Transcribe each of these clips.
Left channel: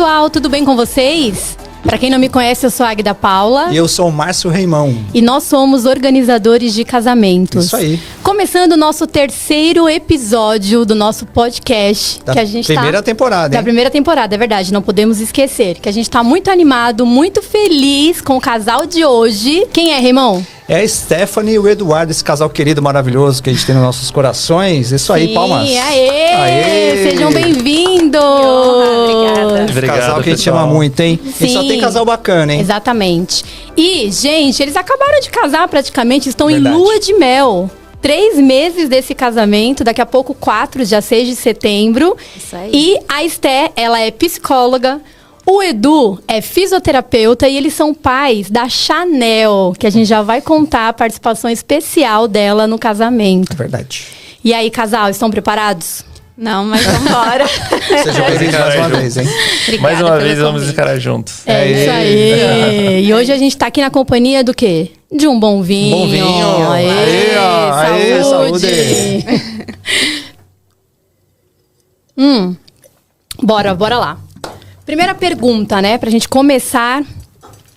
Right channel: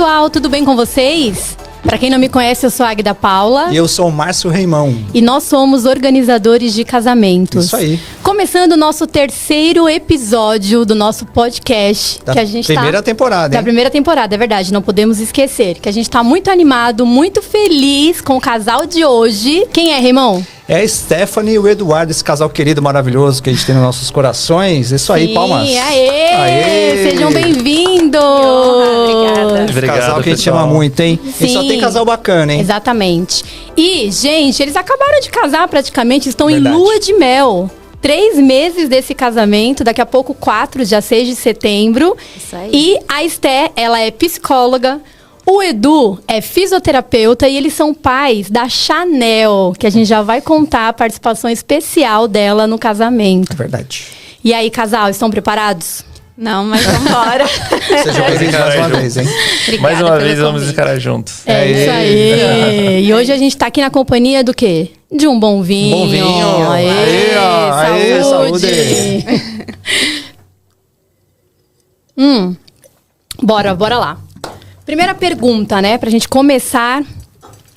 pessoal, tudo bem com vocês? Pra quem não me conhece, eu sou a Águida Paula. E eu sou o Márcio Reimão. E nós somos organizadores de casamentos. Isso aí. Começando o nosso terceiro episódio do nosso podcast. Da que a gente primeira temporada, Da hein? primeira temporada, é verdade, não podemos esquecer. Que a gente tá muito animado, muito feliz com o casal de hoje. Quem é, Reimão? É a Stephanie e o Eduardo, esse casal querido, maravilhoso que a gente tem nos nossos corações. Isso aí, palmas. Aê! Sejam bem-vindos! Obrigada. Esse Obrigado, casal que a gente pessoal. ama muito, hein? E só Sim. tem casal bacana, hein? Exatamente. E, gente, eles acabaram de casar praticamente, estão Verdade. em lua de mel. 3 meses desse casamento, daqui a pouco 4, dia 6 de setembro. Isso aí. E a Esté, ela é psicóloga. O Edu é fisioterapeuta e eles são pais da Chanel, que a gente já vai contar a participação especial dela no casamento. É verdade. E aí, casal, estão preparados? Não, mas vambora. Sejam bem-vindos mais uma vez, hein? Mais uma pelo vez vamos convite. encarar juntos. É isso aí. E hoje a gente tá aqui na companhia do quê? De um bom vinho. Bom vinho. Aê, Aê, ó. Aê, saúde. Bora lá. Primeira pergunta, né? Pra gente começar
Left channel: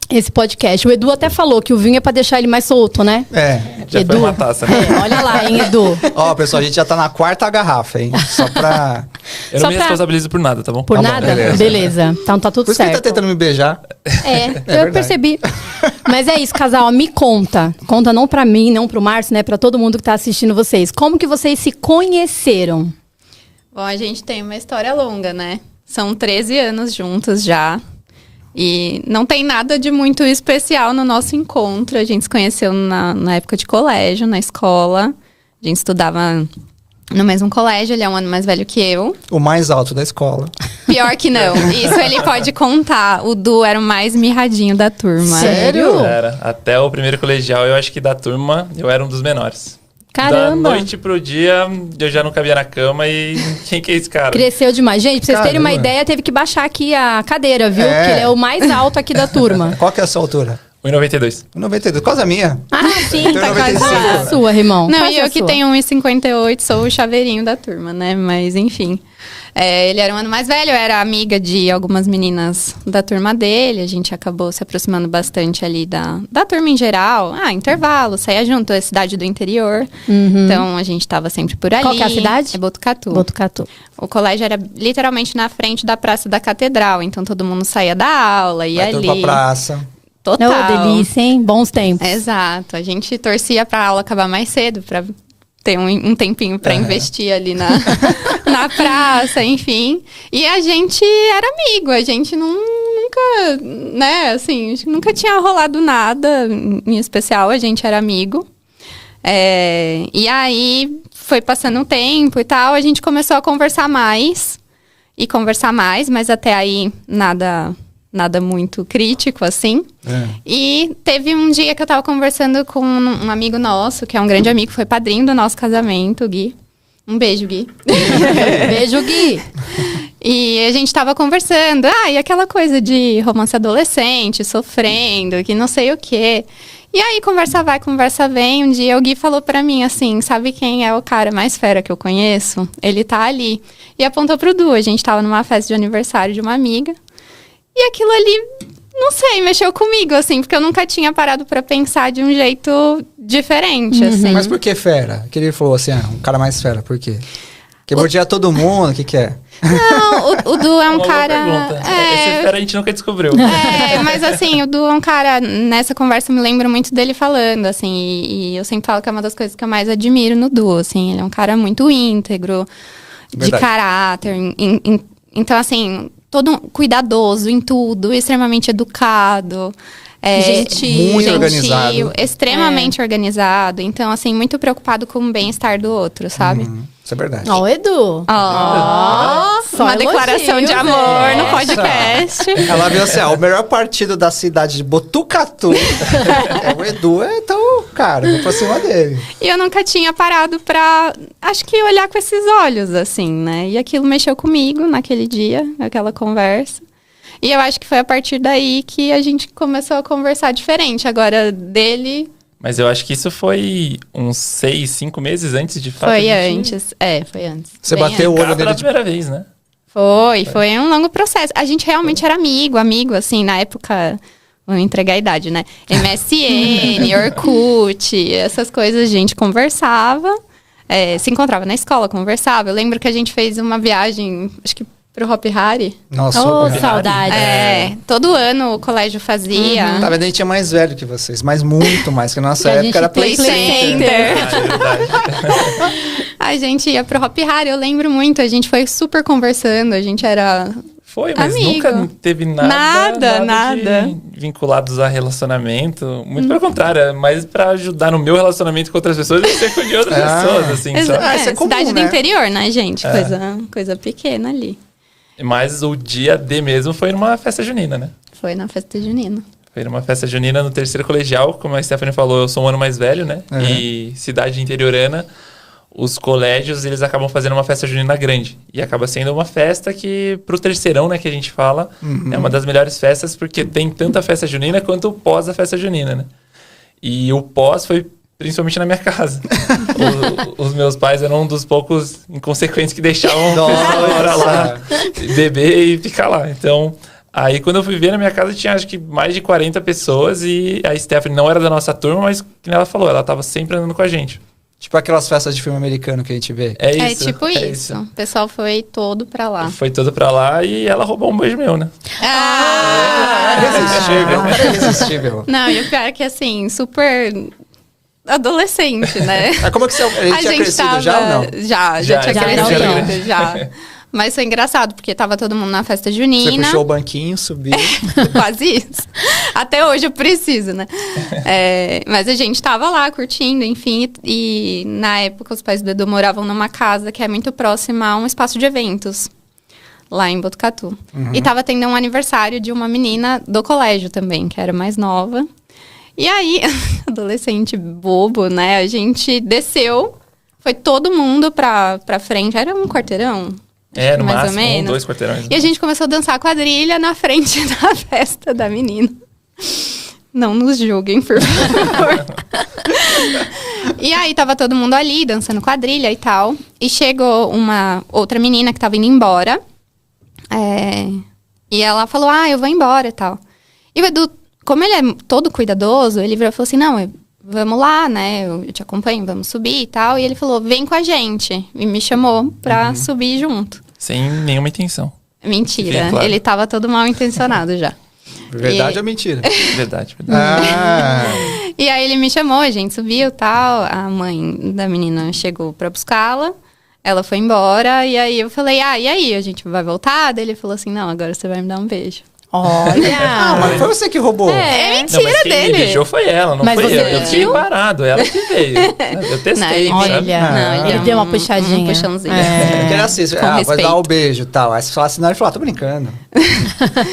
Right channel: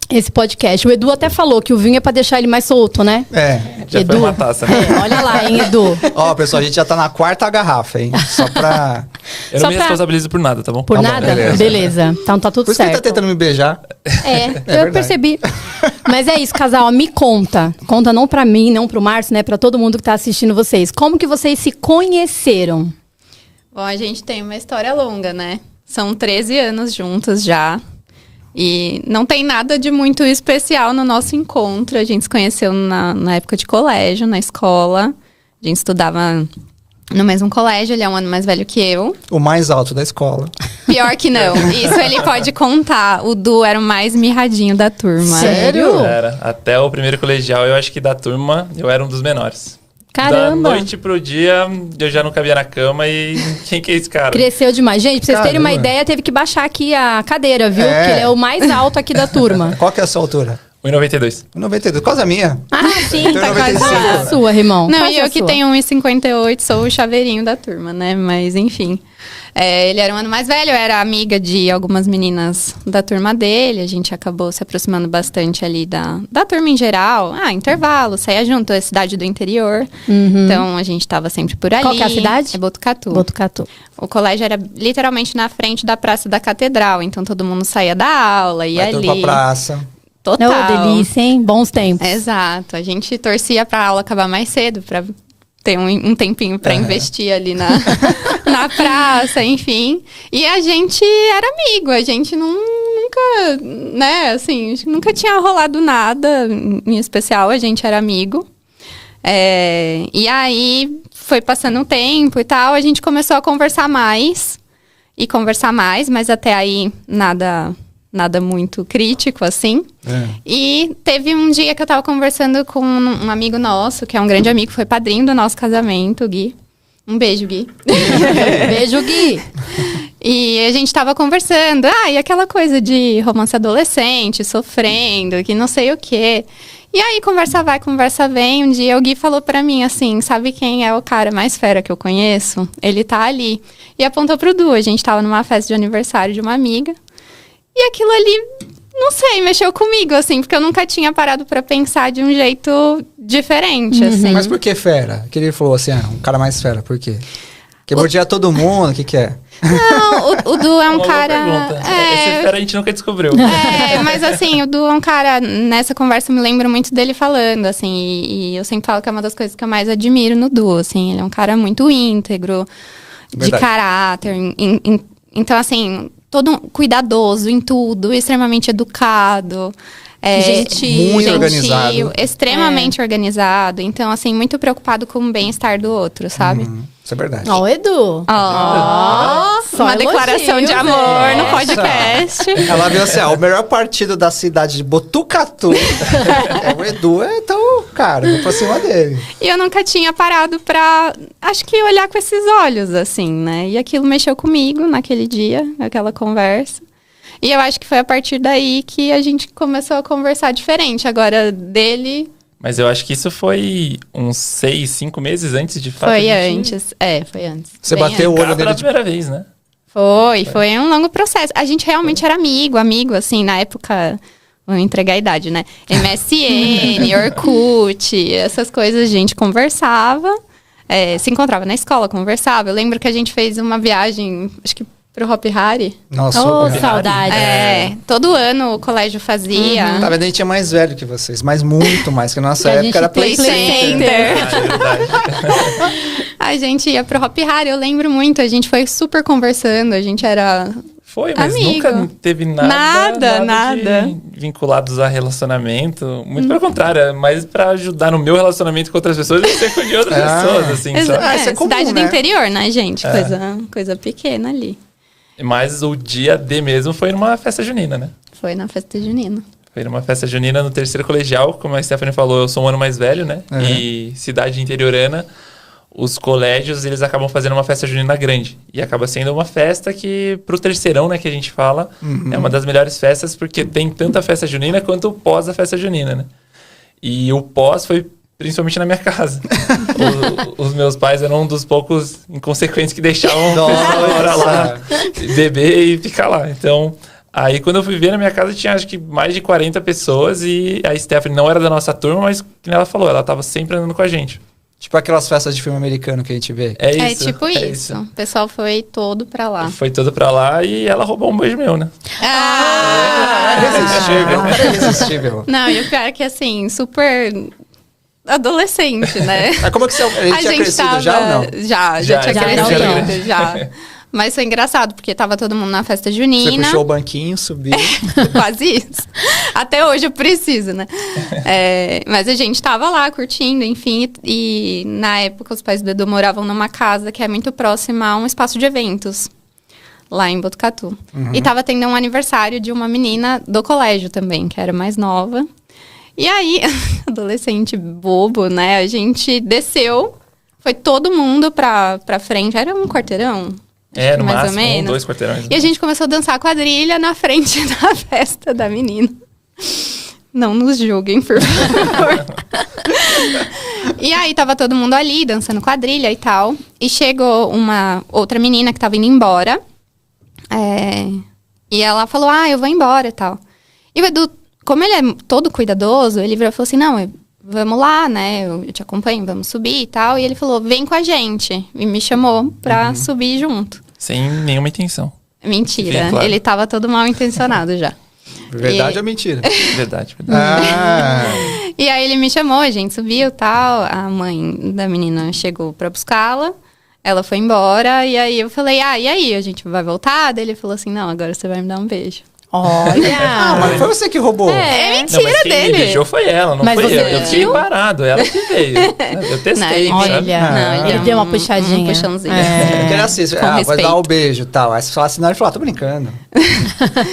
esse podcast. O Edu até falou que o vinho é pra deixar ele mais solto, né? É. Já Edu. foi uma taça, né? Olha lá, hein, Edu. Ó, pessoal, a gente já tá na 4ª garrafa, hein? Só pra... Eu Só não me pra- responsabilizo por nada, tá bom? Por Tá bom, nada? beleza. Então tá tudo Por isso que ele certo. tá tentando me beijar. Eu verdade. percebi. Mas é isso, casal, me conta. Conta não pra mim, não pro Márcio, né? Pra todo mundo que tá assistindo vocês. Como que vocês se conheceram? Bom, a gente tem uma história longa, né? São 13 anos juntos já. E não tem nada de muito especial no nosso encontro. A gente se conheceu na época de colégio, na escola. A gente estudava no mesmo colégio, ele é um ano mais velho que eu. O mais alto da escola. Pior que não, isso ele pode contar. O Du era o mais mirradinho da turma. Sério? Era. Até o primeiro colegial, eu acho que da turma, eu era um dos menores. Caramba! Da noite pro dia, eu já não cabia na cama e quem que é esse cara? Cresceu demais. Gente, pra vocês terem uma Caramba. ideia, teve que baixar aqui a cadeira, viu? É. Porque ele é o mais alto aqui da turma. Qual que é a sua altura? 1,92. 92, quase a minha. Ah, sim, Tenho tá 95. quase a sua, irmão. Não, Quase e a eu que sua. tenho 1,58, sou o chaveirinho da turma, né? Mas enfim. Ele era um ano mais velho, eu era amiga de algumas meninas da turma dele. A gente acabou se aproximando bastante ali da turma em geral. Intervalo, saía junto, é cidade do interior. Então a gente tava sempre por ali. Qual que é a cidade? É Botucatu. Botucatu. O colégio era literalmente na frente da Praça da Catedral. Então todo mundo saía da aula, ia Vai tudo ali. pra praça. Total. Ô, delícia, hein? Bons tempos. Exato. A gente torcia pra aula acabar mais cedo, pra ter um tempinho pra investir ali na praça, enfim. E a gente era amigo, a gente nunca, né, assim, nunca tinha rolado nada em especial, a gente era amigo. E aí, foi passando um tempo e tal, a gente começou a conversar mais, mas até aí nada muito crítico, assim. E teve um dia que eu tava conversando com um amigo nosso, que é um grande amigo, foi padrinho do nosso casamento, o Gui. Um beijo, Gui. Beijo, Gui. E a gente tava conversando, e aquela coisa de romance adolescente, sofrendo, que não sei o quê. E aí, conversa vai, conversa vem. Um dia o Gui falou pra mim assim, sabe quem é o cara mais fera que eu conheço? Ele tá ali. E apontou pro Du, a gente tava numa festa de aniversário de uma amiga. E aquilo ali, não sei, mexeu comigo, assim, porque eu nunca tinha parado pra pensar de um jeito diferente, assim. Mas por que fera? Que ele falou assim, um cara mais fera, por quê? Porque mordia todo mundo, o que que é? Não, o Du é um Uma boa cara... pergunta. Esse fera a gente nunca descobriu. Mas assim, o Du é um cara... Nessa conversa eu me lembro muito dele falando, assim... E eu sempre falo que é uma das coisas que eu mais admiro no Du, assim. Ele é um cara muito íntegro, de Verdade. caráter. Então, assim, todo cuidadoso em tudo, extremamente educado. Muito organizado. Extremamente organizado. Então, assim, muito preocupado com o bem-estar do outro, sabe? Isso é verdade. Ó, o Edu. Só Uma declaração elogios, de amor né? no podcast. Ela viu assim, o melhor partido da cidade de Botucatu é o Edu, então, cara, vou pra cima dele. E eu nunca tinha parado pra, acho que olhar com esses olhos, assim, né? E aquilo mexeu comigo naquele dia, naquela conversa. E eu acho que foi a partir daí que a gente começou a conversar diferente. Agora, dele... Mas eu acho que isso foi uns 6, 5 meses antes de fato. Foi a gente- antes. Foi antes. Você Bem bateu o antes. olho Cara, pela dele de... primeira vez, né? Foi um longo processo. A gente realmente era amigo, assim, na época... Vou entregar a idade, né? MSN, Orkut, essas coisas a gente conversava. Se encontrava na escola, conversava. Eu lembro que a gente fez uma viagem, acho que pro Hopi Hari. Nossa, saudade. Todo ano o colégio fazia. Tá vendo? A gente é mais velho que vocês, mas muito mais, que na nossa época era Play Center. A gente ia pro Hopi Hari, eu lembro muito. A gente foi super conversando, a gente era... Foi, mas amigo. nunca teve nada Nada. vinculados a relacionamento. Muito pelo contrário, é mais pra ajudar no meu relacionamento com outras pessoas do que ser com de outras pessoas, assim. isso é comum, cidade do né? interior, né, gente? Coisa pequena ali. Mas o dia D mesmo foi numa festa junina, né? Foi na festa junina. Foi numa festa junina no terceiro colegial, como a Stephanie falou, eu sou um ano mais velho, né? E cidade interiorana, os colégios, eles acabam fazendo uma festa junina grande. E acaba sendo uma festa que, pro terceirão, né, que a gente fala, é uma das melhores festas, porque tem tanto a festa junina quanto o pós da festa junina, né? E o pós foi principalmente na minha casa. Os meus pais eram um dos poucos inconsequentes que deixavam o pessoal ir pra lá, beber e ficar lá. Então... Aí, quando eu fui ver na minha casa, tinha acho que mais de 40 pessoas e a Stephanie não era da nossa turma, mas, como ela falou, ela tava sempre andando com a gente. Tipo aquelas festas de filme americano que a gente vê. É isso. Tipo isso. O pessoal foi todo pra lá. Foi todo pra lá e ela roubou um beijo meu, né? Irresistível. Não, e o pior é que, assim, super... adolescente, né? Mas como é que você... Ele tinha crescido já ou não? Já tinha crescido, já. Mas foi engraçado, porque tava todo mundo na festa junina. Você puxou o banquinho, subiu. Quase isso. Até hoje eu preciso, né? Mas a gente tava lá curtindo, enfim. E na época os pais do Edu moravam numa casa que é muito próxima a um espaço de eventos. Lá em Botucatu. E tava tendo um aniversário de uma menina do colégio também, que era mais nova. E aí, adolescente bobo, né? A gente desceu, foi todo mundo pra frente. Era um quarteirão. No mais máximo, ou menos. 2 quarteirões. E a gente começou a dançar quadrilha na frente da festa da menina. Não nos julguem, por favor. E aí, tava todo mundo ali, dançando quadrilha e tal. E chegou uma outra menina que tava indo embora. E ela falou, eu vou embora e tal. E o Edu, como ele é todo cuidadoso, ele virou e falou assim, não, vamos lá, né? Eu te acompanho, vamos subir e tal. E ele falou, vem com a gente. E me chamou pra subir junto. Sem nenhuma intenção. Mentira. Sim, claro. Ele tava todo mal intencionado já. Verdade ou mentira? Verdade. E aí ele me chamou, a gente subiu e tal. A mãe da menina chegou pra buscá-la. Ela foi embora. E aí eu falei, e aí? A gente vai voltar? Daí ele falou assim, não, agora você vai me dar um beijo. Olha! Mas foi você que roubou. Mentira Não, mas quem dele. me beijou foi ela, não Mas foi você eu. Eu fiquei parado, ela que veio. Eu testei, Não, sabe? Olha, ele deu uma puxadinha. Um puxãozinho. Porque era assim, vai respeito. dar o beijo e tal. Aí você fala assim, não, ele falou, tô brincando.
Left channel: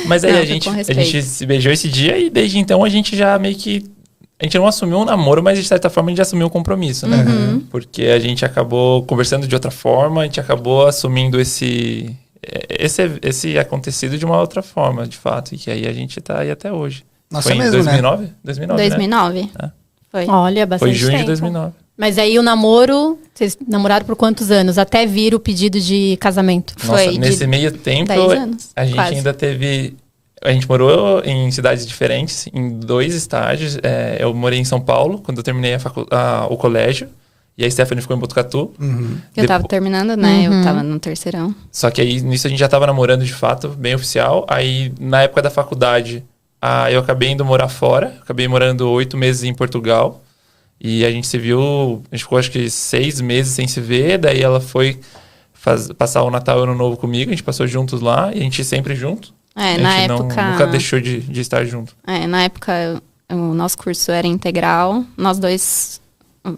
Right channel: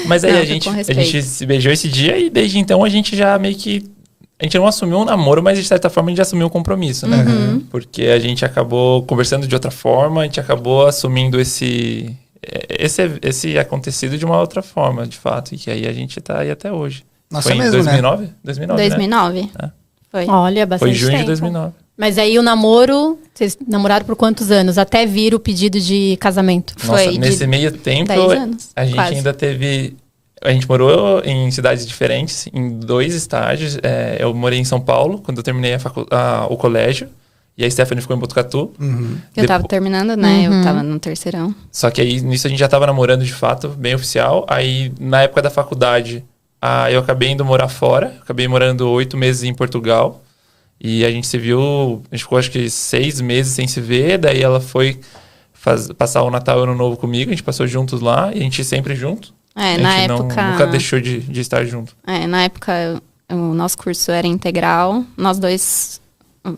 Mas aí Não, a gente com respeito. se beijou esse dia e desde então a gente já meio que... A gente não assumiu um namoro, mas de certa forma a gente assumiu um compromisso, né? Porque a gente acabou conversando de outra forma, a gente acabou assumindo esse acontecido de uma outra forma, de fato. E que aí a gente tá aí até hoje. Nossa, foi em mesmo, 2009? né? 2009, né? 2009. Foi. Olha, bastante Foi junho de tempo. 2009. Mas aí o namoro, vocês namoraram por quantos anos? Até vir o pedido de casamento? Nossa, Foi nesse de meio tempo, 10 anos, a gente quase. ainda teve... A gente morou em cidades diferentes, em 2 estágios. Eu morei em São Paulo, quando eu terminei o colégio. E a Stephanie ficou em Botucatu. Eu tava terminando, né? Eu tava no terceirão. Só que aí, nisso, a gente já tava namorando de fato, bem oficial. Aí, na época da faculdade, eu acabei indo morar fora. Acabei morando 8 meses em Portugal. E a gente se viu... A gente ficou, acho que 6 meses sem se ver. Daí ela foi passar o Natal e o Ano Novo comigo. A gente passou juntos lá. E a gente sempre junto. A Na gente época... nunca deixou de estar junto. Na época, o nosso curso era integral. Nós dois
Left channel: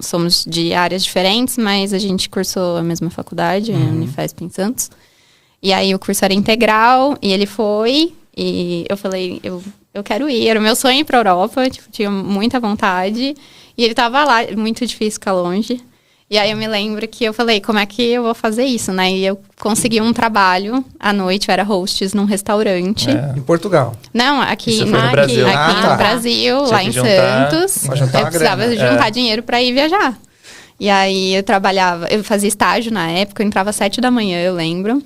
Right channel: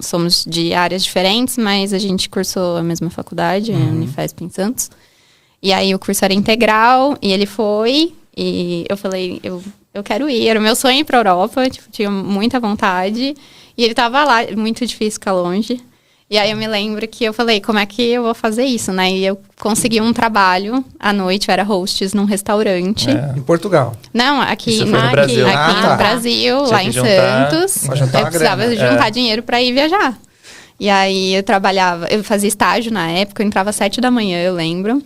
somos de áreas diferentes, mas a gente cursou a mesma faculdade, a Unifesp em Santos. E aí o curso era integral, e ele foi, e eu falei, eu quero ir. Era o meu sonho ir pra Europa, tinha muita vontade. E ele tava lá, muito difícil ficar longe. E aí eu me lembro que eu falei, como é que eu vou fazer isso, né? E eu consegui um trabalho à noite, eu era hostess num restaurante. Em Portugal. Não, aqui Isso foi no Brasil. aqui tá. no Brasil, Tinha lá que em juntar, Santos. pra juntar Eu uma precisava grana. juntar dinheiro pra ir viajar. E aí eu fazia estágio na época, eu entrava às 7 da manhã, eu lembro.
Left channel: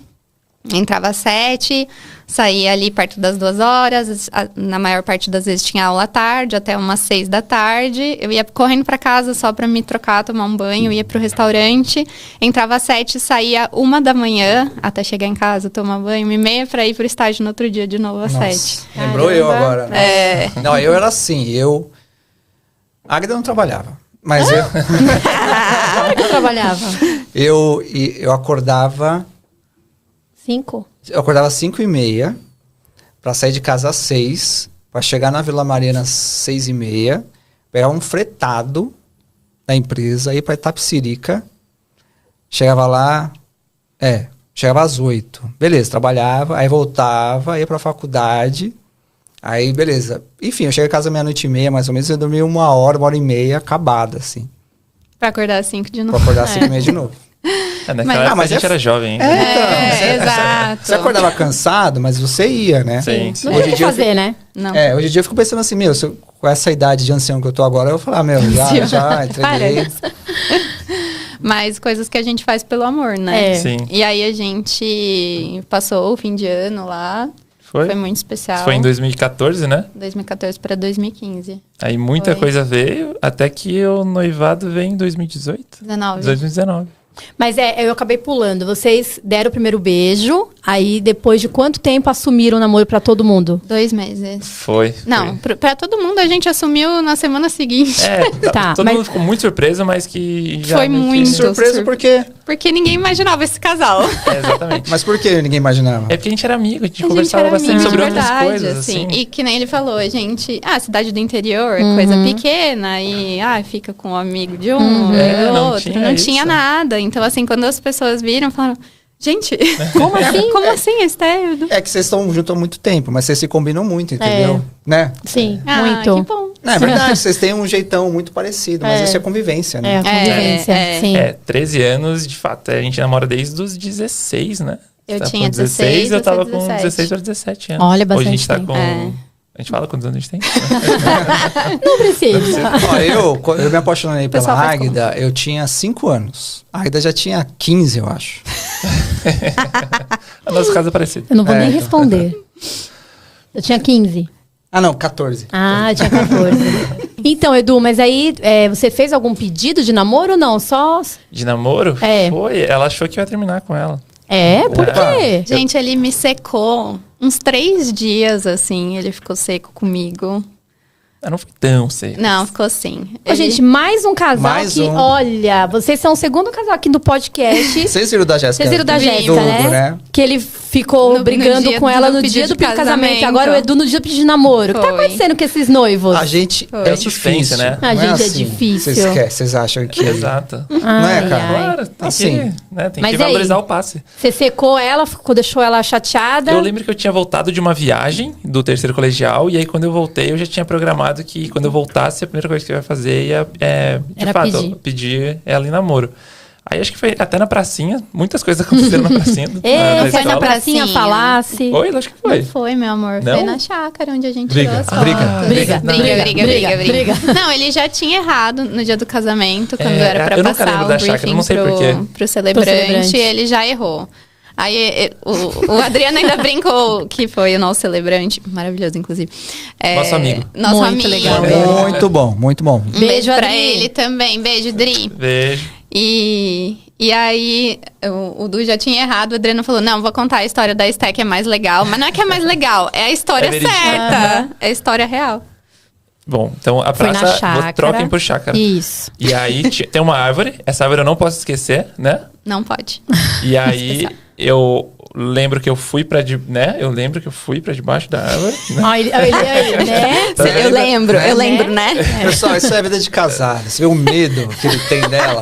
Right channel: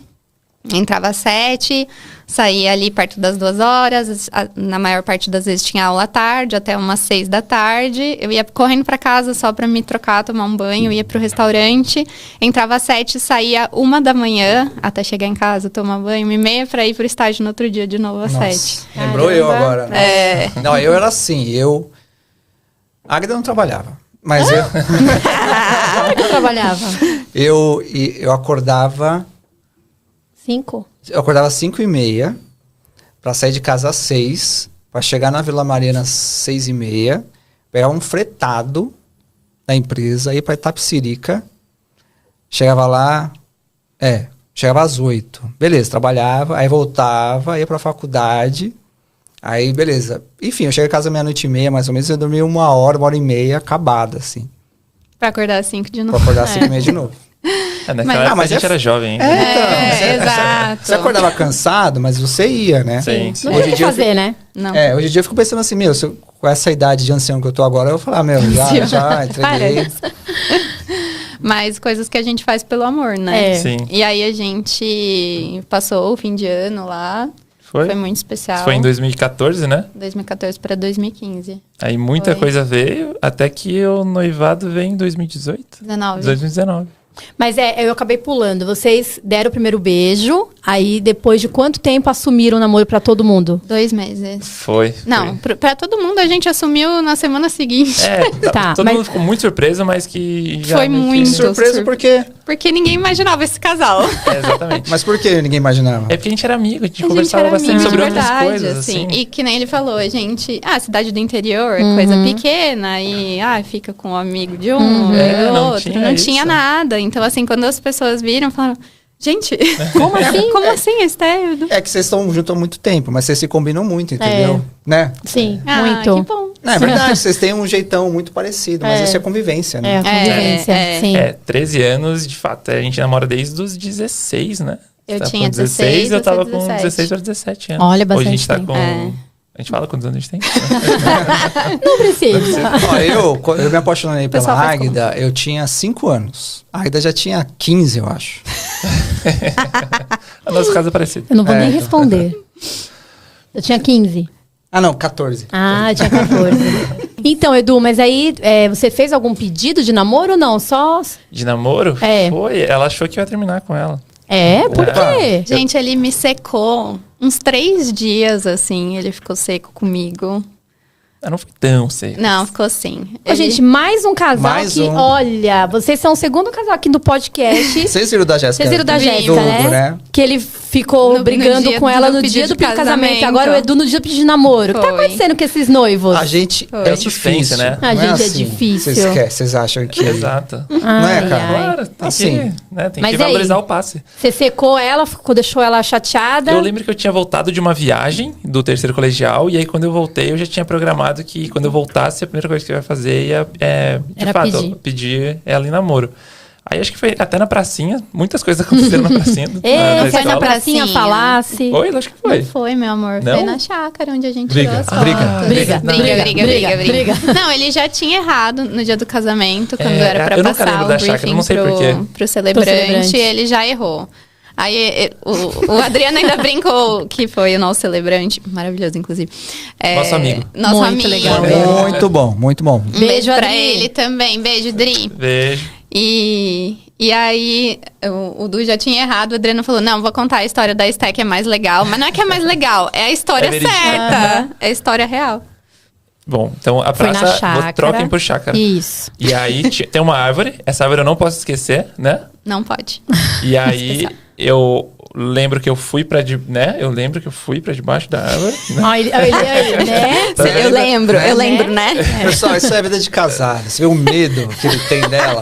Entrava às 7, saía ali perto das 2 horas. Na maior parte das vezes tinha aula à tarde, até umas 6 da tarde. Eu ia correndo pra casa só pra me trocar, tomar um banho. Eu ia pro restaurante. Entrava às 7, saía 1 da manhã, até chegar em casa, tomar banho. 1h30 pra ir pro estágio no outro dia de novo às 7. Lembrou eu agora. É. Não, eu era assim, A Águida não trabalhava, mas eu... Onde que eu trabalhava? eu acordava... 5? Eu acordava às 5h30 pra sair de casa às 6, pra chegar na Vila Mariana às 6h30, pegar um fretado da empresa, ir pra Itapecerica, chegava lá, chegava às 8. Beleza, trabalhava, aí voltava, ia pra faculdade, aí beleza. Enfim, eu cheguei em casa meia-noite e meia, mais ou menos, eu dormi 1h30, acabada, assim. Pra acordar às 5 de novo. Pra acordar às 5h30 de novo. Naquela época a gente era jovem ainda. Exato. Você acordava cansado, mas você ia, né? Sim. Não tinha o que fazer, né? Não. Hoje em dia eu fico pensando assim, com essa idade de ancião que eu tô agora, eu vou falar, já entreguei. Mas coisas que a gente faz pelo amor, né? Sim. E aí a gente passou o fim de ano lá. Foi muito especial. Foi em 2014, né? 2014 para 2015. Aí muita coisa veio, até que o noivado veio em 2018. 2019. Mas eu acabei pulando. Vocês deram o primeiro beijo, aí depois de quanto tempo assumiram o namoro pra todo mundo? 2 meses. Foi. Não, pra todo mundo a gente assumiu na semana seguinte. Todo mundo ficou muito surpreso, mas que já... Foi muito surpreso porque ninguém imaginava esse casal. Exatamente. Mas por que ninguém imaginava? É porque a gente era amigo, a gente conversava bastante sobre outras coisas, assim. E que nem ele falou, a gente... cidade do interior, coisa pequena, e fica com um amigo de um, e outro. Não tinha nada. Então, assim, quando as pessoas viram, falaram... Gente, como assim? Como assim, Esther? É que vocês estão juntos há muito tempo, mas vocês se combinam muito, entendeu? Né? Sim, muito. Que bom. É verdade, vocês têm um jeitão muito parecido, mas isso é convivência, né? Convivência, sim. 13 anos, de fato, a gente namora desde os 16, né? Eu tá tinha com 16, eu tava você com 17. 16 para 17 anos. Olha, bastante Hoje a gente tá tempo. com... A gente fala quantos anos a gente tem? Não precisa. Ó, eu me apaixonei pela Pessoal, Águida, eu tinha 5 anos. A Águida já tinha 15, eu acho. A nossa casa é parecida. Eu não vou nem responder. Eu tinha 15. Ah, não, 14. Ah, tinha 14. Então, Edu, mas aí você fez algum pedido de namoro ou não? Só... De namoro? É. Foi. Ela achou que eu ia terminar com ela. Por quê? Gente, ele me secou uns 3 dias, assim. Ele ficou seco comigo. Eu não fui tão seco. Não, ficou assim. Ô, gente, mais um casal Mais que, um. Olha, vocês são o segundo casal aqui do podcast. Vocês viram da Jéssica? Vocês viram da Jéssica, do Hugo, né? Que ele ficou No brigando dia com ela no pedido dia do de casamento. casamento. Agora o Edu no dia do pedido de namoro. O que tá Foi. acontecendo com esses noivos? A gente É o suspense, difícil, né? A Não gente é assim. difícil. Vocês acham que... Exato. Não é, Ai, cara? ai. Claro, tem Assim. que, né, tem Mas que valorizar aí? o passe. Você secou ela, deixou ela chateada. Eu lembro que eu tinha voltado de uma viagem do terceiro colegial, e aí quando eu voltei, eu já tinha programado que quando eu voltasse, a primeira coisa que eu ia fazer ia, de Era fato, pedir ela em namoro. Aí acho que foi até na pracinha, muitas coisas aconteceram na pracinha. Foi da na escola. pracinha falasse. Foi, acho que foi. Não foi, meu amor. Não? Foi na chácara onde a gente Briga. tirou as Briga. fotos. Briga. Briga. Não, ele já tinha errado no dia do casamento, quando era pra eu nunca passar lembro o da chácara, briefing não sei por quê. pro celebrante, Pro celebrante. ele já errou. Aí o Adriano ainda brincou que foi o nosso celebrante, maravilhoso, inclusive. Nosso amigo. Nosso Muito amigo. legal. Muito bom, muito bom. Beijo pra Adri. ele também. Beijo, Dri. Beijo. E aí, o Du já tinha errado, o Adriano falou, não, vou contar a história da Esté, que é mais legal. Mas não é que é mais legal, é a história verídico. certa. É a história real. Bom, então a Foi na praça, chácara. troquem por chácara. Isso. E aí tem uma árvore, essa árvore eu não posso esquecer, né? Não pode. E aí eu lembro que eu fui pra debaixo da árvore. Né? Ai, né? Eu lembro, né? Pessoal, isso é vida de casado. Você vê o medo que ele tem dela.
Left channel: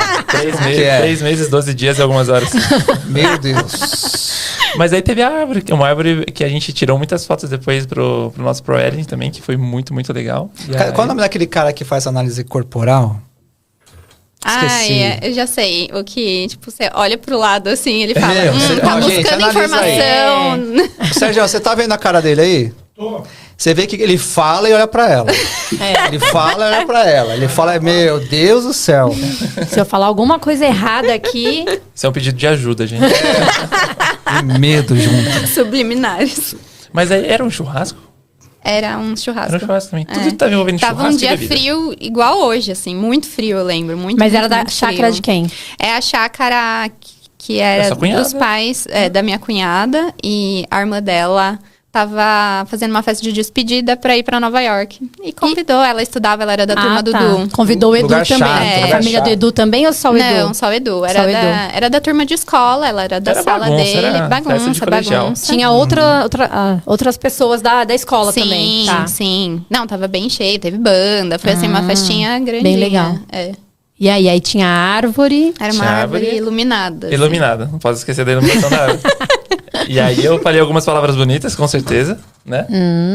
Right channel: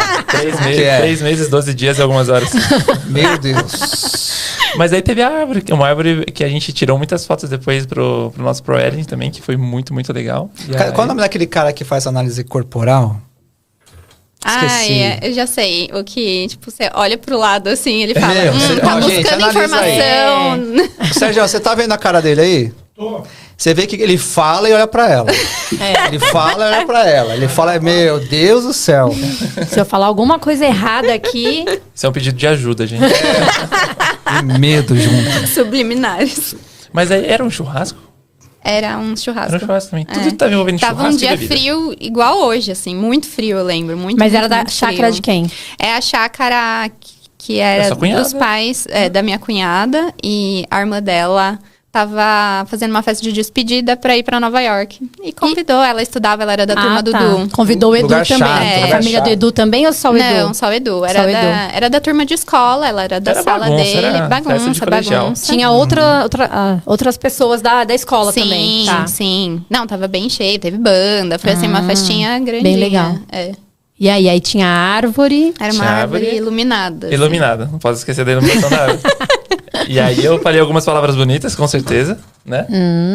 3 meses, 12 dias e algumas horas. Meu Deus. Mas aí teve a árvore, uma árvore que a gente tirou muitas fotos depois pro nosso ProEdit também, que foi muito, muito legal. E aí... Qual é o nome daquele cara que faz análise corporal? Esqueci. Eu já sei. O que, tipo, você olha pro lado assim, ele fala, Gente, tá analisa buscando aí. informação. Sérgio, você tá vendo a cara dele aí? Você vê que ele fala e olha pra ela. Ele fala e olha pra ela. Ele fala, meu Deus do céu. Se eu falar alguma coisa errada aqui... Isso é um pedido de ajuda, gente. Que medo, junto. Subliminares. Mas aí era um churrasco? Era um churrasco. Era um churrasco também. Tudo tava envolvendo Tava churrasco um dia e bebida. frio, igual hoje, assim. Muito frio, eu lembro. Muito, Mas muito, era da muito chácara frio. de quem? É a chácara que Da era sua cunhada? dos pais da minha cunhada. E a irmã dela tava fazendo uma festa de despedida pra ir pra Nova York. E convidou, ela estudava, ela era da turma do Edu. Convidou o Edu Lugar também. chato, A lugar família chato. do Edu também ou só o Edu? Não, só o Edu. Era, Só o Edu. era da turma de escola, ela era da Era sala bagunça, dele. era festa de colegial. Bagunça. Tinha outras pessoas da escola Sim, também. Tá. sim. Não, tava bem cheio, teve banda. Foi assim, uma festinha grandinha. bem legal. É. E aí tinha a árvore. Era uma Tinha árvore árvore. iluminada. assim. Iluminada. Não posso esquecer da iluminação da árvore. E aí eu falei algumas palavras bonitas, com certeza, né?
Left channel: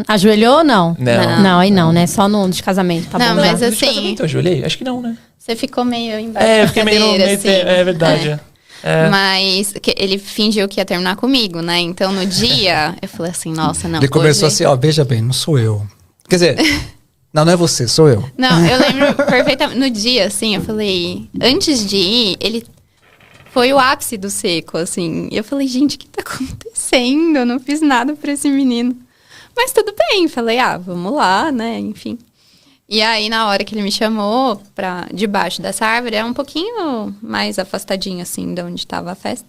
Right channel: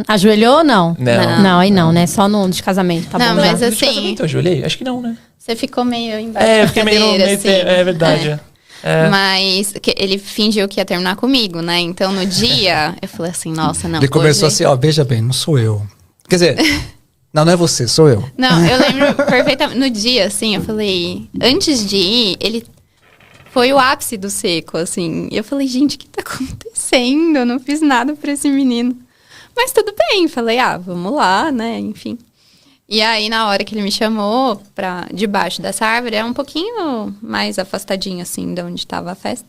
Ajoelhou ou não? Não. Não, aí não, né? Só no de casamento. Tá Não, bom, mas já. assim, Eu ajoelhei? Acho que não, né? você ficou meio embaixo É, eu da fiquei meio no cadeira, meio. assim. É verdade. É. Mas ele fingiu que ia terminar comigo, né? Então, no dia, eu falei assim, nossa, não. Ele começou hoje... assim, ó, veja bem, não sou eu. Quer dizer, não é você, sou eu. Não, eu lembro perfeitamente. No dia, assim, eu falei... Antes de ir, ele... Foi o ápice do seco, assim. E eu falei, gente, o que tá acontecendo? Eu não fiz nada pra esse menino. Mas tudo bem. Falei, vamos lá, né? Enfim. E aí, na hora que ele me chamou pra debaixo dessa árvore, era um pouquinho mais afastadinho, assim, de onde tava a festa.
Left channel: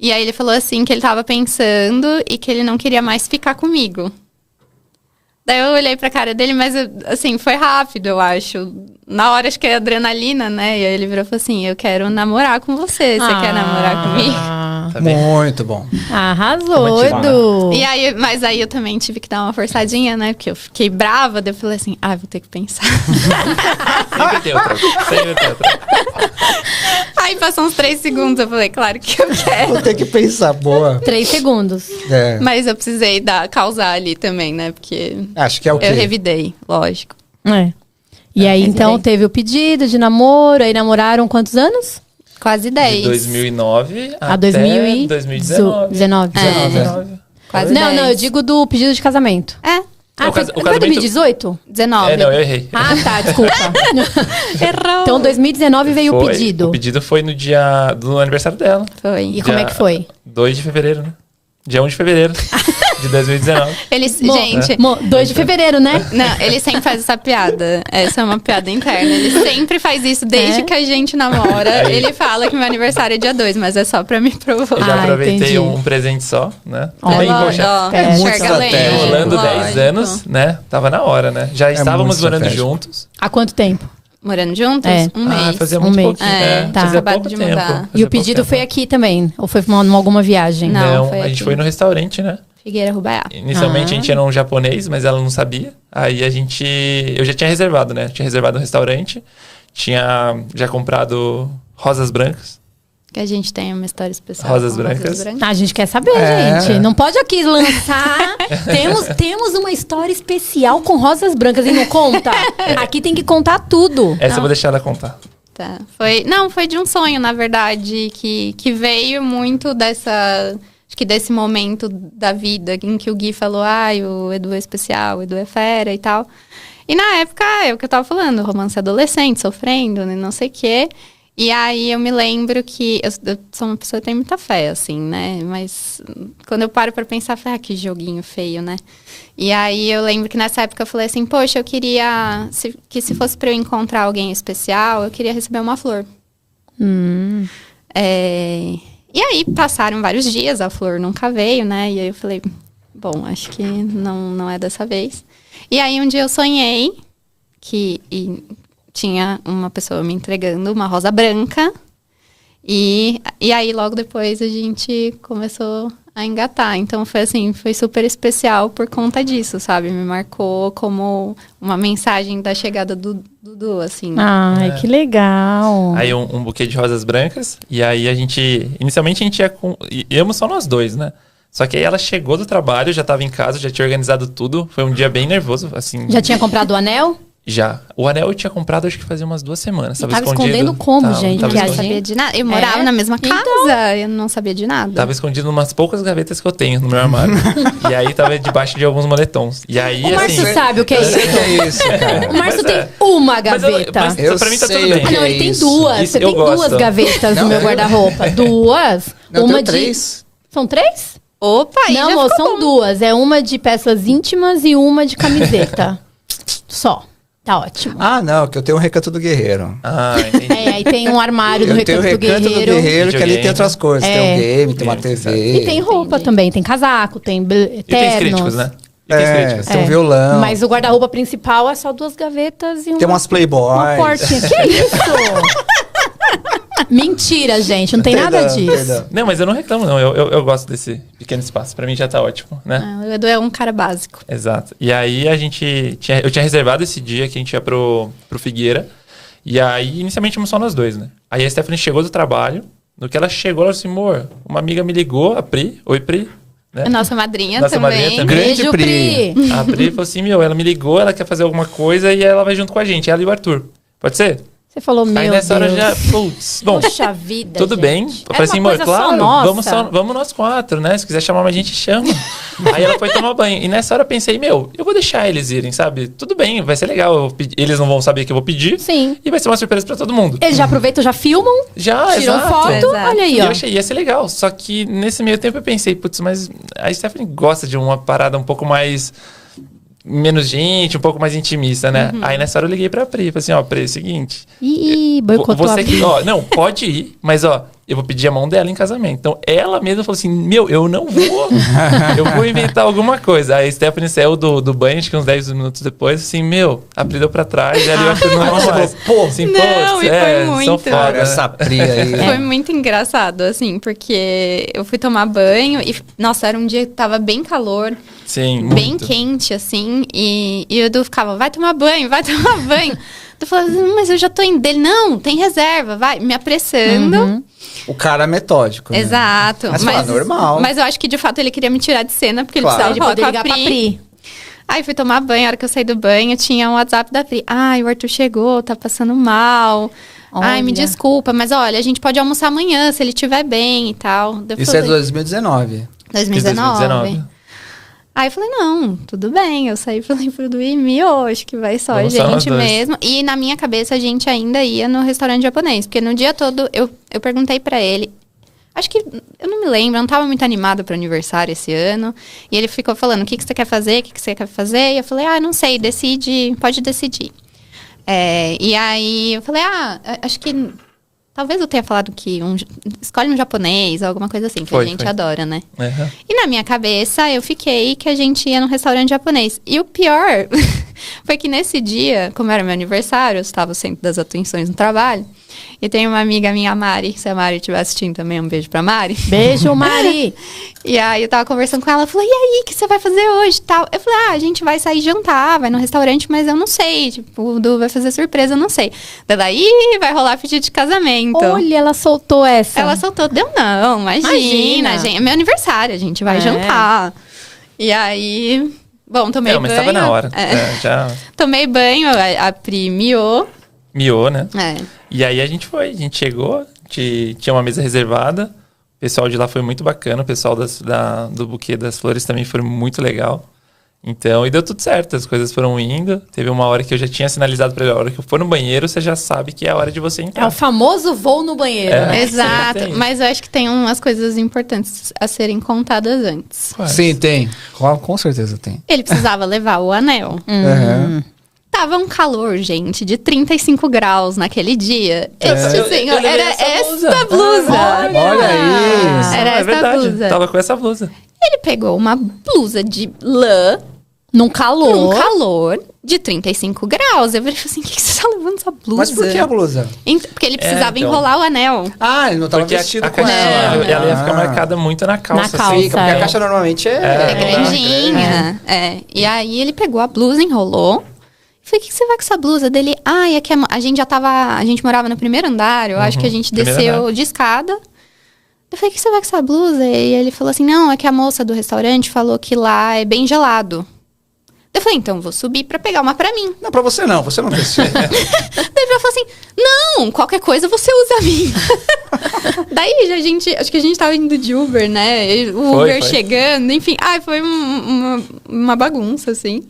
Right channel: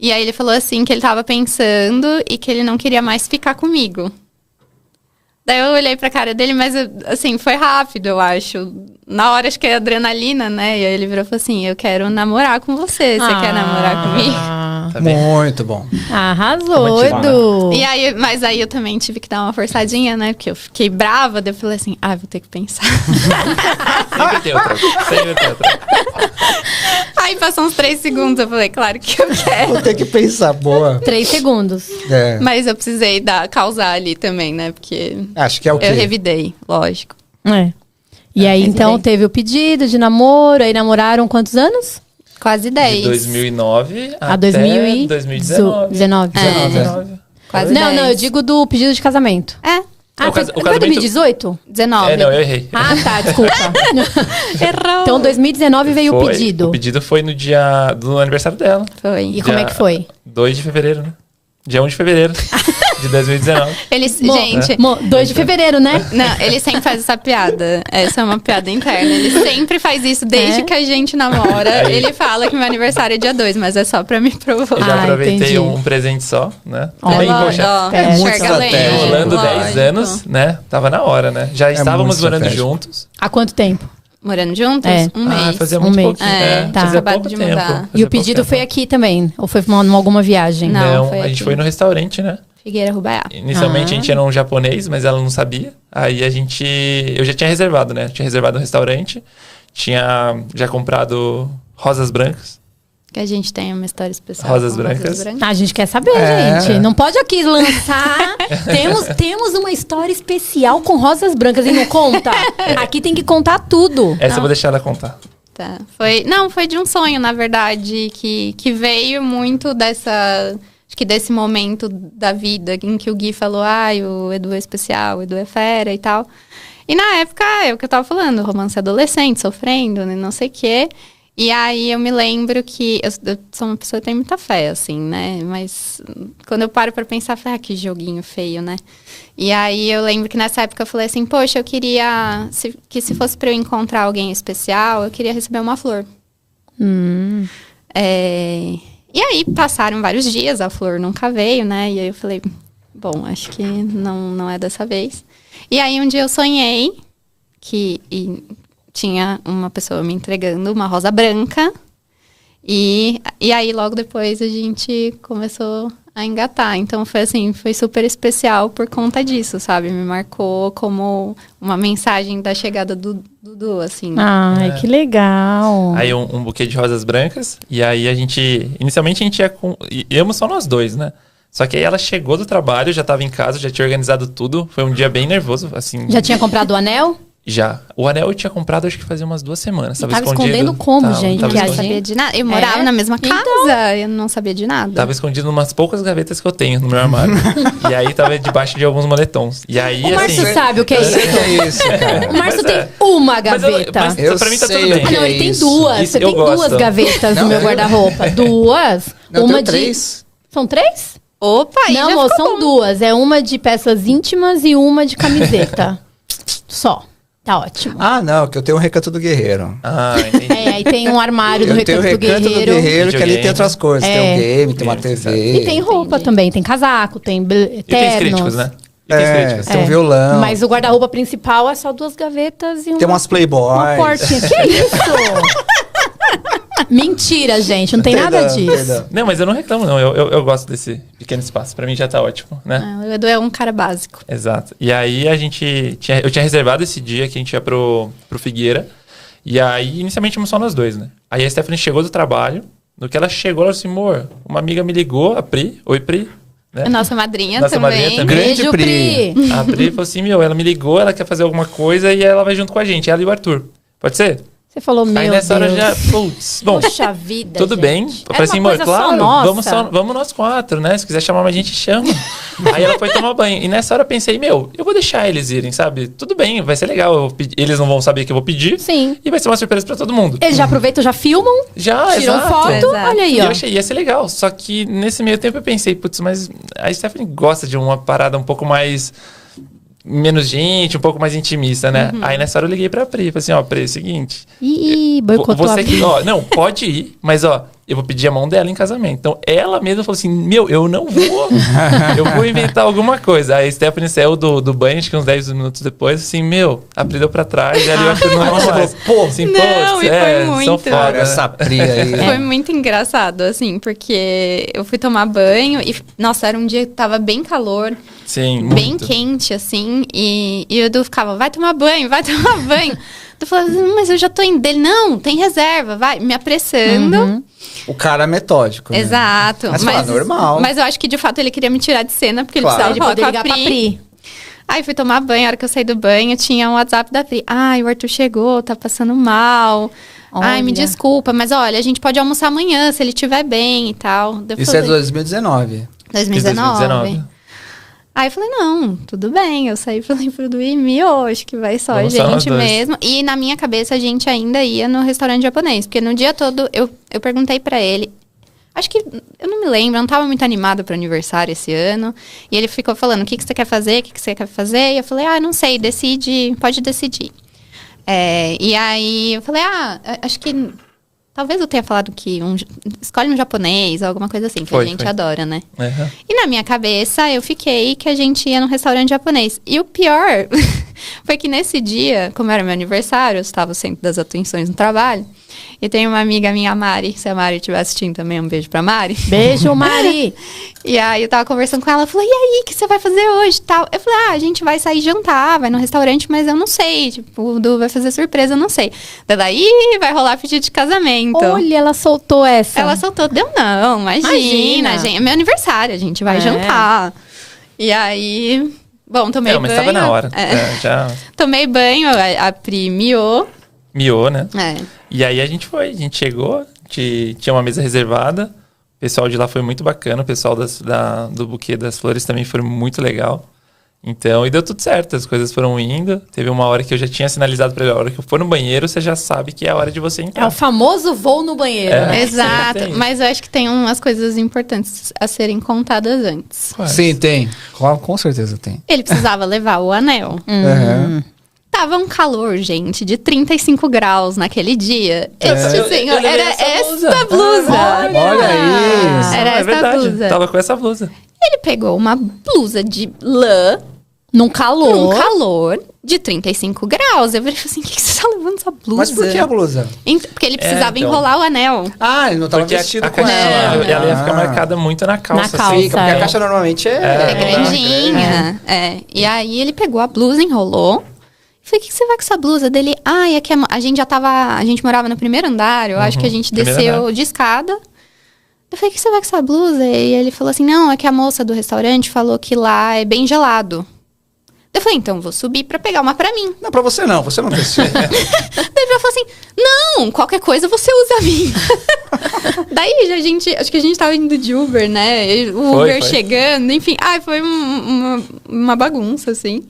E aí ele falou, assim, que ele tava pensando e que ele não queria mais ficar comigo. Daí eu olhei pra cara dele, mas, assim, foi rápido, eu acho. Na hora, acho que é adrenalina, né? E aí ele virou e falou assim, eu quero namorar com você. Você quer namorar comigo? Tá bem. Muito bom. Arrasou, Tá bom, Edu. E aí, mas aí eu também tive que dar uma forçadinha, né? Porque eu fiquei brava, daí eu falei assim, vou ter que pensar. Sempre tem outra. Sempre tem outra. Aí passou uns 3 segundos, eu falei, claro que eu quero. Vou ter que pensar, boa. 3 segundos. É, Mas eu precisei causar ali também, né? Porque acho que é o quê? eu revidei, lógico. É. E aí, Mas então, aí- teve o pedido de namoro. Aí namoraram quantos anos? Quase 10. De 2009 A até 2019. 2019. 19. Quase Não, 10. não, eu digo do pedido de casamento. É, O Foi casamento- 2018? 19. É, não, eu errei. Ah, tá, desculpa. Errou. Então, 2019 veio o Foi. pedido. O pedido foi no dia do aniversário dela. Foi. E como é que foi? 2 de fevereiro, né? Dia 1 de fevereiro de 2019. Eles, gente, 2 de fevereiro, né? não, ele sempre faz essa piada. Essa é uma piada interna. Ele sempre faz isso desde que a gente namora. Aí. Ele fala que meu aniversário é dia 2, mas é só pra me provocar. Eu já aproveitei entendi. um presente só, né? Ó, Também, ó, poxa, ó, é muito enxerga além, estratégico. rolando lógico. 10 anos, né? Tava na hora, né? Já estávamos muito morando estratégico. juntos. Há quanto tempo? Morando juntos? É. Um mês. Fazia Um muito mês. pouquinho. É, tá. Fazia Acabado pouco de tempo. mudar. Fazia E o pouco pedido tempo. foi aqui também? Ou foi em alguma viagem? Não, Não, foi a gente aqui. foi no restaurante, né? Figueira Rubaiá. Inicialmente a gente era um japonês, mas ela não sabia. Aí eu já tinha reservado, né? Eu tinha reservado um restaurante, tinha já comprado rosas brancas. Que a gente tem uma história especial. Rosas com brancas. A gente quer saber, gente. Não pode aqui lançar. temos uma história especial com rosas brancas e não conta. Aqui tem que contar tudo. Essa eu vou deixar ela contar. Tá. Foi de um sonho, na verdade, que veio muito acho que desse momento da vida em que o Gui falou, o Edu é especial, o Edu é fera e tal. E na época, é o que eu tava falando, romance adolescente, sofrendo, não sei o quê. E aí eu me lembro que eu sou uma pessoa que tem muita fé, assim, né? Mas quando eu paro pra pensar, eu falei, que joguinho feio, né? E aí eu lembro que nessa época eu falei assim, poxa, eu queria que se fosse pra eu encontrar alguém especial, eu queria receber uma flor. E aí passaram vários dias, a flor nunca veio, né? E aí eu falei, bom, acho que não é dessa vez. E aí um dia eu sonhei que tinha uma pessoa me entregando uma rosa branca. E aí logo depois a gente começou a engatar. Então foi assim, foi super especial por conta disso, sabe? Me marcou como uma mensagem da chegada do Dudu, assim. Ai, que legal. Aí um buquê de rosas brancas. E aí inicialmente a gente íamos só nós dois, né? Só que aí ela chegou do trabalho, já tava em casa, já tinha organizado tudo. Foi um dia bem nervoso, assim. Já tinha comprado o anel? Já. O anel eu tinha comprado, acho que fazia umas 2 semanas. Tava escondendo como, gente? Tava Eu não escondido. sabia de nada. Eu morava na mesma casa, eu não sabia de nada. Tava escondido em umas poucas gavetas que eu tenho no meu armário. E aí tava debaixo de alguns moletons. E aí, O Márcio assim... sabe o que é Eu sei isso. que é isso, cara. O Márcio Mas tem uma Mas gaveta. mas pra mim tá sei tudo o bem. que Não, ele tem isso. duas. Isso Você eu tem duas gosto. gavetas no Não, meu eu- guarda-roupa. Duas. Não, uma tenho de... 3. São 3? Opa, aí Não, já amor, ficou são bom. duas. É uma de peças íntimas e uma de camiseta. Só. Tá ótimo. Ah, não, que eu tenho o Recanto do Guerreiro. Ah, entendi. É, aí tem um armário do Eu tenho o Recanto do Recanto do Guerreiro. Guerreiro, que ali Videogame. tem outras coisas. Tem um game, tem uma TV. E tem roupa também. Tem casaco, tem E tem ternos. críticos, né? E tem críticos. Tem um violão. Mas o guarda-roupa principal é só 2 gavetas e Tem umas Playboy. uma portinha. Que isso? Mentira, gente. Não tem nada Perdão, disso. perdão. Não, mas eu não reclamo, não. Eu gosto desse pequeno espaço. Pra mim já tá ótimo, né? Ah, o Edu é um cara básico. Exato. E aí eu tinha reservado esse dia que a gente ia pro Figueira. E aí, inicialmente, fomos só nós dois, né? Aí a Stephanie chegou do trabalho. No que ela chegou, ela falou assim, amor, uma amiga me ligou, a Pri. Oi, Pri. Né? Nossa madrinha Nossa também. madrinha também. Grande Beijo, Pri. Pri. A Pri falou assim, ela me ligou, ela quer fazer alguma coisa e ela vai junto com a gente. Ela e o Arthur. Pode ser? Você falou, meu Aí nessa Deus. hora já... Putz, bom... Poxa vida, Tudo gente. bem. Eu Era falei assim, uma amor, coisa só claro, nossa. vamos nós 4, né? Se quiser chamar mais gente, chama. Aí ela foi tomar banho. E nessa hora eu pensei, eu vou deixar eles irem, sabe? Tudo bem, vai ser legal. Eles não vão saber que eu vou pedir. Sim. E vai ser uma surpresa pra todo mundo. Eles já aproveitam, já filmam, Já, tiram exato. foto. Exato. Olha aí, E ó. eu achei, ia ser legal. Só que nesse meio tempo eu pensei, putz, mas a Stephanie gosta de uma parada um pouco mais... menos gente, um pouco mais intimista, né? Aí nessa hora eu liguei pra Pri. Falei assim, ó, Pri, é o seguinte... Ih, boicotou a Você vida. que, ó, não, pode ir, mas ó, eu vou pedir a mão dela em casamento. Então ela mesma falou assim: eu não vou. Eu vou inventar alguma coisa. Aí a Stephanie saiu do banho, acho que uns 10 minutos depois, assim, a Pri deu pra trás, e ali eu acho que não mais. Pô, assim, Não, pô, e foi são muito. foda. Essa Pri aí. Foi muito engraçado, assim, porque eu fui tomar banho e, nossa, era um dia que tava bem calor, Sim, bem muito. quente, assim, e o Edu ficava, vai tomar banho, vai tomar banho. Eu falava, mas eu já tô indo dele. Não, tem reserva, vai, me apressando. O cara é metódico. Né? Exato. Mas fala, normal. Mas eu acho que, de fato, ele queria me tirar de cena, porque Claro. ele Ele precisava poder falar ligar com a pra Pri. Pri. Aí fui tomar banho, a hora que eu saí do banho, tinha um WhatsApp da Pri. Ai, o Arthur chegou, tá passando mal. Ai, me Olha. desculpa, mas olha, a gente pode almoçar amanhã, se ele estiver bem e tal. Daí eu Isso é falei, 2019. 2019. Aí eu falei, não, tudo bem. Eu saí e falei pro Edu, acho que vai só a Vamos só nós gente dois. mesmo. E na minha cabeça a gente ainda ia no restaurante japonês. Porque no dia todo eu perguntei pra ele. Acho que, eu não me lembro, eu não tava muito animada pro aniversário esse ano. E ele ficou falando, o que você quer fazer, o que você quer fazer? E eu falei, não sei, decide, pode decidir. E aí eu falei, acho que... Talvez eu tenha falado que escolhe um japonês, alguma coisa assim, que Foi, a gente foi. adora, né? Uhum. E na minha cabeça, eu fiquei que a gente ia num restaurante japonês. E o pior foi que nesse dia, como era meu aniversário, eu estava sempre das atenções no trabalho. E tem uma amiga minha, a Mari. Se a Mari estiver assistindo também, um beijo pra Mari. Beijo, Mari. E aí eu tava conversando com ela, ela falou, e aí, o que você vai fazer hoje? Tal. Eu falei, a gente vai sair jantar, vai no restaurante, mas eu não sei. Tipo, o Du vai fazer surpresa, eu não sei. Daí vai rolar pedido de casamento. Olha, ela soltou essa. Ela soltou, deu não, imagina, Imagina. gente, é meu aniversário, a gente vai É. jantar. E aí, bom, tomei Não, banho. mas tava na hora. Já Tomei banho, a Pri miou. miou, né? É. E aí a gente chegou, tinha uma mesa reservada. O pessoal de lá foi muito bacana, o pessoal do buquê das flores também foi muito legal. Então, e deu tudo certo, as coisas foram indo. Teve uma hora que eu já tinha sinalizado pra ele, a hora que eu for no banheiro, você já sabe que é a hora de você É entrar. o famoso voo no banheiro, É. né? Exato, tem. mas eu acho que tem umas coisas importantes a serem contadas antes. Sim, tem. Com certeza tem. Ele precisava levar o anel. Uhum. Tava um calor, gente, de 35 graus naquele dia. Este senhor, eu levei era essa esta blusa. Olha aí. Era é essa verdade, blusa. tava com essa blusa. Ele pegou uma blusa de lã Num calor. num calor de 35 graus. Eu falei assim, o que você tá levando essa blusa? Mas por que a blusa? Porque ele precisava então. enrolar o anel. Ah, ele não tava Porque vestido a com caixa, ela. ela ia ficar marcada muito na calça. Na calça, assim. Fica, porque é. a caixa normalmente É grandinha. É. E aí ele pegou a blusa, enrolou. Eu falei, o que você vai com essa blusa dele? É que a gente já tava... A gente morava no primeiro andar. Eu acho que a gente primeiro desceu andar. de escada. Eu falei, o que você vai com essa blusa? E ele falou assim, não, é que a moça do restaurante falou que lá é bem gelado. Eu falei, então vou subir pra pegar uma pra mim. Não, pra você não precisa. Daí ela falou assim, não, qualquer coisa você usa a minha. Daí acho que a gente tava indo de Uber, né? O Uber chegando, enfim. Foi uma bagunça, assim.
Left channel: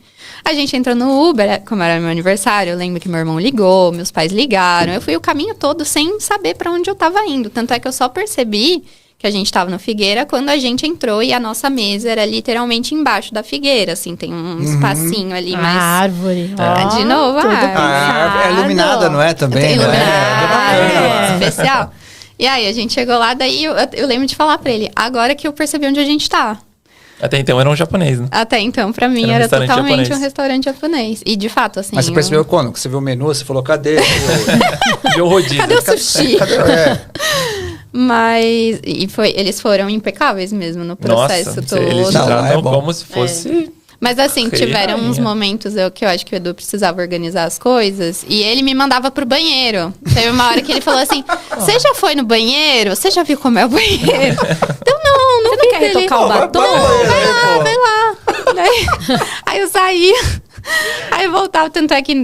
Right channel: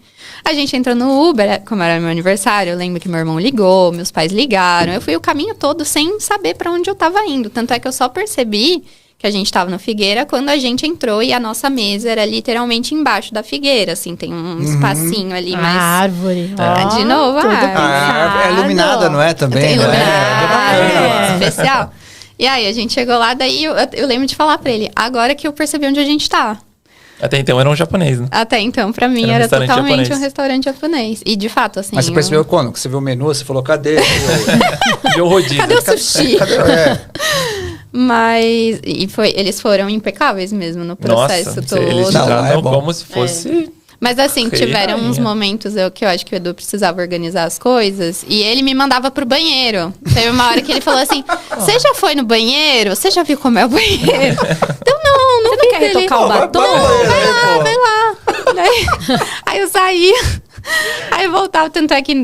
A gente entrou no Uber, como era meu aniversário, eu lembro que meu irmão ligou, meus pais ligaram. Eu fui o caminho todo sem saber pra onde eu tava indo. Tanto é que eu só percebi que a gente tava na Figueira quando a gente entrou e a nossa mesa era literalmente embaixo da Figueira, assim, tem um espacinho ali, mas... árvore. De novo, a árvore. É iluminada, não é? Também, né? Especial. E aí, a gente chegou lá, daí eu lembro de falar pra ele, agora que eu percebi onde a gente tá. Até então era um japonês, né? Até então, pra mim, era totalmente um restaurante japonês. E, de fato, assim... Mas você percebeu quando? Que você viu o menu, você falou, cadê? Viu o rodízio. Cadê o sushi? Cadê? Mas... eles foram impecáveis mesmo no processo todo. Eles tratam como se fosse... Mas assim, tiveram uns momentos que eu acho que o Edu precisava organizar as coisas. E ele me mandava pro banheiro. Teve uma hora que ele falou assim, você já foi no banheiro? Você já viu como é o banheiro? Então, não Você não quer retocar o batom? Vai lá. Aí eu saía. Aí eu voltava, tanto é que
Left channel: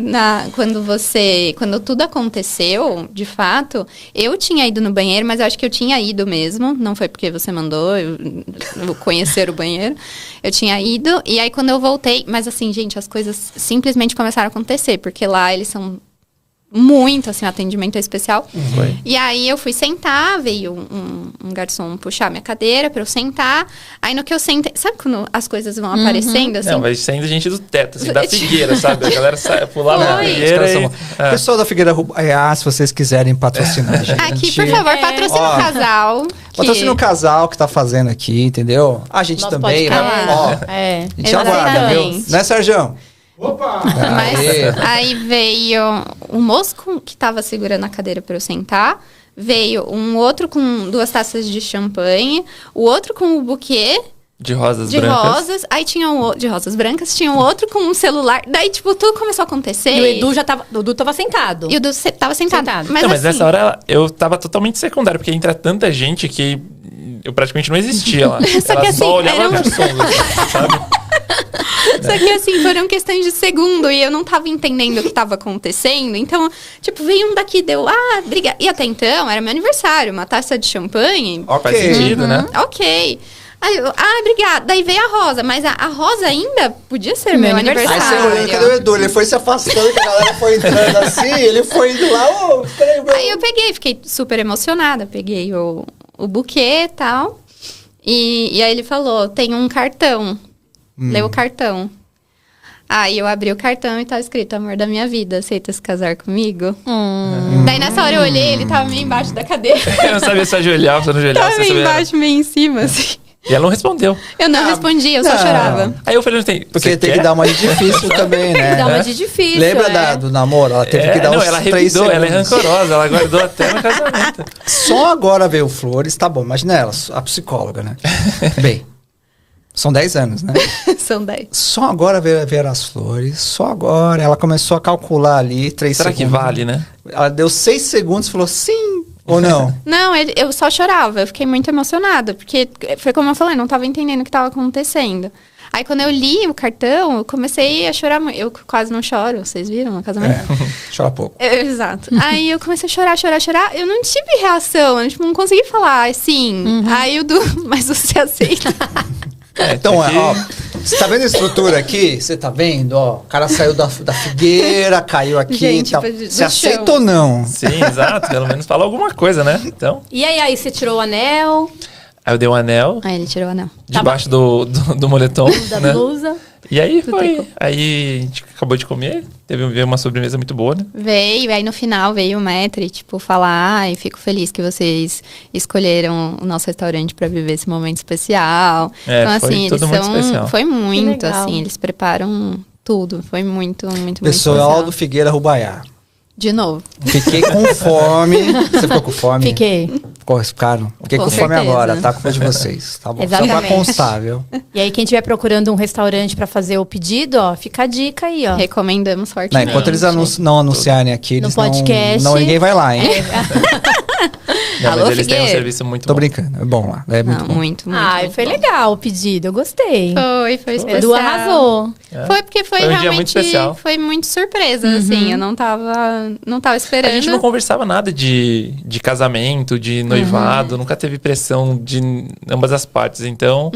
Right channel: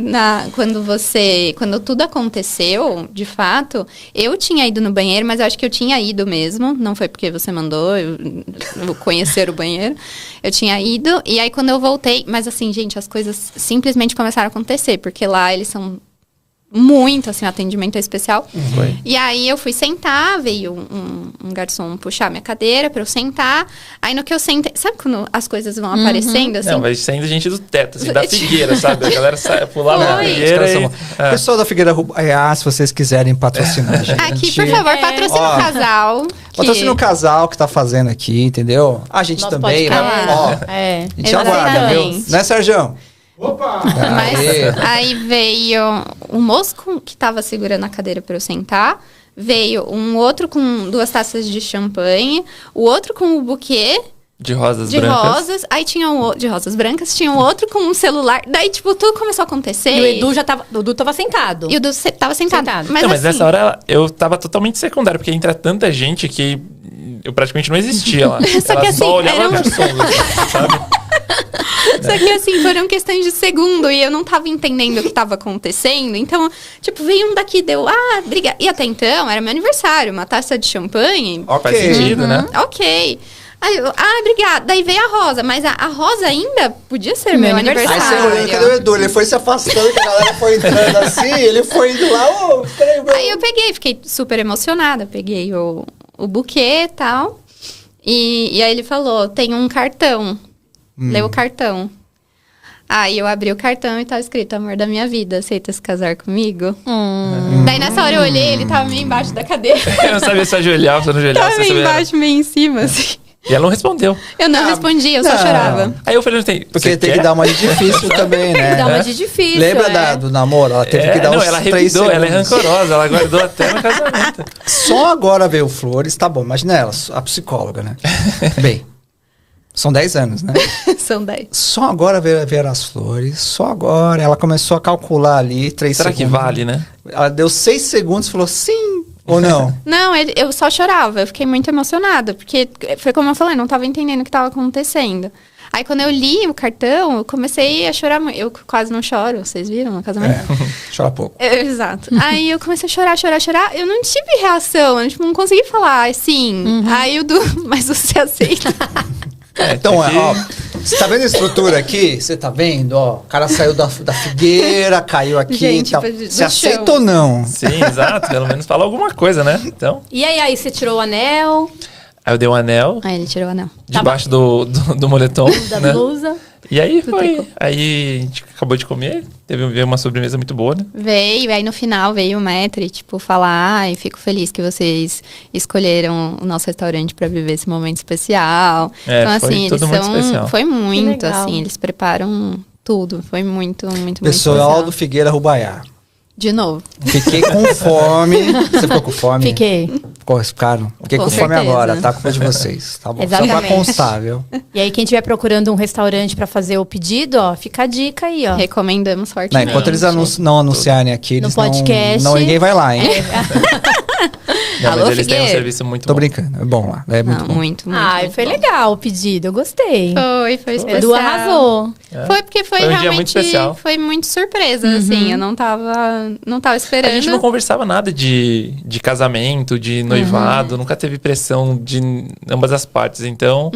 quando tudo aconteceu, de fato, eu tinha ido no banheiro, mas eu acho que eu tinha ido mesmo, não foi porque você mandou eu conhecer o banheiro, eu tinha ido, e aí quando eu voltei, mas assim, gente, as coisas simplesmente começaram a acontecer, porque lá eles são muito, assim, atendimento especial. Foi. E aí eu fui sentar, veio um garçom puxar minha cadeira pra eu sentar. Aí no que eu sentei, sabe quando as coisas vão aparecendo, assim? Não, vai saindo gente do teto, assim, da Figueira, sabe? A galera pulava na Figueira e... Pessoal da Figueira se vocês quiserem patrocinar a gente. Aqui, por favor, patrocina o casal. Patrocina o casal que tá fazendo aqui, entendeu? A gente Nosso também, né? É. A gente aguarda, viu? Né, Sérgio? Opa! Mas aí veio um moço que tava segurando a cadeira pra eu sentar. Veio um outro com 2 taças de champanhe. O outro com o buquê de rosas de brancas. rosas. Aí tinha de rosas brancas. Tinha um outro com um celular. Daí, tipo, tudo começou a acontecer. E o Edu tava sentado. E o Edu tava sentado. Mas Mas assim, nessa hora eu tava totalmente secundário, porque entra tanta gente que eu praticamente não existia lá. Só que Ela assim, só olhava garçom, sabe? Só que assim, foram questões de segundo e eu não tava entendendo o que tava acontecendo. Então, tipo, veio um daqui, deu, obrigada. E até então, era meu aniversário, uma taça de champanhe. Faz sentido, né? Ok. Aí eu, obrigada. Daí veio a Rosa, mas a Rosa ainda podia ser meu Aí você olhando, aniversário. cadê o Edu? Ele foi se afastando, que a galera foi entrando assim, ele foi indo lá, Aí eu fiquei super emocionada, peguei o buquê e tal. E aí ele falou, tem um cartão. Leu o cartão. Aí eu abri o cartão e tava escrito, amor da minha vida, aceita se casar comigo? Daí nessa hora eu olhei, ele tava meio embaixo da cadeira. Eu não sabia se ajoelhar ou se não ajoelhar. Tava meio embaixo, meio em cima, assim. E ela não respondeu. Eu não respondi, eu só chorava. Aí eu falei, porque tem que dar uma de difícil também, né? Tem que dar uma de difícil. Lembra do namoro? Ela teve que dar uns 3 revidou, segundos. ela é rancorosa, ela guardou até no casamento. Só agora veio Flores, tá bom, imagina ela, a psicóloga, né? Bem, são 10 anos, né? São 10. Só agora veio as Flores, só agora ela começou a calcular ali 3 Será segundos. que vale, né? Ela deu 6 segundos e falou sim ou não? Não, eu só chorava, eu fiquei muito emocionada, porque foi como eu falei, não tava entendendo o que tava acontecendo. Aí quando eu li o cartão, eu comecei a chorar muito. Eu quase não choro, vocês viram no casamento? Chora pouco. Exato. Aí eu comecei a chorar. Eu não tive reação, eu não consegui falar sim. Aí eu mas você aceita. Então, ó, você tá vendo a estrutura aqui? Você tá vendo, ó? O cara saiu da figueira, caiu aqui. Gente, tá. do Você aceita chão. ou não? Sim, exato. Pelo menos fala alguma coisa, né? Então. E aí você tirou o anel Aí eu dei um anel Aí ele tirou o anel. debaixo do moletom, da né? blusa. E aí foi. Aí a gente acabou de comer. Veio uma sobremesa muito boa, né? Aí no final veio o maître, tipo, falar, fico feliz que vocês escolheram o nosso restaurante pra viver esse momento especial. Então, foi assim, tudo muito especial. Foi muito, legal. assim, eles preparam tudo. Foi muito, muito, muito Pessoal especial. do Figueira Rubaiá. De novo. Fiquei com fome. Você ficou com fome? Fiquei. Ficaram. Fiquei com fome certeza. agora, tá? Culpa de vocês, tá bom? Só pra Exatamente. constar, viu? E aí, quem estiver procurando um restaurante pra fazer o pedido, ó, fica a dica aí, ó. Recomendamos fortemente. Enquanto eles não anunciarem aqui, No eles podcast. não ninguém vai lá, hein? Não, mas Alô, eles têm um Figueira? serviço muito Tô bom. brincando, é bom lá. É muito bom. Muito, muito. Ai, muito foi bom. legal o pedido, eu gostei. Foi especial. Edu arrasou. Foi porque foi Foi um dia realmente muito especial. foi muito surpresa, assim. Eu não tava esperando. A gente não conversava nada de casamento, de noivado, nunca teve pressão de ambas as partes. Então,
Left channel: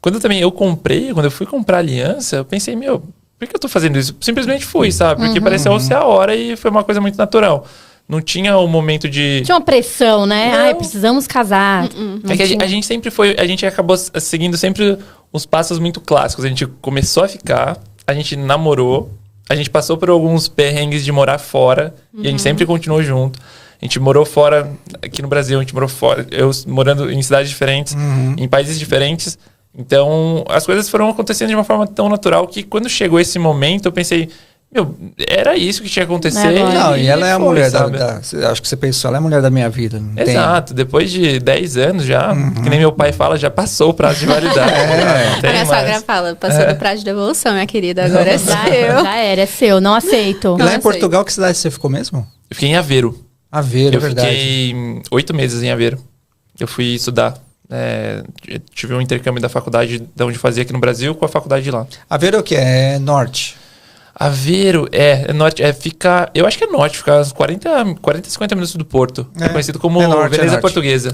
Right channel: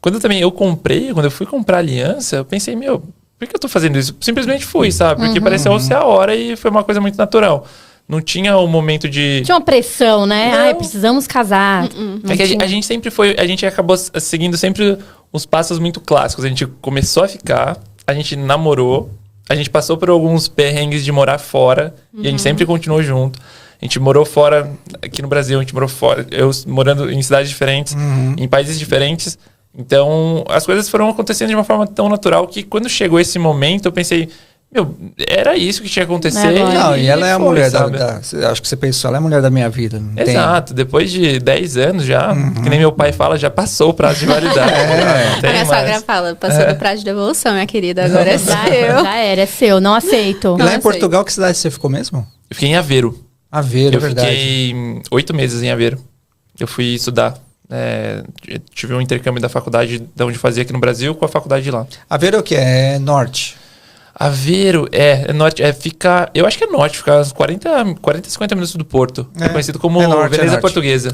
quando eu fui comprar aliança, eu pensei, por que eu tô fazendo isso? Simplesmente fui, sabe? Porque pareceu ser a hora e foi uma coisa muito natural. Não tinha um momento de... Tinha uma pressão, né? Não. Ai, precisamos casar. É que a gente sempre foi... A gente acabou seguindo sempre os passos muito clássicos. A gente começou a ficar, a gente namorou, a gente passou por alguns perrengues de morar fora e a gente sempre continuou junto. A gente morou fora, aqui no Brasil, a gente morou fora. Eu morando em cidades diferentes, em países diferentes. Então, as coisas foram acontecendo de uma forma tão natural que quando chegou esse momento, eu pensei... era isso que tinha que acontecer. Não, e ela é a foi, mulher sabe? acho que você pensou, ela é a mulher da minha vida. Não tem... Exato, depois de 10 anos já, que nem meu pai fala, já passou o prazo de validade. Não A tem minha mais. sogra fala, passou do prazo de devolução, minha querida, agora é seu. Já era, é seu, não aceito. Lá em sei. Portugal, que cidade você ficou mesmo? Eu fiquei em Aveiro. Aveiro, é Eu verdade. fiquei 8 meses em Aveiro. Eu fui estudar. Tive um intercâmbio da faculdade de onde fazia aqui no Brasil com a faculdade de lá. Aveiro é o que? É norte. Aveiro é norte, fica... Eu acho que é norte, fica uns 40, 50 minutos do Porto. É conhecido como norte, Veneza norte. Portuguesa.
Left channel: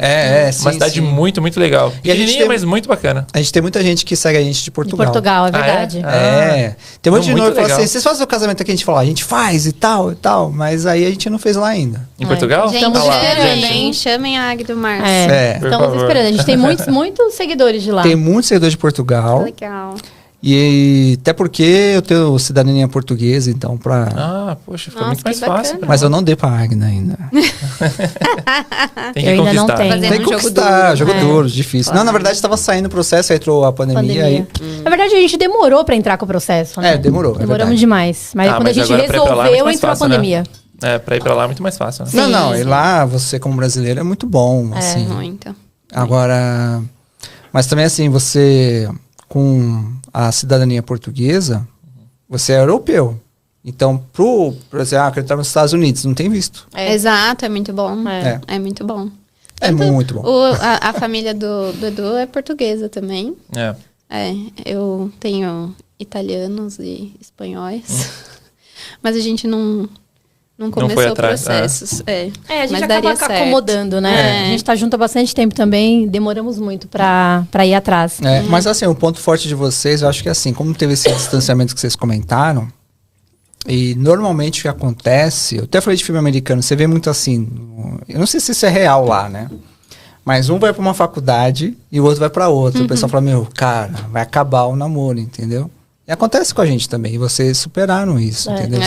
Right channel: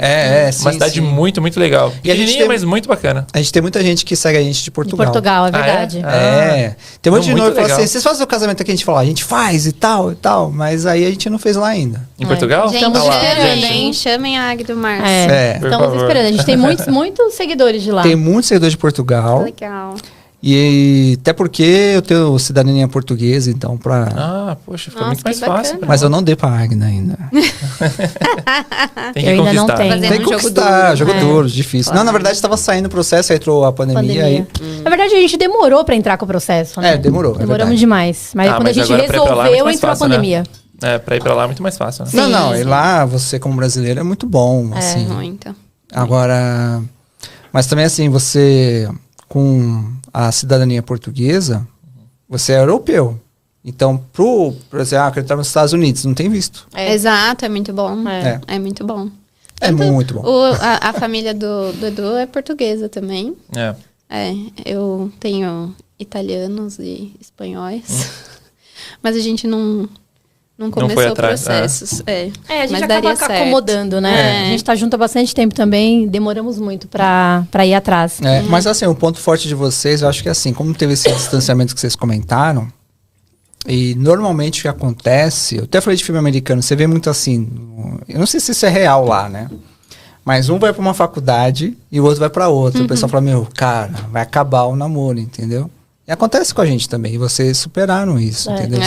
Sim, Uma cidade sim. muito, muito legal. E a gente Pequenininha, tem- mas muito bacana. A gente tem muita gente que segue a gente de De Portugal. Portugal, é Ah, é? verdade. Tem um monte de Muito noivo que fala legal. assim, vocês fazem o casamento aqui? A gente fala, a gente faz e tal, mas aí a gente não fez lá ainda. Em Portugal? Gente, Estamos Tá lá, esperando, gente. hein? chamem a Águia do Março. Por Estamos favor. esperando. A gente tem muitos seguidores de lá. Tem muitos seguidores de Portugal. Legal. E até porque eu tenho cidadania portuguesa, então Poxa, fica Nossa, muito mais que fácil. bacana. pra Mas eu nós. não dei pra Agna ainda. Tem que Eu ainda não conquistar. tenho. Fazer Tem que um jogo conquistar, duro. jogo duro, difícil. Não, na verdade estava saindo o processo, aí entrou a pandemia. Aí... Na verdade, a gente demorou pra entrar com o processo, né? Demorou. é Demoramos verdade. demais. Mas quando a mas gente agora pra ir pra lá é muito resolveu, mais entrou fácil, a pandemia. Né? Pra ir pra lá é muito mais fácil. Né? Não, Sim. e lá você como brasileiro é muito bom, assim. Muito. Agora, mas também assim, você com a cidadania portuguesa, você é europeu. Então, por exemplo, acreditar nos Estados Unidos, não tem visto. Exato, é muito bom. É. É muito bom. É muito bom. A família do Edu é portuguesa também. É. Eu tenho italianos e espanhóis. Mas a gente não começou foi o atrás, processos. A gente Mas acaba daria certo. acomodando, né? A gente tá junto há bastante tempo também, demoramos muito pra ir atrás. Mas assim, o ponto forte de vocês, eu acho que assim, como teve esse distanciamento que vocês comentaram, e normalmente o que acontece, eu até falei de filme americano, você vê muito assim, eu não sei se isso é real lá, né? Mas um vai pra uma faculdade e o outro vai pra outra. O pessoal fala, cara, vai acabar o namoro, entendeu? E acontece com a gente também, e vocês superaram isso, entendeu?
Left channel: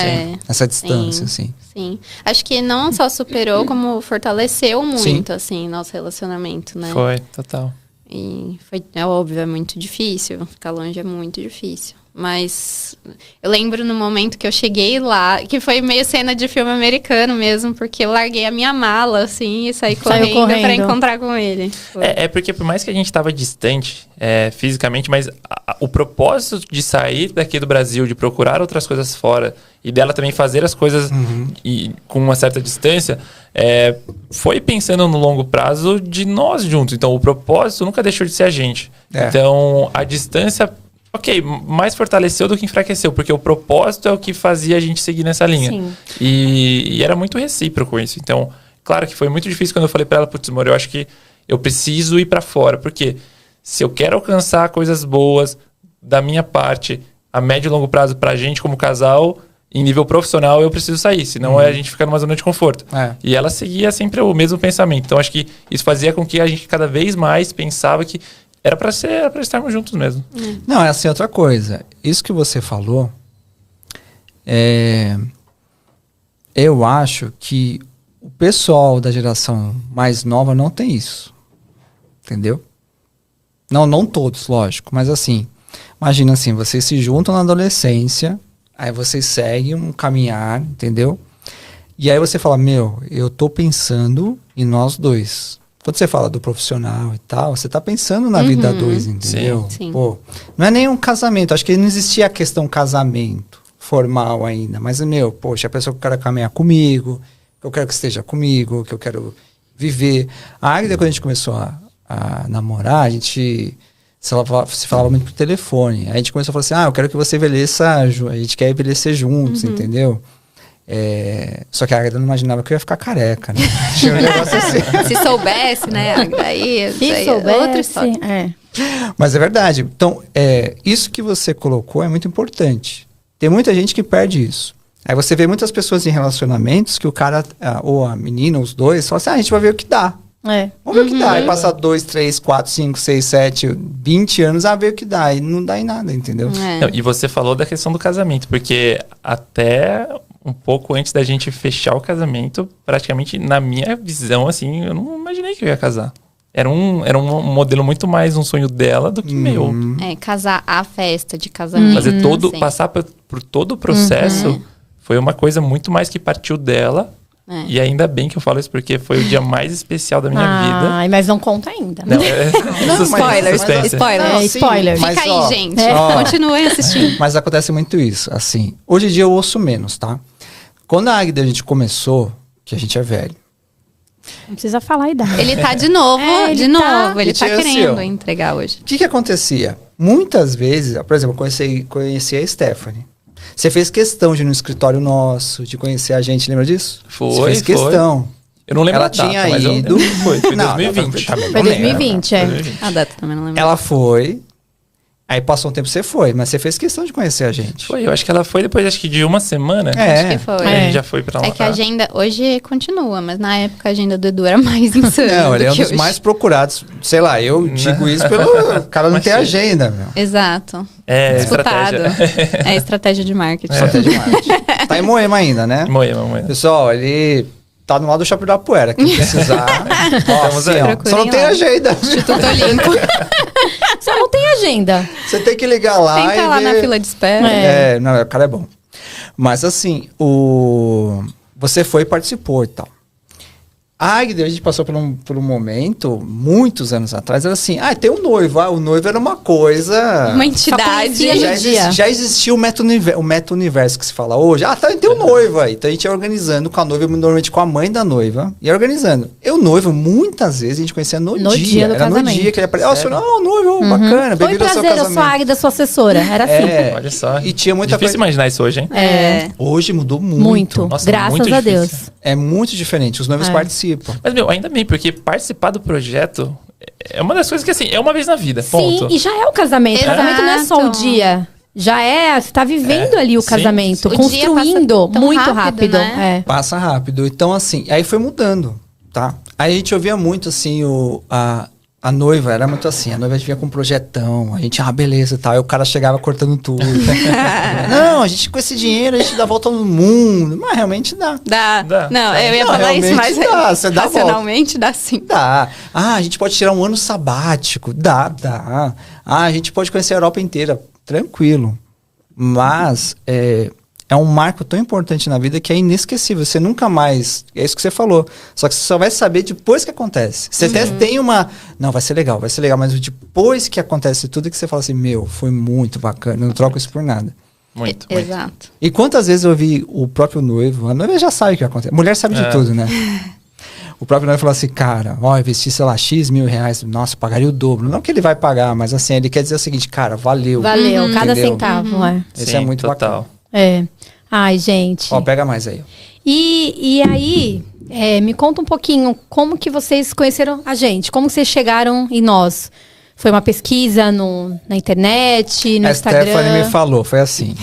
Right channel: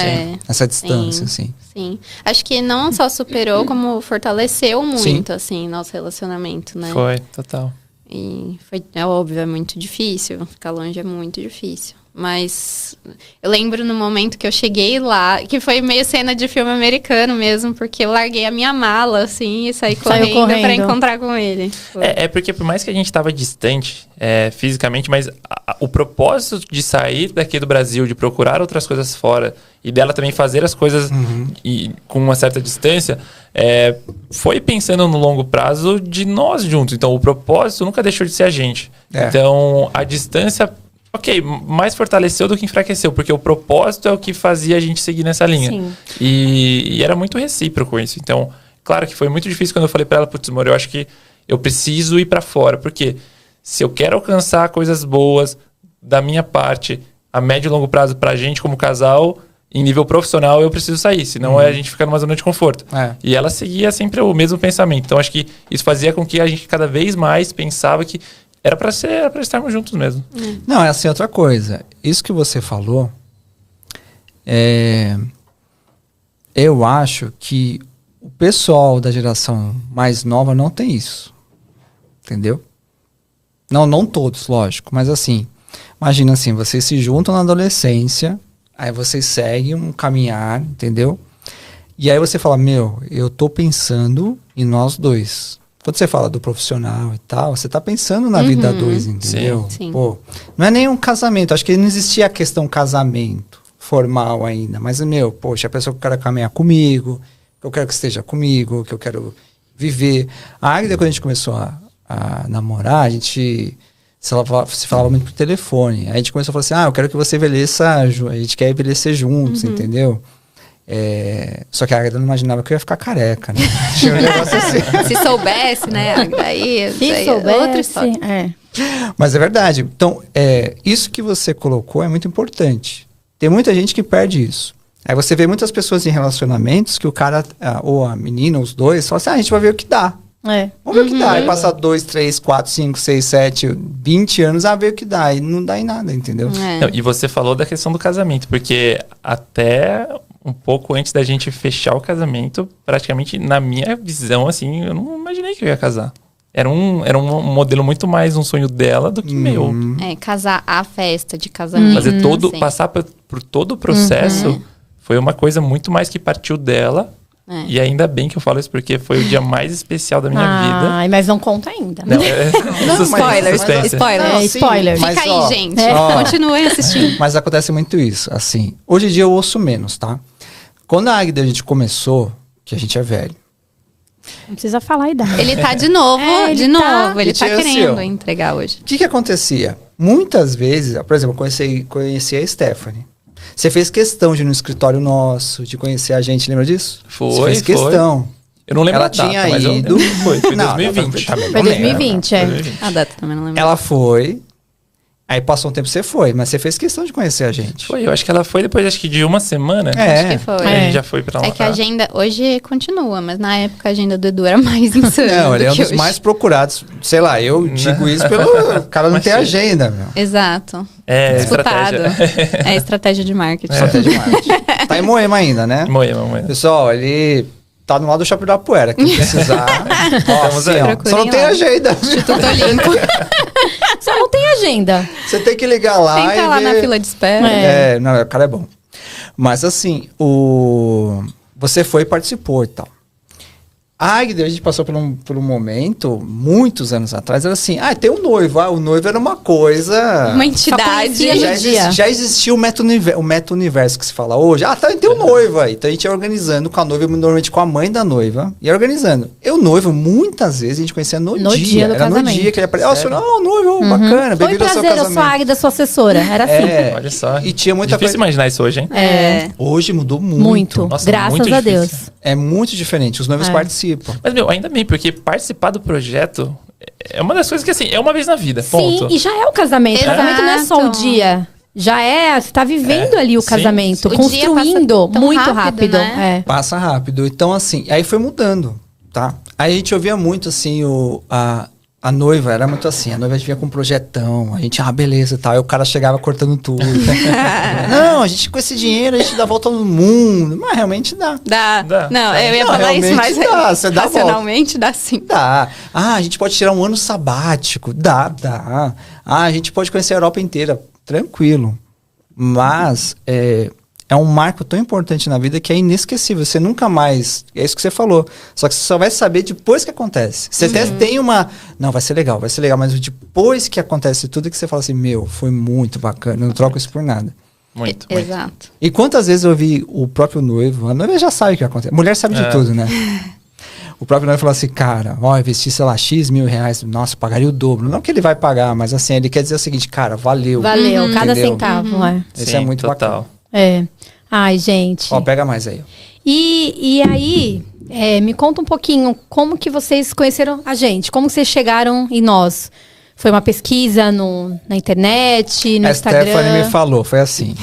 Essa distância, assim. Sim. Acho que não só superou, como fortaleceu muito, assim, nosso relacionamento, né? Foi, total. E é óbvio, é muito difícil. Ficar longe é muito difícil. Mas eu lembro no momento que eu cheguei lá, que foi meio cena de filme americano mesmo, porque eu larguei a minha mala, assim, e saí correndo pra encontrar com ele. É porque por mais que a gente tava distante fisicamente, mas o propósito de sair daqui do Brasil, de procurar outras coisas fora, e dela também fazer as coisas com uma certa distância, foi pensando no longo prazo de nós juntos. Então o propósito nunca deixou de ser a gente. Então a distância... Ok, mais fortaleceu do que enfraqueceu, porque o propósito é o que fazia a gente seguir nessa linha. Sim. E era muito recíproco isso. Então, claro que foi muito difícil quando eu falei pra ela, putz, amor, eu acho que eu preciso ir pra fora, porque se eu quero alcançar coisas boas da minha parte, a médio e longo prazo pra gente como casal, em nível profissional, eu preciso sair, senão a gente fica numa zona de conforto. E ela seguia sempre o mesmo pensamento. Então, acho que isso fazia com que a gente cada vez mais pensava que era pra estarmos juntos mesmo. Não, é assim, outra coisa. Isso que você falou, eu acho que o pessoal da geração mais nova não tem isso. Entendeu? Não todos, lógico, mas assim, imagina assim, vocês se juntam na adolescência, aí vocês seguem um caminhar, entendeu? E aí você fala, eu tô pensando em nós dois. Quando você fala do profissional e tal, você tá pensando na vida a dois, entendeu? Sim. Pô, não é nem um casamento, acho que não existia a questão casamento formal ainda, mas, poxa, a pessoa que eu quero caminhar comigo, que eu quero que esteja comigo, que eu quero viver. A Águida, quando a gente começou a namorar, a gente se falava muito por telefone. Aí a gente começou a falar assim, eu quero que você envelheça, a gente quer envelhecer juntos, entendeu? Só que a Águida não imaginava que eu ia ficar careca, né? Tinha um negócio assim. Se soubesse, né? Aí, Se soubesse, outra história. Mas é verdade. Então, isso que você colocou é muito importante. Tem muita gente que perde isso. Aí você vê muitas pessoas em relacionamentos que o cara, ou a menina, os dois, falam assim, a gente vai ver o que dá. Vamos ver o que dá. Aí passa 2, 3, 4, 5, 6, 7, 20 anos, ver o que dá. E não dá em nada, entendeu? Não, e você falou da questão do casamento, porque até um pouco antes da gente fechar o casamento, praticamente, na minha visão, assim, eu não imaginei que eu ia casar. Era um modelo muito mais um sonho dela do que meu. Casar a festa de casamento. Fazer passar por todo o processo foi uma coisa muito mais que partiu dela. E ainda bem que eu falo isso, porque foi o dia mais especial da minha vida. Ai, mas não conta ainda. Não, Spoilers. Spoiler. Fica aí, gente. Continue assistindo. Mas acontece muito isso, assim. Hoje em dia eu ouço menos, tá? Quando a Águida a gente começou, que a gente é velho. Não precisa falar a idade. Ele tá de novo, Ele tá querendo entregar hoje. O que acontecia? Muitas vezes, por exemplo, eu conheci a Stephanie. Você fez questão de ir no escritório nosso, de conhecer a gente, lembra disso? Você fez questão. Eu não lembro ela a data, tinha mas ido. Foi 2020. Foi 2020, A data também não lembro. Ela foi. Aí passou um tempo, você foi, mas você fez questão de conhecer a gente. Foi, eu acho que ela foi depois de uma semana. Acho que foi. A gente já foi pra lá. É que a agenda hoje continua, mas na época a agenda do Edu era mais insana. Não, ele é um dos hoje. mais procurados. Sei lá, eu digo isso pelo cara não tem agenda, meu. Exato. Disputado. É estratégia de marketing. Estratégia de marketing. Tá em Moema ainda, né? Moema. Pessoal, ele tá no lado do Shopping da Poeira. Quem precisar, só não tem agenda. Só não tem agenda. Você tem que ligar lá Senta lá na fila de espera. Não, o cara é bom. Mas assim, você foi e participou e tal. A Águida, a gente passou por um momento, muitos anos atrás, era assim, tem um noivo. O noivo era uma coisa... Uma entidade. Já existia o meta-universo que se fala hoje. Tem um noivo aí. Então a gente ia organizando com a noiva, normalmente com a mãe da noiva, ia organizando. Eu, noivo, muitas vezes a gente conhecia no dia. Do era casamento. no dia que ele aparecia. Noivo, bacana, Oi, bem-vindo ao seu prazer, eu casamento. sou a Águida, sua assessora. Era assim. Olha só. E tinha muita difícil imaginar isso hoje, hein? Hoje mudou Muito. Nossa, Graças muito a Deus. difícil. É muito diferente. Os noivos participam. Mas, ainda bem, porque participar do projeto é uma das coisas que, assim, é uma vez na vida, ponto. Sim, e já é o casamento. O casamento não é só o dia. Já você tá vivendo ali o casamento, O construindo dia passa muito tão rápido. né? Passa rápido. Então, assim, aí foi mudando, tá? Aí a gente ouvia muito, assim, a noiva era muito assim, a noiva vinha com um projetão, a gente, beleza e tal, aí o cara chegava cortando tudo. Não, a gente com esse dinheiro, a gente dá a volta no mundo. Mas realmente dá. Dá. Não, eu ia falar isso, mas você dá racionalmente dá sim. Dá. A gente pode tirar um ano sabático. Dá. A gente pode conhecer a Europa inteira. Tranquilo. Mas é um marco tão importante na vida que é inesquecível. Você nunca mais... É isso que você falou. Só que você só vai saber depois que acontece. Você até tem uma... Não, vai ser legal. Mas depois que acontece tudo que você fala assim, foi muito bacana. Eu não troco isso por nada. Muito. Exato. E quantas vezes eu vi o próprio noivo... A noiva já sabe o que acontece. Mulher sabe de tudo, né? O próprio noivo falou assim, cara, investir, sei lá, X mil reais, nossa, pagaria o dobro. Não que ele vai pagar, mas assim, ele quer dizer o seguinte, cara, valeu. Valeu, cada entendeu? centavo. Esse é muito total. bacana. Ai, gente. Pega mais aí. E aí, me conta um pouquinho como que vocês conheceram a gente, como vocês chegaram em nós. Foi uma pesquisa na internet, no Instagram? A Stephanie me falou, foi assim.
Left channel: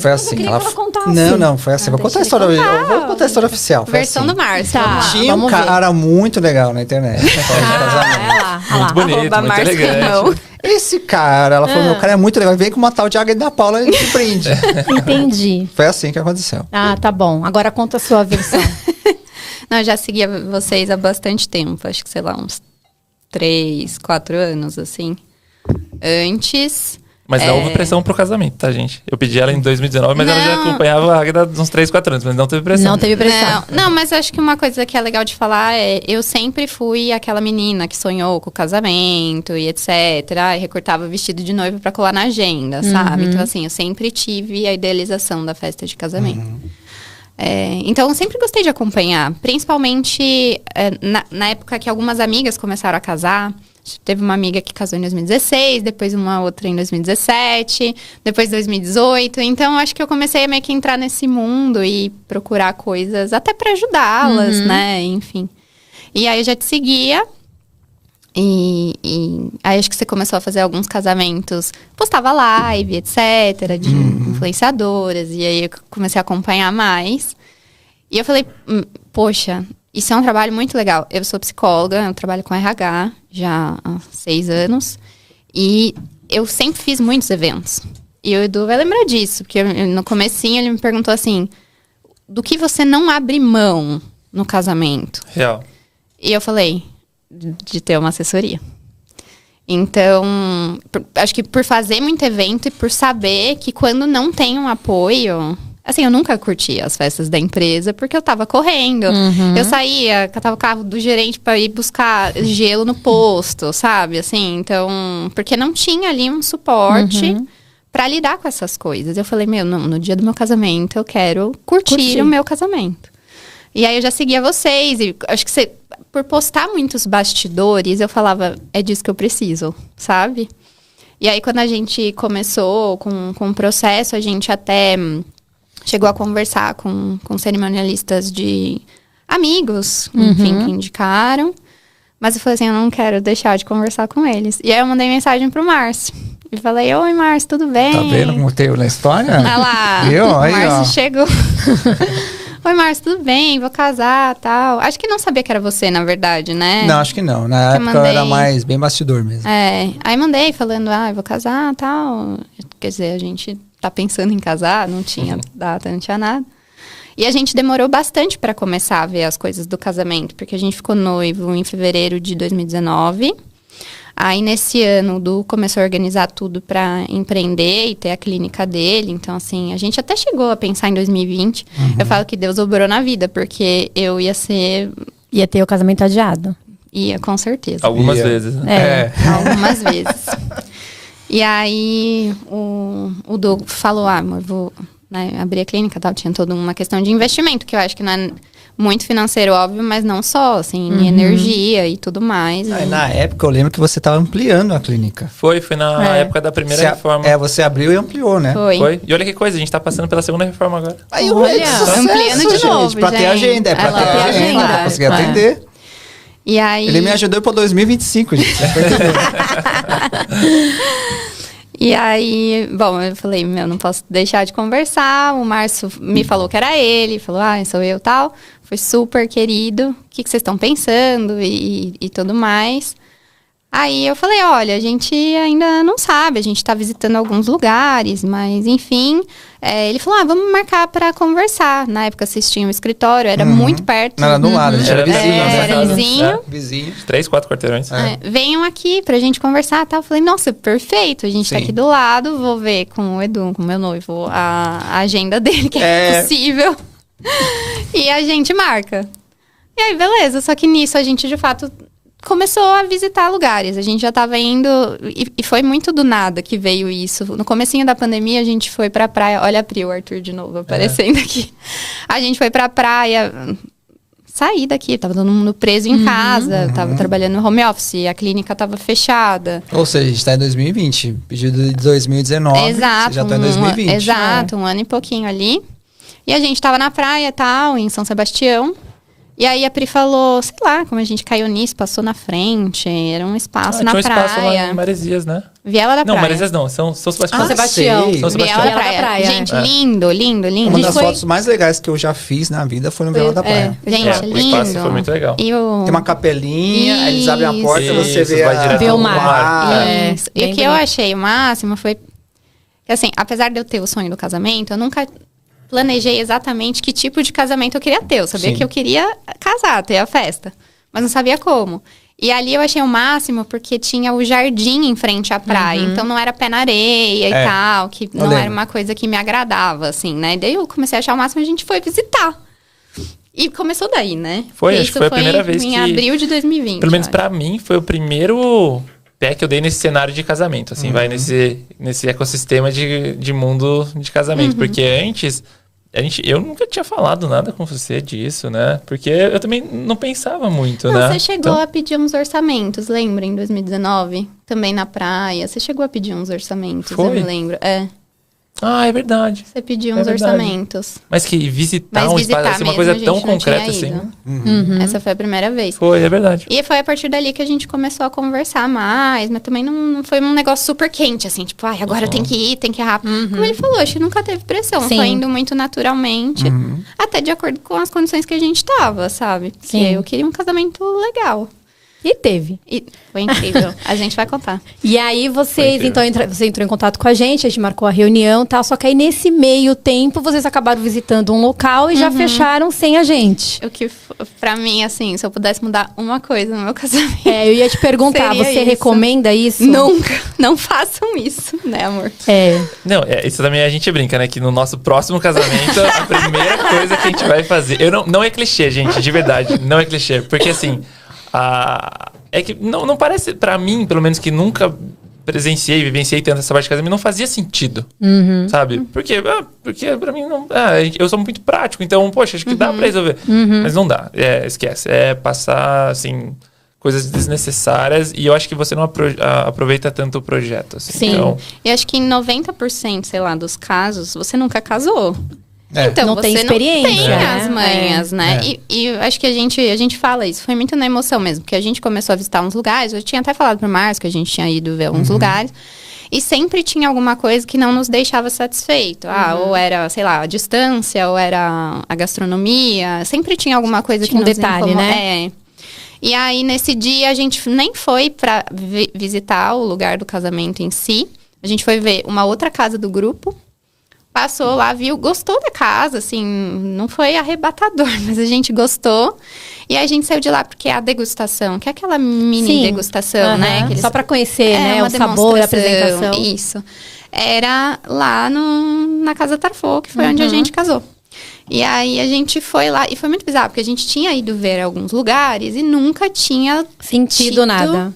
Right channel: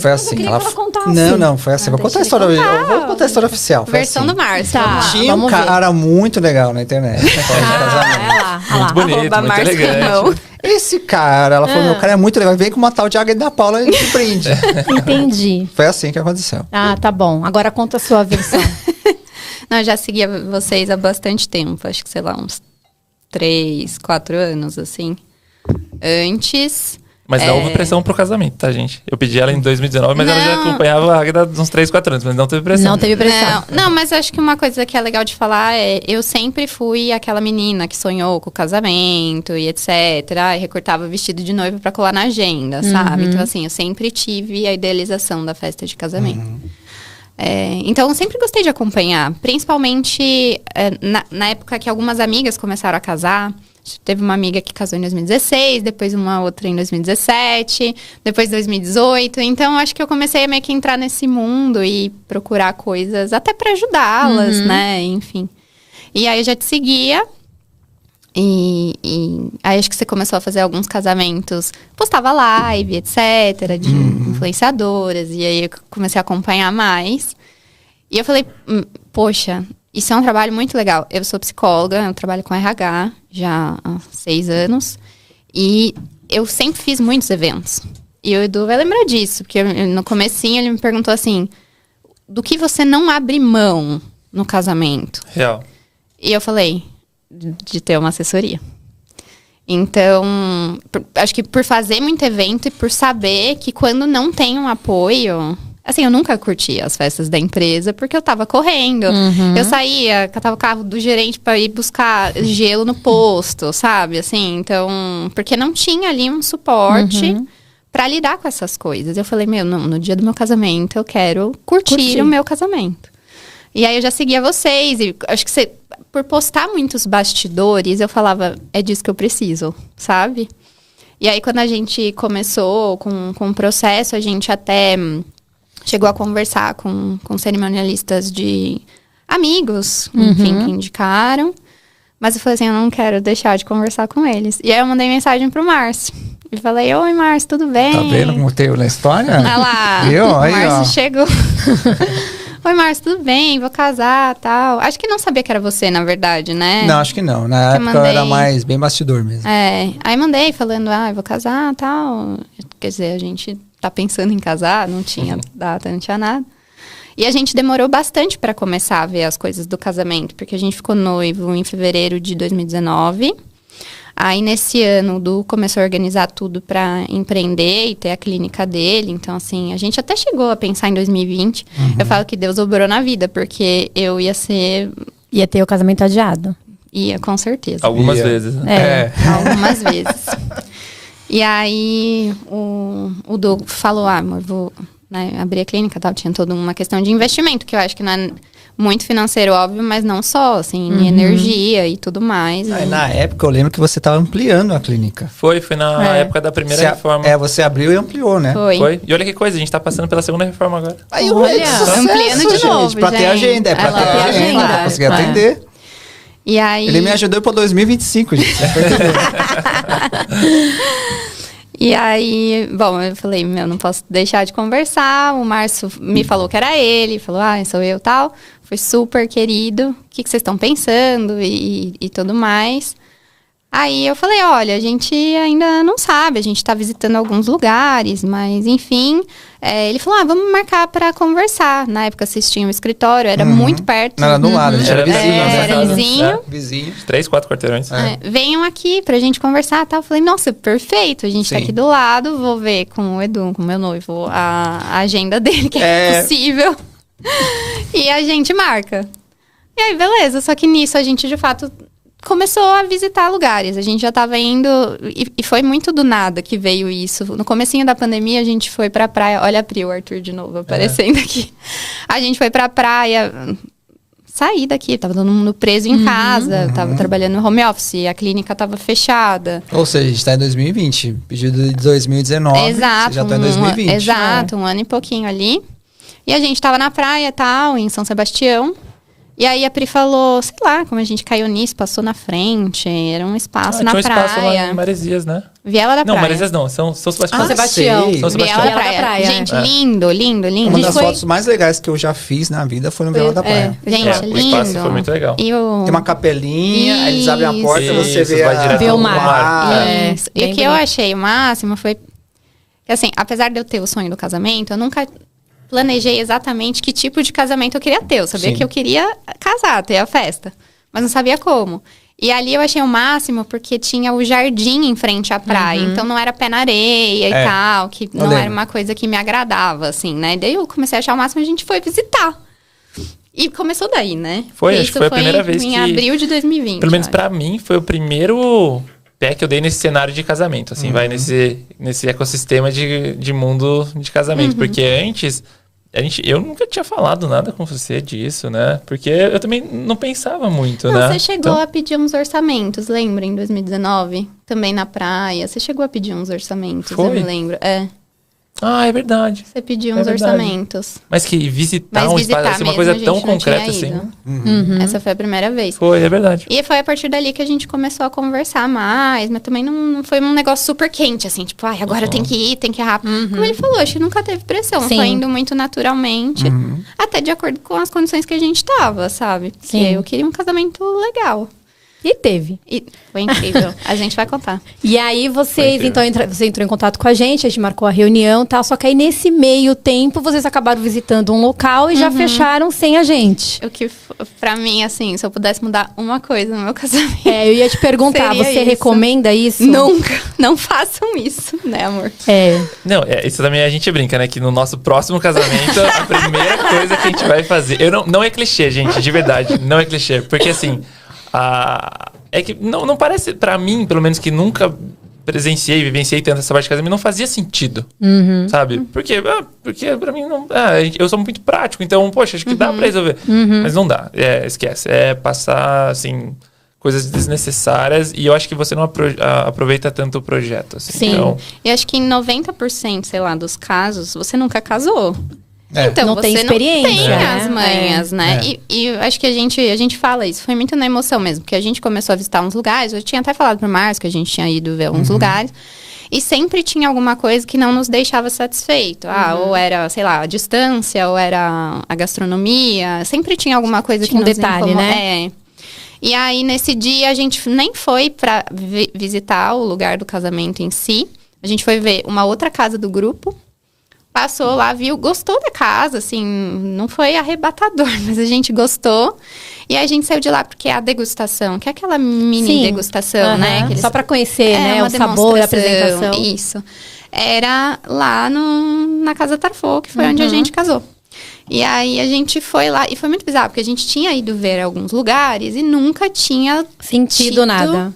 Foi assim. queria que ela contasse. Não, foi assim. Vou contar a história. Eu vou contar a história oficial. Foi Versão assim. do Márcio. Tá. Tinha um cara muito legal na internet. Muito bonito, muito elegante. Esse cara, ela falou, meu cara é muito legal. Vem com uma tal de Águida da Paula e te prende. Entendi. Foi assim que aconteceu. Tá bom. Agora conta a sua versão. Não, eu já seguia vocês há bastante tempo. Acho que, sei lá, uns 3, 4 anos, assim. Antes... Mas não houve pressão pro casamento, tá, gente? Eu pedi ela em 2019, mas ela já acompanhava a Águida uns 3, 4 anos, mas não teve pressão. Não teve pressão. Não, mas acho que uma coisa que é legal de falar eu sempre fui aquela menina que sonhou com o casamento e etc. E recortava vestido de noiva pra colar na agenda, sabe? Então, assim, eu sempre tive a idealização da festa de casamento. Então, eu sempre gostei de acompanhar. Principalmente na época que algumas amigas começaram a casar. Teve uma amiga que casou em 2016, depois uma outra em 2017, depois 2018. Então, acho que eu comecei a meio que entrar nesse mundo e procurar coisas até pra ajudá-las, né? Enfim. E aí, eu já te seguia. E aí, acho que você começou a fazer alguns casamentos. Postava live, etc. De influenciadoras. E aí, eu comecei a acompanhar mais. E eu falei, poxa... Isso é um trabalho muito legal. Eu sou psicóloga, eu trabalho com RH já há 6 anos. E eu sempre fiz muitos eventos. E o Edu vai lembrar disso, porque no comecinho ele me perguntou assim, do que você não abre mão no casamento? Real. E eu falei, de ter uma assessoria. Então, acho que por fazer muito evento e por saber que quando não tem um apoio... Assim, eu nunca curti as festas da empresa porque eu tava correndo. Eu saía, catava o carro do gerente pra ir buscar gelo no posto, sabe? Assim, então... Porque não tinha ali um suporte pra lidar com essas coisas. Eu falei, no dia do meu casamento eu quero curtir o meu casamento. E aí eu já seguia vocês. E acho que você... Por postar muitos bastidores, eu falava, é disso que eu preciso, sabe? E aí quando a gente começou com o processo, a gente até... Chegou a conversar com cerimonialistas de amigos, enfim, que indicaram. Mas eu falei assim, eu não quero deixar de conversar com eles. E aí eu mandei mensagem pro Márcio. E falei, oi, Márcio, tudo bem? Tá vendo como teve na história? Olha lá, o Márcio chegou. Oi, Márcio, tudo bem? Vou casar, tal. Acho que não sabia que era você, na verdade, né? Não, acho que não. Na época eu era mais bem bastidor mesmo. Aí mandei falando, eu vou casar, tal. Quer dizer, a gente... tá pensando em casar, não tinha data, não tinha nada. E a gente demorou bastante para começar a ver as coisas do casamento, porque a gente ficou noivo em fevereiro de 2019. Aí, nesse ano, o Du começou a organizar tudo para empreender e ter a clínica dele. Então, assim, a gente até chegou a pensar em 2020. Eu falo que Deus obrou na vida, porque eu ia ser... Ia ter o casamento adiado. Ia, com certeza. Algumas vezes, né? Algumas vezes. E aí, o Doug falou, amor, vou abrir a clínica, tal. Tinha toda uma questão de investimento, que eu acho que não é muito financeiro, óbvio, mas não só, assim, energia e tudo mais. Aí, na época, eu lembro que você estava ampliando a clínica. Foi na época da primeira reforma. Você abriu e ampliou, né? Foi. E olha que coisa, a gente tá passando pela segunda reforma agora. Aí, ampliando de novo, gente. Pra ter agenda, pra ter agenda, pra conseguir atender. E aí... Ele me ajudou pra 2025, gente. E aí, bom, eu falei, não posso deixar de conversar. O Márcio me falou que era ele, falou, sou eu, tal. Foi super querido. O que vocês estão pensando e tudo mais. Aí eu falei, olha, a gente ainda não sabe, a gente tá visitando alguns lugares, mas enfim. Ele falou, vamos marcar pra conversar. Na época vocês tinham um escritório, era muito perto. Não, era do lado, a gente era vizinho. Era vizinho. Vizinho. 3, 4 quarteirões. Venham aqui pra gente conversar, tal. Eu falei, nossa, perfeito, a gente tá aqui do lado, vou ver com o Edu, com o meu noivo, a agenda dele, que é possível. E a gente marca. E aí, beleza, só que nisso a gente, de fato... começou a visitar lugares. A gente já tava indo... E foi muito do nada que veio isso. No comecinho da pandemia, a gente foi pra praia... Olha a Pri, o Arthur de novo aparecendo aqui. A gente foi pra praia... Saí daqui. Tava todo mundo preso em casa. Tava trabalhando no home office. A clínica tava fechada. Ou seja, a gente tá em 2020. Pedido de 2019. Exato. Você já tá em 2020. Exato. Um ano e pouquinho ali. E a gente tava na praia e tal, em São Sebastião. E aí a Pri falou, sei lá, como a gente caiu nisso, passou na frente, era um espaço na praia. Tinha um espaço lá em Maresias, né? Viela da Praia. Não, Maresias não, São Sebastião. São Sebastião. Viela da Praia. Gente, lindo. Uma das fotos mais legais que eu já fiz na vida foi no Viela da Praia. Gente, lindo. O espaço foi muito legal. Tem uma capelinha, aí eles abrem a porta e você vê o mar. E o que eu achei o máximo foi que, assim, apesar de eu ter o sonho do casamento, eu nunca... planejei exatamente que tipo de casamento eu queria ter. Eu sabia que eu queria casar, ter a festa. Mas não sabia como. E ali eu achei o máximo porque tinha o jardim em frente à praia. Então não era pé na areia e tal. Que não era uma coisa que me agradava, assim, né? Daí eu comecei a achar o máximo e a gente foi visitar. E começou daí, né? Acho que foi a primeira vez em abril de 2020. Pelo menos pra mim, foi o primeiro pé que eu dei nesse cenário de casamento. Assim, vai nesse ecossistema de mundo de casamento. Porque antes... eu nunca tinha falado nada com você disso, né? Porque eu também não pensava muito, Não, né? você chegou a pedir uns orçamentos, lembra? Em 2019? Também na praia. Você chegou a pedir uns orçamentos, eu Foi? me lembro. É, Ah, é verdade. você pediu É uns verdade. orçamentos. Mas que visitar um espaço, assim, uma coisa mesmo, a tão gente não concreta tinha assim. ido. Essa foi a primeira vez. Foi, é verdade. E foi a partir dali que a gente começou a conversar mais, mas também não foi um negócio super quente, assim, tipo, ai, agora tem que ir rápido. Como ele falou, a gente nunca teve pressão, Sim. foi indo muito naturalmente, até de acordo com as condições que a gente tava, sabe? Sim. Que eu queria um casamento legal. E teve. E foi incrível, a gente vai contar. E aí vocês, Foi então, você entrou em contato com a gente marcou a reunião e tal, só que aí nesse meio tempo vocês acabaram visitando um local e já fecharam sem a gente. O que, pra mim, assim, se eu pudesse mudar uma coisa no meu casamento... Eu ia te perguntar, Seria você isso. recomenda isso? Nunca, não façam isso, né, amor? Não, isso também a gente brinca, né? Que no nosso próximo casamento, a primeira coisa que a gente vai fazer... não é clichê, gente, de verdade. Não é clichê. Porque, assim... É que não parece, pra mim, pelo menos que nunca vivenciei tanto essa parte de casamento, não fazia sentido, sabe? Porque pra mim, não, eu sou muito prático, então, poxa, acho que dá pra resolver. Mas não dá, esquece. É passar, assim, coisas desnecessárias e eu acho que você não aproveita tanto o projeto, assim. Sim. Então, E acho que em 90%, sei lá, dos casos, você nunca casou. Então, Não você tem experiência, não tem né? as manhas, né? E acho que a gente fala isso. Foi muito na emoção mesmo. Porque a gente começou a visitar uns lugares. Eu tinha até falado pro Márcio que a gente tinha ido ver alguns lugares. E sempre tinha alguma coisa que não nos deixava satisfeito. Ou era, sei lá, a distância, ou era a gastronomia. Sempre tinha alguma coisa Tinha que um nos detalhe, incomodava. né? E aí, nesse dia, a gente nem foi pra visitar o lugar do casamento em si. A gente foi ver uma outra casa do grupo. Passou lá, viu, gostou da casa, assim, não foi arrebatador, mas a gente gostou. E a gente saiu de lá porque é a degustação, que é aquela mini degustação, né? Que eles- Só pra conhecer, né? uma O sabor, a demonstração, apresentação. Isso. Era lá na Casa Tarfo, que foi onde a gente casou. E aí a gente foi lá, e foi muito bizarro, porque a gente tinha ido ver alguns lugares e nunca tinha Sentido nada.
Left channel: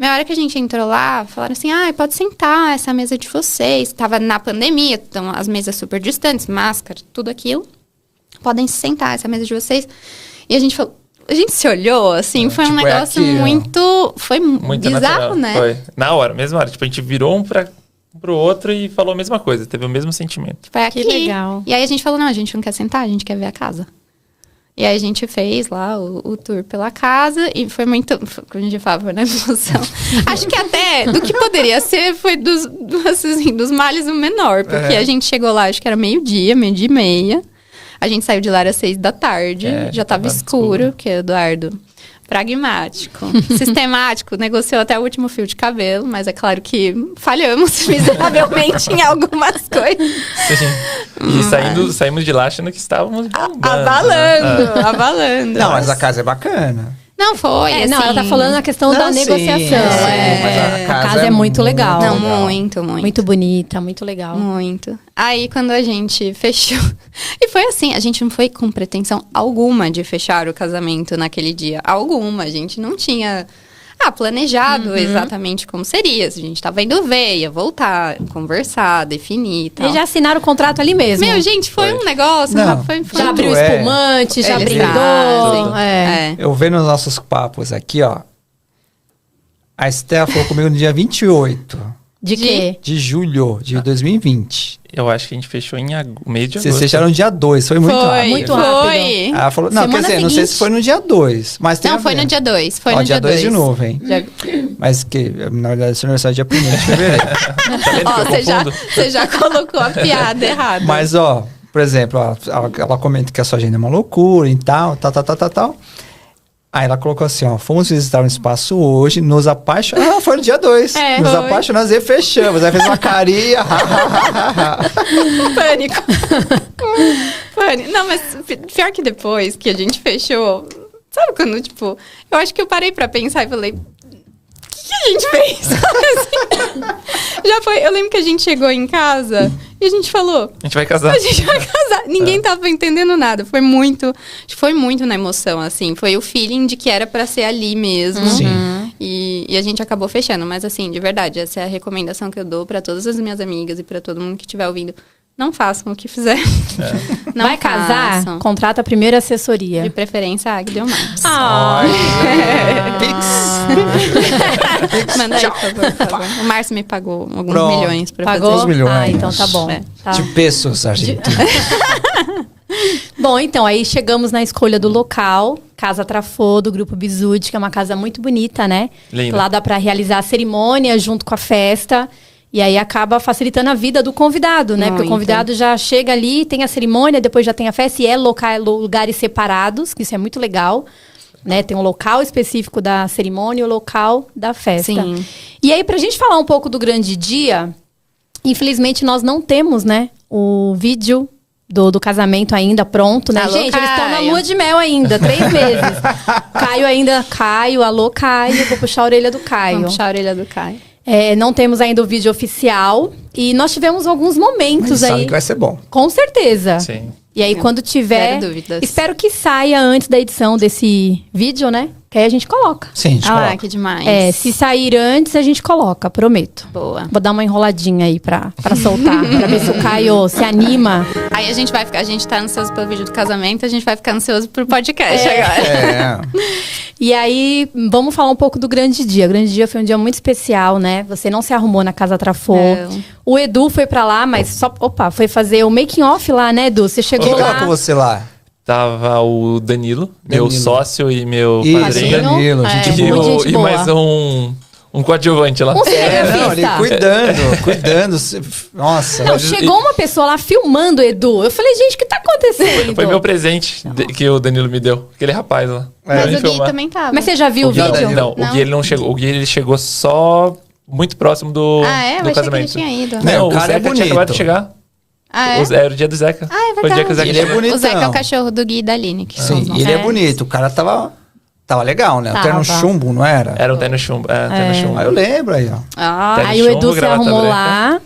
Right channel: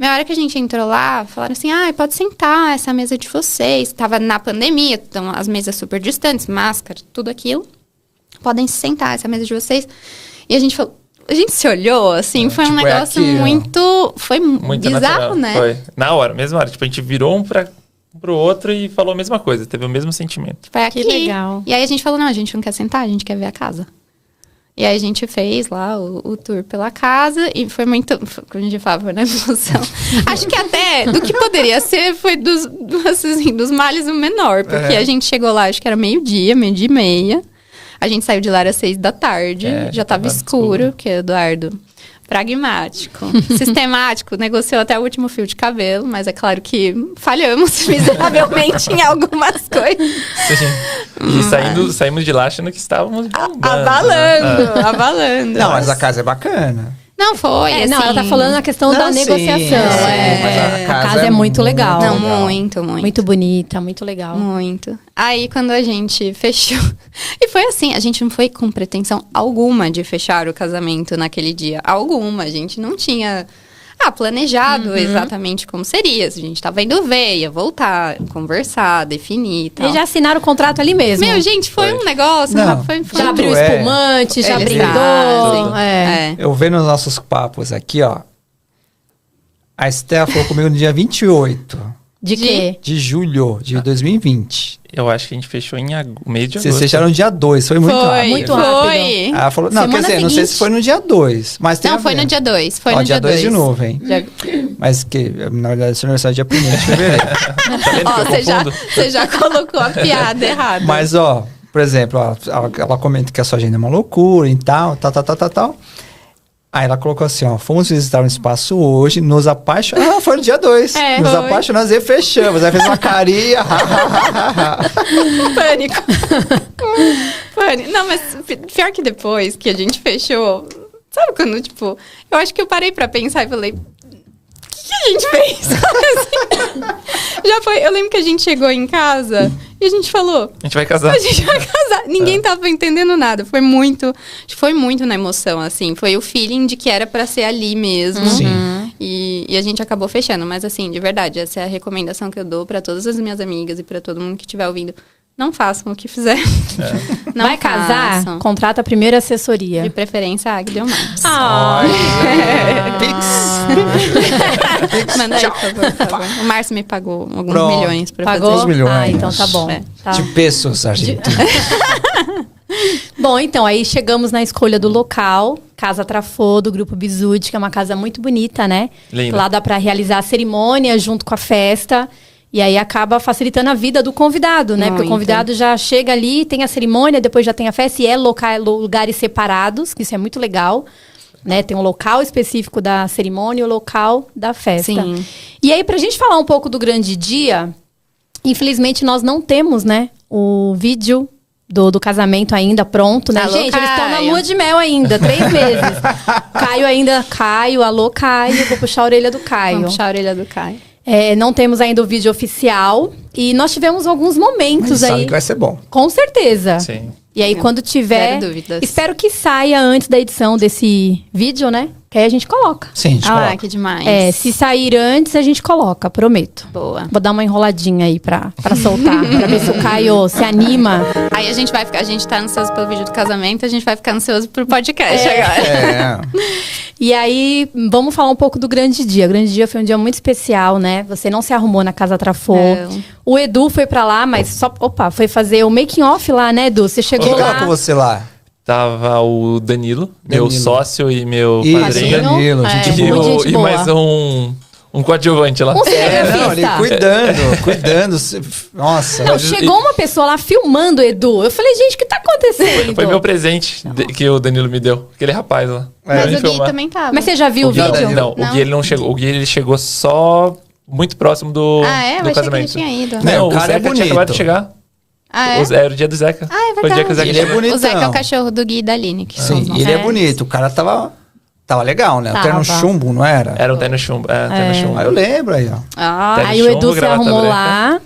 Na hora que a gente entrou lá, falaram assim, pode sentar, essa mesa de vocês. Tava na pandemia, então as mesas super distantes, máscara, tudo aquilo. Podem sentar, essa mesa de vocês. E a gente falou, a gente se olhou, assim, foi um tipo, negócio aqui, ó. muito... Foi muito bizarro, natural. né? Foi. Na hora, mesma hora. Tipo, a gente virou um pro outro e falou a mesma coisa. Teve o mesmo sentimento. Foi aqui. Que legal. E aí a gente falou, não, a gente não quer sentar, a gente quer ver a casa. E aí a gente fez lá o tour pela casa e foi muito... Como a gente fala, foi na emoção. Acho que até do que poderia ser foi dos males o menor. Porque a gente chegou lá, acho que era meio-dia e meia. A gente saiu de lá às 6 da tarde. Já tava escuro, que o Eduardo... Pragmático, sistemático, negociou até o último fio de cabelo, mas é claro que falhamos miseravelmente em algumas coisas. E saímos de lá achando que estávamos bombando, né? Abalando. Não, mas a casa é bacana. Não foi, assim... Não, ela tá falando na questão da Não, sim, negociação. sim, mas a casa é muito legal. Não, legal. muito. Muito bonita, muito legal. Muito. Aí, quando a gente fechou... E foi assim, a gente não foi com pretensão alguma de fechar o casamento naquele dia. Alguma. A gente não tinha planejado exatamente como seria. Se a gente tava indo ver, ia voltar, conversar, definir e tal. Eles já assinaram o contrato ali mesmo. Meu, gente, foi um negócio... Não, foi já abriu é. espumante, já Eles brindou. fazem. É. Eu vendo os nossos papos aqui, ó. A Estela falou comigo no dia 28 De quê? de julho de 2020. Eu acho que a gente fechou em mês de Vocês agosto. fecharam no dia 2, foi muito rápido. muito rápido. Foi. Ela falou, não, Semana quer dizer, não sei se seguinte. foi no dia 2, mas tem Não, a foi ver. no dia 2. Foi Ó, no dia 2 de novo, hein? Dia- Mas que, na verdade, esse aniversário é dia 1º de fevereiro. Tá vendo que Ó, eu confundo? você já colocou a piada errada. Mas, ó, por exemplo, ó, ela comenta que a sua agenda é uma loucura e tal. Aí ela colocou assim, ó, fomos visitar um espaço hoje, nos apaixonamos. Foi no dia 2. Nos foi. apaixonamos e fechamos. Aí fez uma carinha. Pânico. Pânico. Não, mas pior que depois que a gente fechou... Sabe quando, tipo... Eu acho que eu parei pra pensar e falei... O que a gente fez? Já foi... Eu lembro que a gente chegou em casa e a gente falou... A gente vai casar. A gente vai casar. Ninguém tava entendendo nada. Foi muito na emoção, assim. Foi o feeling de que era pra ser ali mesmo. Sim. E a gente acabou fechando. Mas, assim, de verdade, essa é a recomendação que eu dou pra todas as minhas amigas e pra todo mundo que estiver ouvindo. não façam o que fizer. Não Vai casar? façam. Contrata a primeira assessoria. De preferência, a Aglia ou Marcos. Manda aí, por favor. O Márcio me pagou alguns Pronto. milhões pra Pagou? fazer. milhões. Ah, então tá bom. É. Tá. De pesos, Argentina. Bom, então, aí chegamos na escolha do local, Casa Trafô, do Grupo Bizud, que é uma casa muito bonita, né? Linda. Lá dá pra realizar a cerimônia junto com a festa. E aí acaba facilitando a vida do convidado, né? Porque o Muito. convidado já chega ali, tem a cerimônia, depois já tem a festa. E é lugares separados, que isso é muito legal. Né? Tem um local específico da cerimônia e o local da festa. Sim. E aí, pra gente falar um pouco do grande dia, infelizmente nós não temos, né? O vídeo do casamento ainda pronto, né? Alô, Gente, eles estão na Caio. lua de mel ainda, 3 meses. Caio, alô Caio, vou puxar a orelha do Caio. Vamos puxar a orelha do Caio. Não temos ainda o vídeo oficial. E nós tivemos alguns momentos Sabe aí. que vai ser bom. Com certeza. Sim. E aí, quando tiver. Zero dúvidas. Espero que saia antes da edição desse vídeo, né? Que aí a gente coloca. Sim, a gente Ah, coloca. que demais. Se sair antes, a gente coloca, prometo. Boa. Vou dar uma enroladinha aí pra soltar, pra ver se o Caio se anima. Aí a gente tá ansioso pelo vídeo do casamento, a gente vai ficar ansioso pro podcast agora. É. E aí, vamos falar um pouco do grande dia. O grande dia foi um dia muito especial, né? Você não se arrumou na Casa Trafô. Não. O Edu foi pra lá, mas foi fazer o making off lá, né, Edu? Você chegou Quem tava lá. com você lá? Tava o Danilo, meu sócio e meu Isso, padrinho. Danilo, gente É, boa. muito gente E boa. mais um coadjuvante lá. Um Não, ele cinegrafista. cuidando. Nossa. Não, chegou uma pessoa lá filmando o Edu. Eu falei, gente, o que tá acontecendo? Foi meu presente que o Danilo me deu. Aquele rapaz lá. Mas Pra me o Gui filmar. também tava. Mas você já viu o Gui- vídeo? Não, o Gui ele não chegou. O Gui ele chegou só muito próximo do, Ah, é? Eu achei do que ele casamento. tinha ido. Não, O o cara é Zeca tinha bonito. acabado de chegar. Ah, é? Era o dia do Zeca. Ah, é Foi o dia que o Zeca verdade. Ele é chegou. bonitão. O Zeca é o cachorro do Gui e da Aline. Que Sim, são os ele é É. bonito. O cara tava legal, né? Até no Tava. chumbo, não era? Era um terno chumbo. Terno chumbo. Ah, eu lembro aí, ó. Ah, Terno Aí o Edu chumbo, se gravata arrumou branca. lá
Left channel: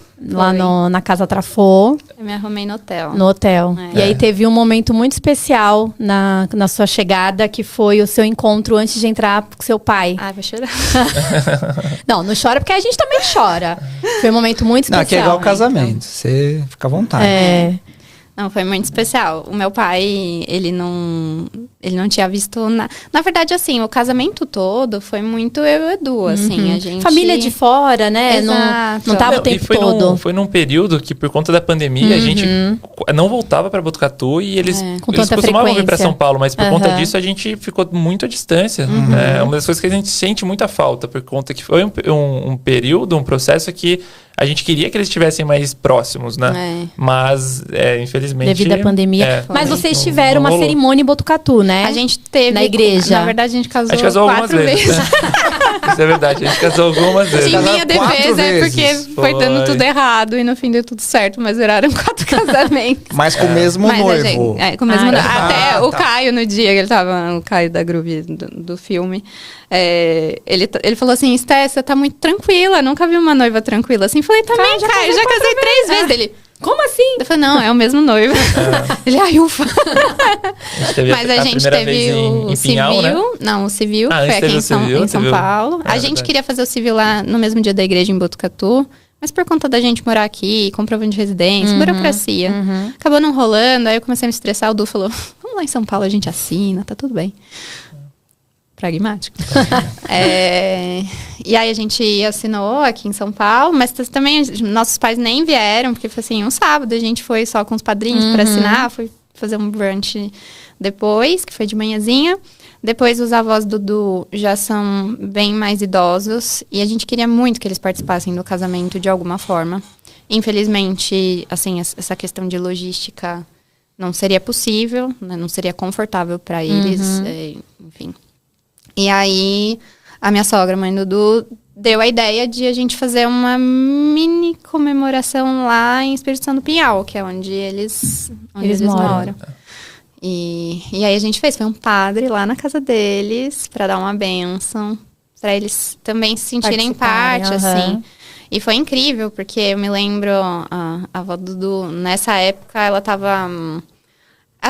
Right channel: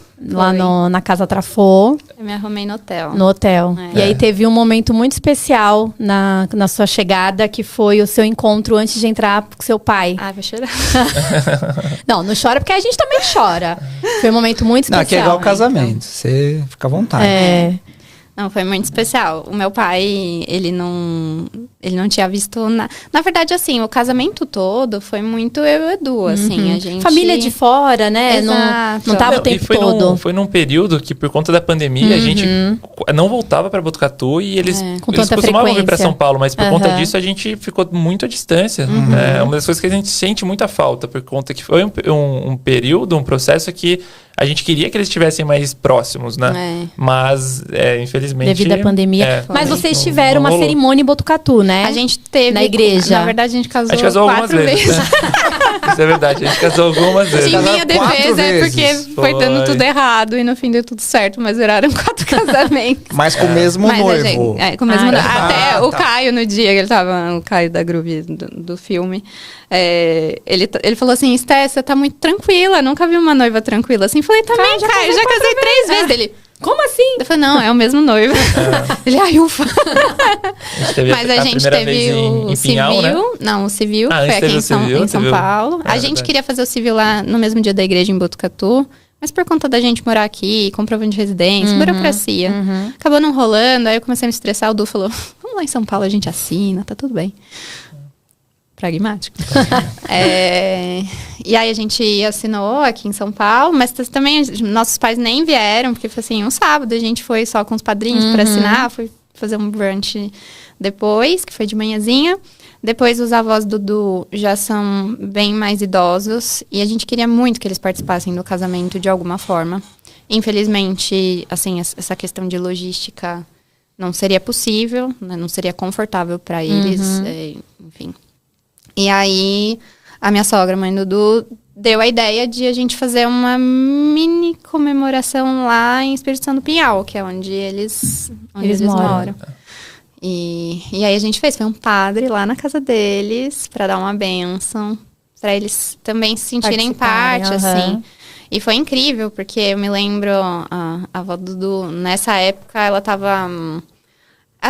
na Casa Trafô, eu me arrumei no hotel. no hotel. E aí teve um momento muito especial na sua chegada, que foi o seu encontro antes de entrar com seu pai. Ai, vou chorar. Não chora porque a gente também chora. Foi um momento muito Não, especial. aqui é igual casamento. Você fica à vontade. Não, foi muito especial. O meu pai, ele não tinha visto nada. Na verdade, assim, o casamento todo foi muito eu e o Edu, assim, a gente... Família de fora, né? Exato. Não tava o Não, tempo e foi todo. foi num período que, por conta da pandemia, a gente não voltava pra Botucatu e eles Com tanta costumavam vir pra frequência. São Paulo, mas por conta disso a gente ficou muito à distância. É uma das coisas que a gente sente muita falta, por conta que foi um período, um processo que a gente queria que eles estivessem mais próximos, né? Mas, infelizmente... Devido à pandemia. Mas vocês não- tiveram não uma rolou. cerimônia em Botucatu, né? A gente teve... Na igreja. Na verdade, a gente casou, A gente casou algumas 4 vezes. né? Isso é verdade, a gente casou algumas vezes. Em Casaram minha 4 defesa é porque vezes. foi dando Foi. tudo errado e no fim deu tudo certo, mas viraram 4 casamentos. Mas com o mesmo Mas a noivo. gente, com o mesmo noivo. Até Ah, o tá. Caio, no dia que ele tava, o Caio da Groove do filme, ele falou assim: Esté, você tá muito tranquila, nunca vi uma noiva tranquila assim. Falei, também, Caio, já casei 3 vezes. Ele, Como assim? eu falei, não, é o mesmo noivo. Ele, ai, ufa. A gente teve Mas a gente primeira vez teve o em Pinhal, civil. né? Não, o civil, Ah, foi antes aqui teve em o São, civil, em São civil. Paulo. É A gente verdade. queria fazer o civil lá no mesmo dia da igreja em Botucatu. Mas por conta da gente morar aqui, comprovante de residência, burocracia. Acabou não rolando, aí eu comecei a me estressar. O Du falou, vamos lá em São Paulo, a gente assina, tá tudo bem. Pragmático. E aí a gente assinou aqui em São Paulo, mas também nossos pais nem vieram, porque foi assim, um sábado a gente foi só com os padrinhos pra assinar, foi fazer um brunch depois, que foi de manhãzinha. Depois os avós do Du já são bem mais idosos e a gente queria muito que eles participassem do casamento de alguma forma. Infelizmente, assim, essa questão de logística não seria possível, né? Não seria confortável para eles, enfim. E aí, a minha sogra, mãe do Du, deu a ideia de a gente fazer uma mini comemoração lá em Espírito Santo do Pinhal, que é onde eles moram. E aí a gente fez, foi um padre lá na casa deles pra dar uma bênção, pra eles também se sentirem Participarem, parte, aham. assim. E foi incrível, porque eu me lembro, a avó do Du, nessa época, ela tava...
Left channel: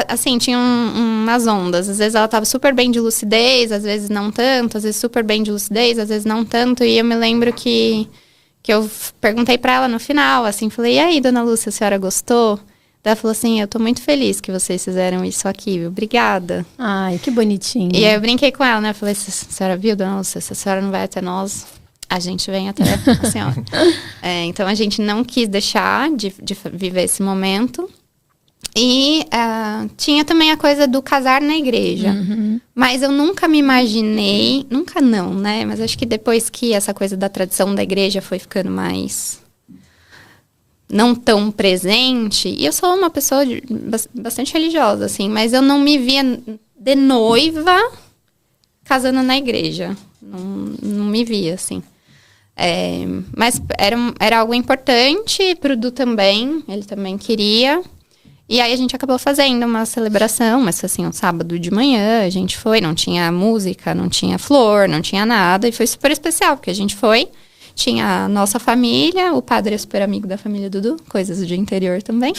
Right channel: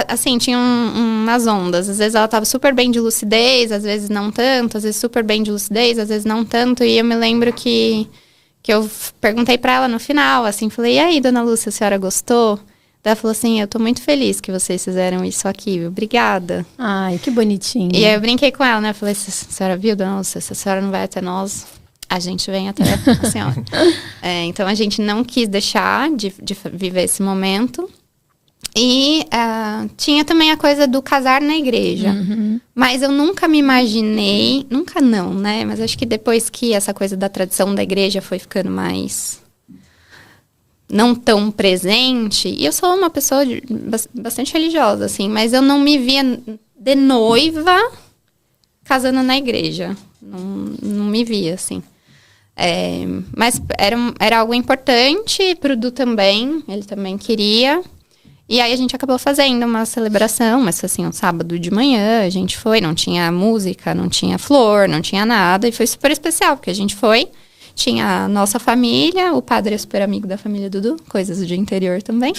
Assim, tinha umas ondas. Às vezes ela tava super bem de lucidez, às vezes não tanto. Às vezes super bem de lucidez, às vezes não tanto. E eu me lembro que que eu perguntei pra ela no final, assim, falei, e aí, dona Lúcia, a senhora gostou? Ela falou assim, eu tô muito feliz que vocês fizeram isso aqui, obrigada. Ai, que bonitinho. E aí eu brinquei com ela, né? Falei, a senhora viu, dona Lúcia, se a senhora não vai até nós, a gente vem até a senhora. Então a gente não quis deixar de viver esse momento. E tinha também a coisa do casar na igreja. Mas eu nunca me imaginei, nunca não, né? Mas acho que depois que essa coisa da tradição da igreja foi ficando mais não tão presente, e eu sou uma pessoa bastante religiosa, assim, mas eu não me via de noiva casando na igreja. Não me via, assim. Mas era algo importante pro Du também, ele também queria. E aí a gente acabou fazendo uma celebração, mas foi assim, um sábado de manhã, a gente foi, não tinha música, não tinha flor, não tinha nada, e foi super especial, porque a gente foi, tinha a nossa família, o padre é super amigo da família do Du, coisas de interior também.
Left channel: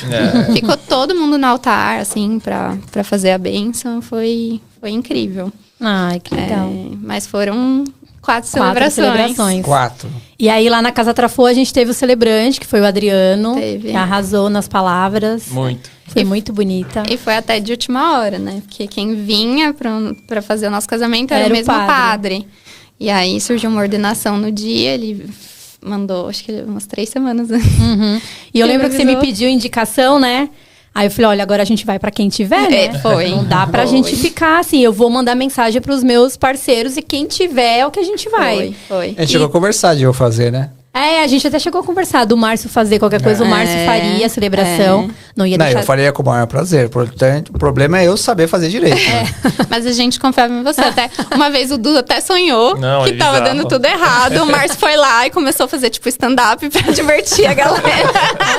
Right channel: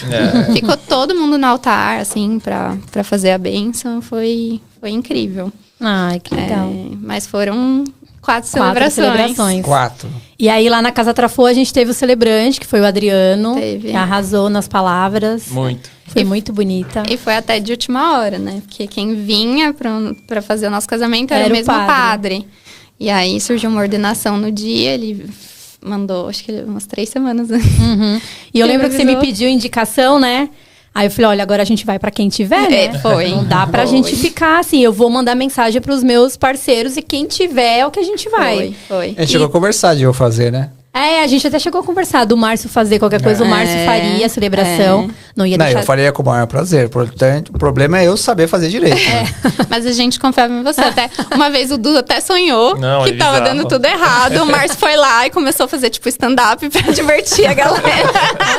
Ficou todo mundo no altar, assim, pra fazer a bênção, foi incrível. Ai, que legal. Mas foram 4 celebrações. 4. E aí, lá na Casa Trafô, a gente teve o celebrante, que foi o Adriano, que arrasou nas palavras. Muito. Foi muito bonita. E foi até de última hora, né? Porque quem vinha pra fazer o nosso casamento era o mesmo padre. E aí, surgiu uma ordenação no dia, ele mandou, acho que umas 3 semanas antes. E eu lembro que você me pediu indicação, né? Aí eu falei, olha, agora a gente vai pra quem tiver, né? Foi. Não dá pra gente ficar assim, eu vou mandar mensagem pros meus parceiros e quem tiver é o que a gente vai. Foi. A gente chegou a conversar de eu fazer, né? A gente até chegou a conversar do Márcio fazer qualquer coisa, o Márcio faria a celebração. Não ia deixar... eu faria com o maior prazer. Portanto, o problema é eu saber fazer direito. Né? Mas a gente confiava em você. Até uma vez o Du até sonhou que tava dando tudo errado. O Márcio foi lá e começou a fazer, tipo, stand-up pra divertir a galera.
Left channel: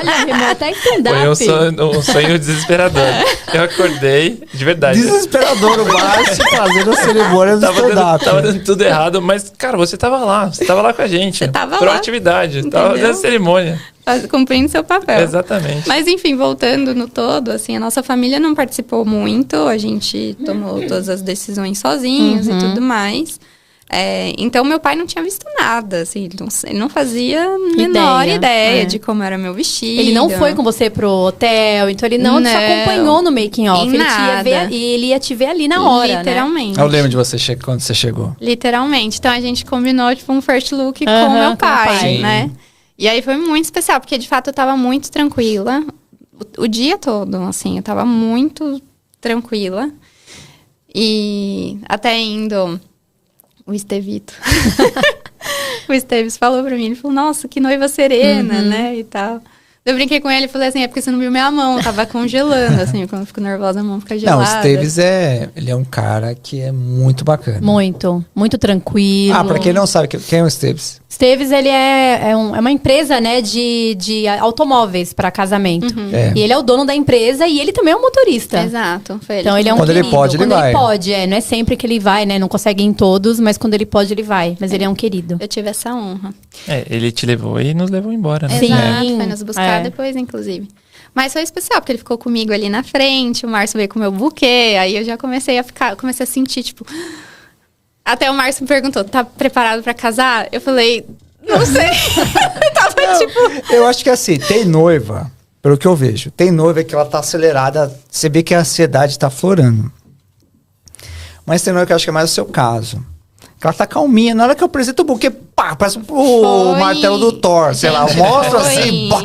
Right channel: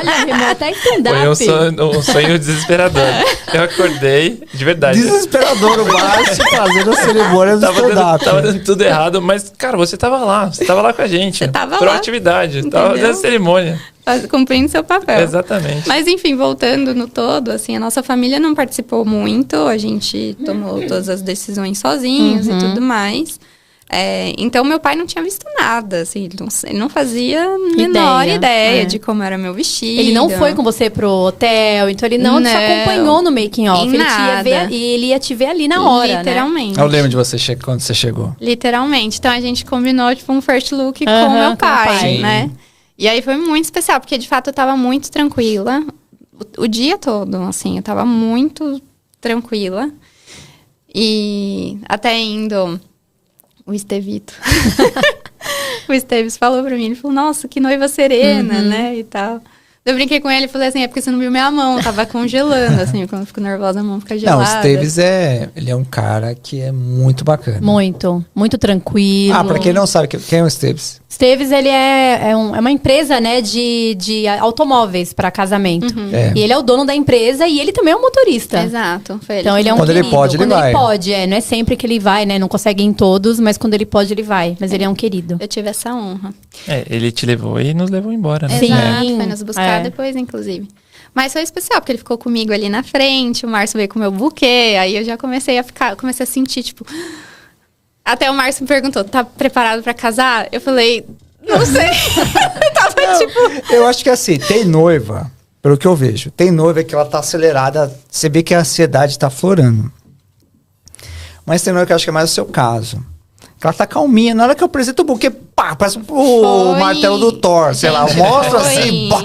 Olha, Remo, até stand-up. Foi um sonho desesperador. Eu acordei, de verdade. Desesperador o Márcio fazendo a cerimônia do stand-up. Tava dando tudo errado, mas, cara, você tava lá com a gente. Você tava Proatividade. Tava fazendo a cerimônia. Cumprindo seu papel. Exatamente. Mas enfim, voltando no todo, assim, a nossa família não participou muito, a gente tomou todas as decisões sozinhos e tudo mais. Então, meu pai não tinha visto nada, assim, ele não fazia a menor ideia de como era meu vestido. Ele não foi com você pro hotel, então ele não te acompanhou no making off. Ele ia te ver ali na hora, literalmente. Né? Eu lembro de você quando você chegou. Literalmente. Então, a gente combinou, tipo, um first look com meu pai, né? E aí foi muito especial, porque de fato eu tava muito tranquila. O dia todo, assim, eu tava muito tranquila. E até indo... O Estevito. O Esteves falou pra mim, ele falou, nossa, que noiva serena, né, e tal. Eu brinquei com ele e falei assim, é porque você não viu minha mão, tava congelando, assim, quando eu fico nervosa, a mão fica gelada. Não, o Esteves ele é um cara que é muito bacana. Muito tranquilo. Pra quem não sabe, quem é o Esteves? Esteves, ele é uma empresa, né, de automóveis para casamento. E ele é o dono da empresa e ele também é um motorista. Exato. Então ele é um quando querido. Ele pode, ele vai. Quando ele pode, não é sempre que ele vai, né, não consegue ir em todos, mas quando ele pode, ele vai. Mas ele é um querido. Eu tive essa honra. Ele te levou e nos levou embora, né? Sim. Foi nos buscar depois, inclusive. Mas foi especial, porque ele ficou comigo ali na frente, o Márcio veio com o meu buquê, aí eu já comecei a sentir, tipo... Até o Márcio me perguntou, tá preparado pra casar? Eu falei, não sei. Tava tipo... Eu acho que assim, tem noiva, pelo que eu vejo, tem noiva que ela tá acelerada, você vê que a ansiedade tá aflorando. Mas tem noiva que eu acho que é mais o seu caso. Ela tá calminha, na hora que eu apresento o buquê, pá, parece o martelo do Thor, sei lá, mostra assim, pá.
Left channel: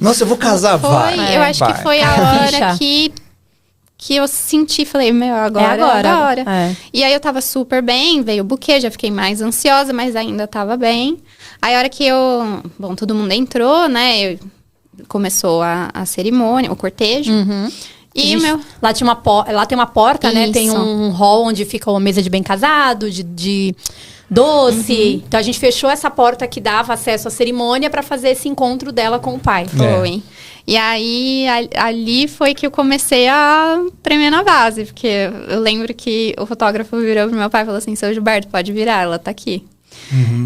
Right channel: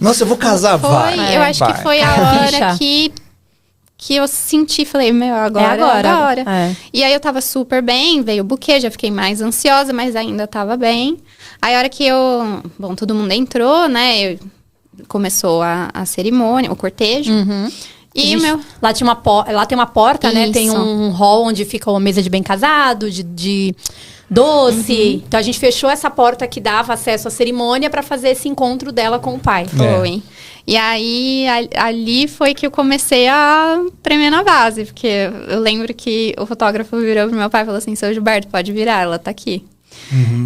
Nossa, eu vou casar, vai. Eu acho que foi a hora que eu senti, falei, meu, agora. E aí eu tava super bem, veio o buquê, já fiquei mais ansiosa, mas ainda tava bem. Aí a hora que todo mundo entrou, né, começou a cerimônia, o cortejo. E lá tem uma porta, né, tem um hall onde fica uma mesa de bem casado, de doce. Então a gente fechou essa porta que dava acesso à cerimônia pra fazer esse encontro dela com o pai. Foi. E aí, ali foi que eu comecei a tremer na base. Porque eu lembro que o fotógrafo virou pro meu pai e falou assim, seu Gilberto, pode virar, ela tá aqui.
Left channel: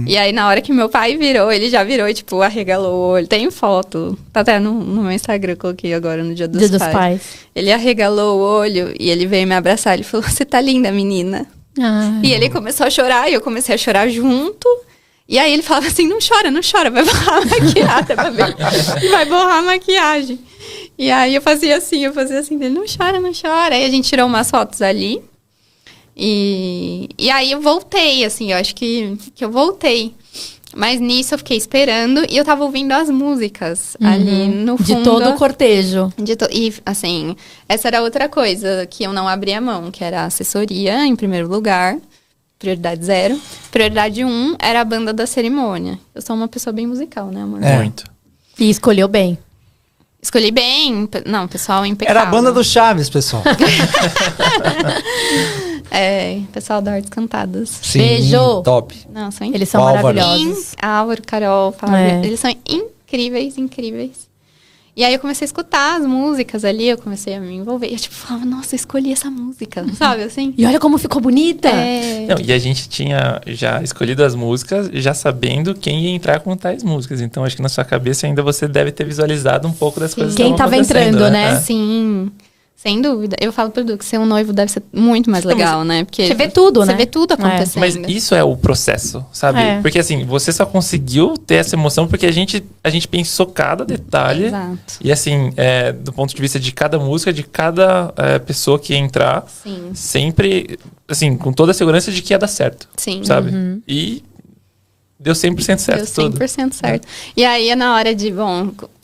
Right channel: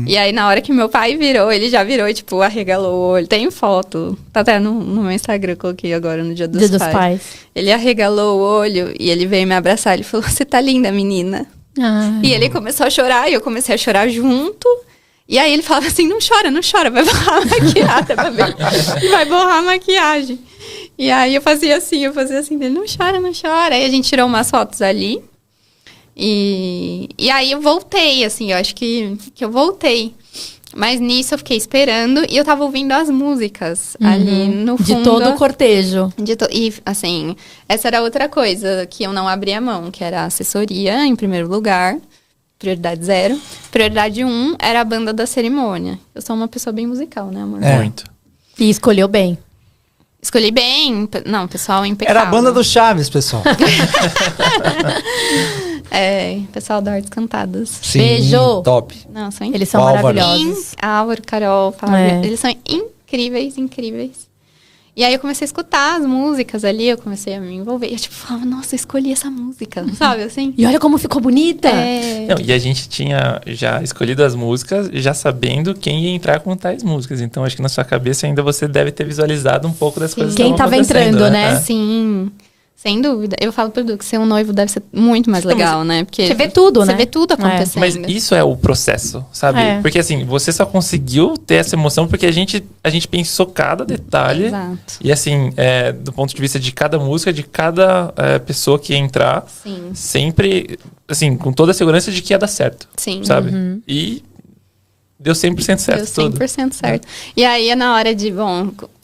E aí, na hora que meu pai virou, ele já virou e, tipo, arregalou o olho. Tem foto, tá até no meu Instagram, eu coloquei agora no Dia dos Pais. Ele arregalou o olho e ele veio me abraçar. Ele falou, você tá linda, menina. E ele começou a chorar e eu comecei a chorar junto. E aí ele falava assim, não chora, vai borrar a maquiagem, vai borrar a maquiagem. E aí eu fazia assim, ele não chora. Aí a gente tirou umas fotos ali. E aí eu voltei, assim, eu acho que eu voltei. Mas nisso eu fiquei esperando e eu tava ouvindo as músicas ali no fundo. De todo o cortejo. E, assim, essa era outra coisa que eu não abria mão, que era a assessoria, em primeiro lugar. Prioridade 0. Prioridade 1 era a banda da cerimônia. Eu sou uma pessoa bem musical, né, amor? Muito. E escolheu bem. Escolhi bem. Não, pessoal impecável. Era a banda do Chaves, pessoal. Pessoal da Artes Cantadas. Sim, Beijo. top. Não, são Eles são Álvaro. maravilhosos. Álvaro, Carol, Flávia. Eles são incríveis. E aí eu comecei a escutar as músicas ali, eu comecei a me envolver. E eu tipo, falava, nossa, eu escolhi essa música, sabe assim? E olha como ficou bonita. Não, e a gente tinha já escolhido as músicas, já sabendo quem ia entrar com tais músicas. Então, acho que na sua cabeça ainda você deve ter visualizado um pouco das coisas Quem que estavam tava acontecendo, entrando, né? Sim, sem dúvida. Eu falo pro Edu que ser um noivo deve ser muito mais legal, né? Porque Você vê tudo, né? Você vê tudo acontecendo. Mas isso é o processo, sabe? É. Porque assim, você só conseguiu ter essa emoção porque a gente pensou cada detalhe. Exato. E assim, do ponto de vista de cada música, de cada pessoa que ia entrar, Sim. sempre, assim, com toda a segurança de que ia dar certo. Sim. Sabe? E deu 100% certo Deu tudo. 100% certo. E aí, na hora de,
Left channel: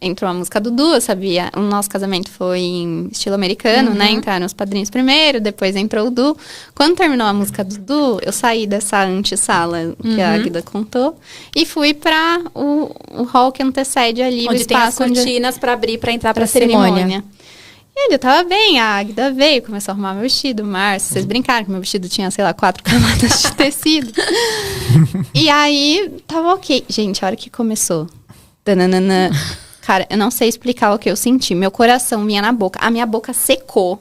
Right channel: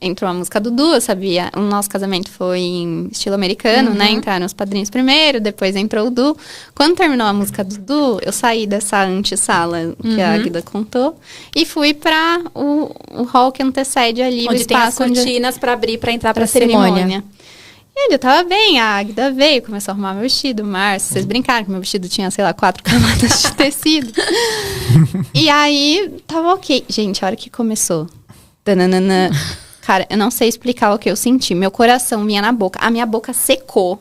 entrou a música do Du, eu sabia, o nosso casamento foi em estilo americano, né? Entraram os padrinhos primeiro, depois entrou o Du. Quando terminou a música do Du, eu saí dessa antessala que a Águida contou e fui pra o hall que antecede ali, o Onde tem as espaço onde cortinas pra abrir, pra entrar pra cerimônia. E aí eu tava bem, a Águida veio, começou a arrumar meu vestido, o Márcio, vocês brincaram que meu vestido tinha, sei lá, 4 camadas de tecido. E aí, tava ok. Gente, a hora que começou, tananana, cara, eu não sei explicar o que eu senti, meu coração vinha na boca, a minha boca secou.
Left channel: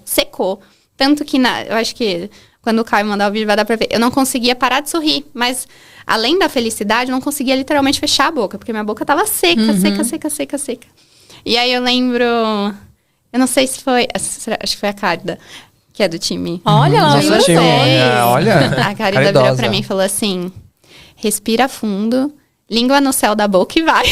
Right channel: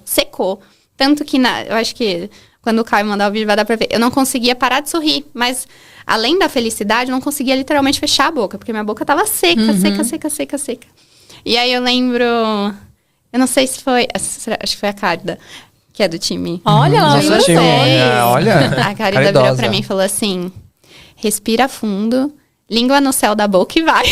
Tanto que, eu acho que quando o Caio mandar o vídeo vai dar pra ver, eu não conseguia parar de sorrir, mas além da felicidade, eu não conseguia literalmente fechar a boca, porque minha boca tava seca. E aí eu lembro... Eu não sei se foi... Acho que foi a Cárida, que é do time. Olha, ela Nossa, viu time, vocês. olha. A Cárida virou pra mim e falou assim... Respira fundo, língua no céu da boca e vai.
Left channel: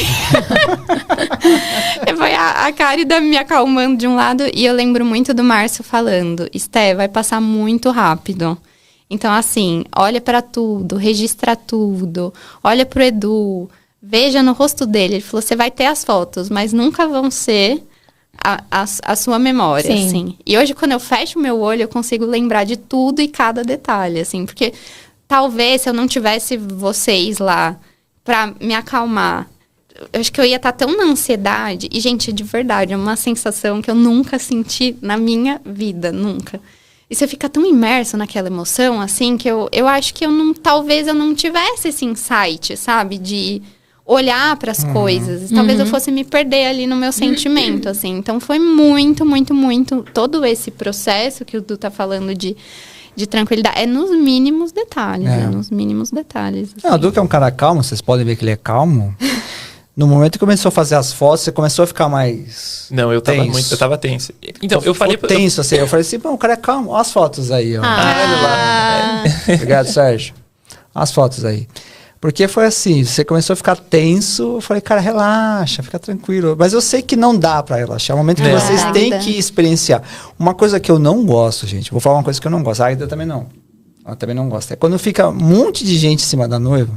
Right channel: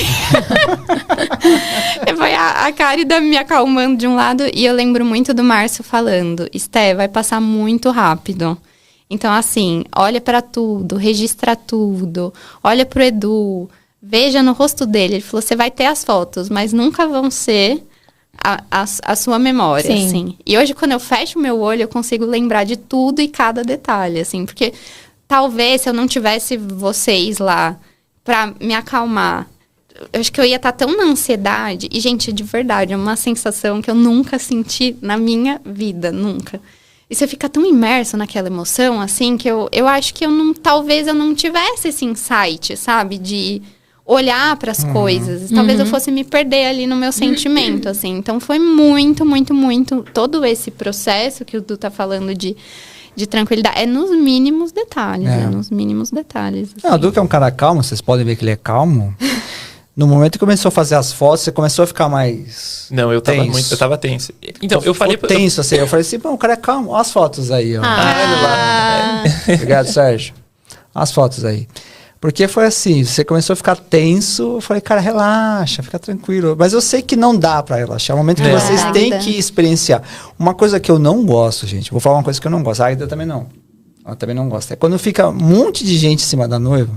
Foi a Cárida me acalmando de um lado. E eu lembro muito do Márcio falando... Esté, vai passar muito rápido. Então, assim, olha pra tudo, registra tudo. Olha pro Edu, veja no rosto dele. Ele falou, você vai ter as fotos, mas nunca vão ser... A sua memória, Sim. assim. E hoje, quando eu fecho o meu olho, eu consigo lembrar de tudo e cada detalhe, assim. Porque talvez, se eu não tivesse vocês lá pra me acalmar, eu acho que eu ia estar tão na ansiedade. E, gente, de verdade, é uma sensação que eu nunca senti na minha vida, nunca. E você fica tão imerso naquela emoção, assim, que eu acho que talvez eu não tivesse esse insight, sabe? De... olhar para as coisas. Talvez eu fosse me perder ali no meu sentimento, assim. Então, foi muito, muito, muito... Todo esse processo que o Du tá falando de tranquilidade. É nos mínimos detalhes, nos mínimos detalhes. Assim. Não, o Duque é um cara calmo, vocês podem ver que ele é calmo. No momento que começou a fazer as fotos, você começou a ficar mais... Não, eu tava tenso. Então, eu falei... tenso, assim. Eu falei assim, pô, o cara é calmo. Olha as fotos aí, ó. Olha lá. Obrigado, Sérgio. Olha as fotos aí. Porque foi assim, você começou a ficar tenso, eu falei, cara, relaxa, fica tranquilo. Mas eu sei que não dá pra relaxar, é o momento que vocês têm que experienciar. Uma coisa que eu não gosto, gente, vou falar uma coisa que eu não gosto, a Aida também não. Ela também não gosta. É quando fica um monte de gente em cima da noiva.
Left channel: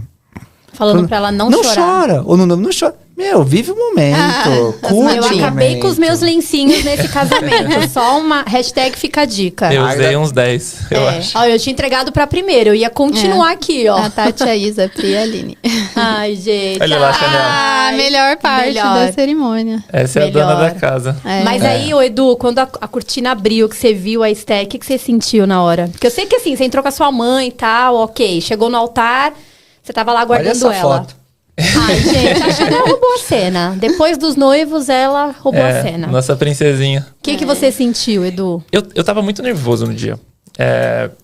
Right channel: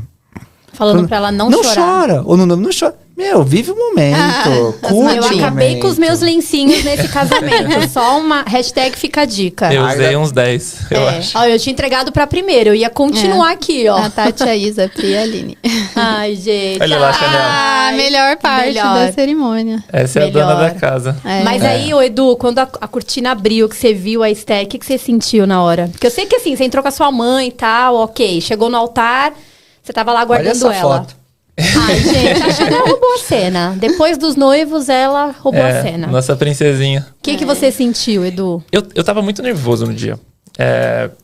Falando pra ela não chorar. Não chora, ou não chora. Meu, vive o momento, curte Eu o acabei momento. com os meus lencinhos nesse casamento. Só uma hashtag fica a dica. Eu usei uns 10, eu acho. Ó, eu tinha entregado pra primeiro, eu ia continuar aqui, ó. A Tati, a Isa, a Pri e a Aline. Ai, gente. Olha lá, Chanel. A melhor parte melhor. da cerimônia. Essa é a dona Melhor. da casa. Mas aí, ô Edu, quando a cortina abriu, que você viu a Esté, o que você sentiu na hora? Porque eu sei que assim, você entrou com a sua mãe e tal, ok. Chegou no altar, você tava lá Olha guardando essa ela. foto. Ai, gente, a Chanel roubou a cena. Depois dos noivos, ela roubou a cena. Nossa princesinha. O que você sentiu, Edu? Eu tava muito nervoso no dia.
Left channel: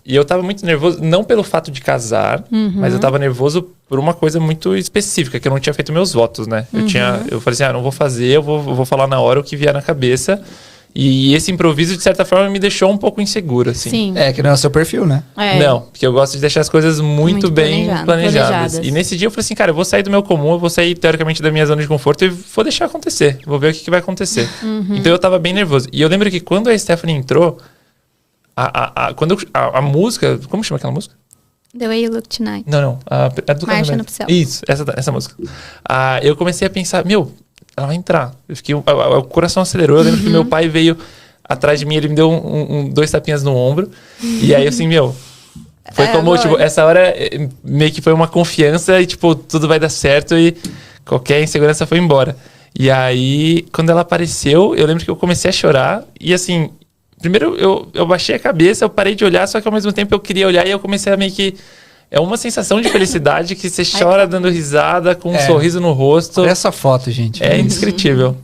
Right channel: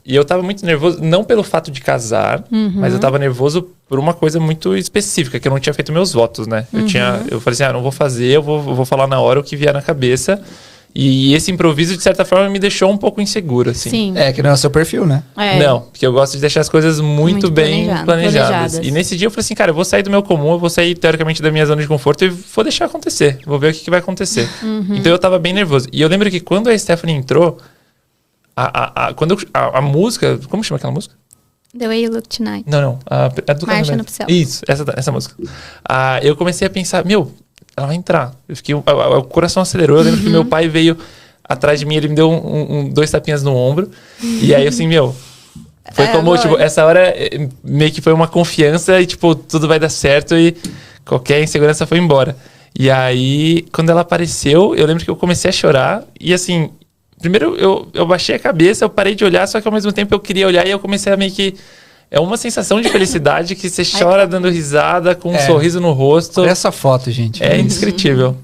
E eu tava muito nervoso, não pelo fato de casar, mas eu tava nervoso por uma coisa muito específica, que eu não tinha feito meus votos, né? Eu falei assim, não vou fazer, eu vou falar na hora o que vier na cabeça. E esse improviso, de certa forma, me deixou um pouco inseguro, assim. Sim. Que não é o seu perfil, né? Não, porque eu gosto de deixar as coisas muito bem planejadas. planejadas. E nesse dia eu falei assim, cara, eu vou sair do meu comum, eu vou sair, teoricamente, da minha zona de conforto e vou deixar acontecer. Vou ver o que vai acontecer. Então eu tava bem nervoso. E eu lembro que quando a Stephanie entrou, a música... Como chama aquela música? The Way You Look Tonight. Não. A do Marcha casamento. Nupcial. Isso, essa música. Eu comecei a pensar, ela vai entrar. Eu fiquei, o coração acelerou. Eu lembro que meu pai veio atrás de mim, ele me deu 2 tapinhas no ombro. E aí, assim, foi como, tipo, essa hora meio que foi uma confiança e, tipo, tudo vai dar certo e qualquer insegurança foi embora. E aí, quando ela apareceu, eu lembro que eu comecei a chorar e, assim, primeiro eu baixei a cabeça, eu parei de olhar, só que ao mesmo tempo eu queria olhar e eu comecei a meio que... É uma sensação de felicidade que você chora dando risada, com um sorriso no rosto. Olha essa foto, gente. É indescritível.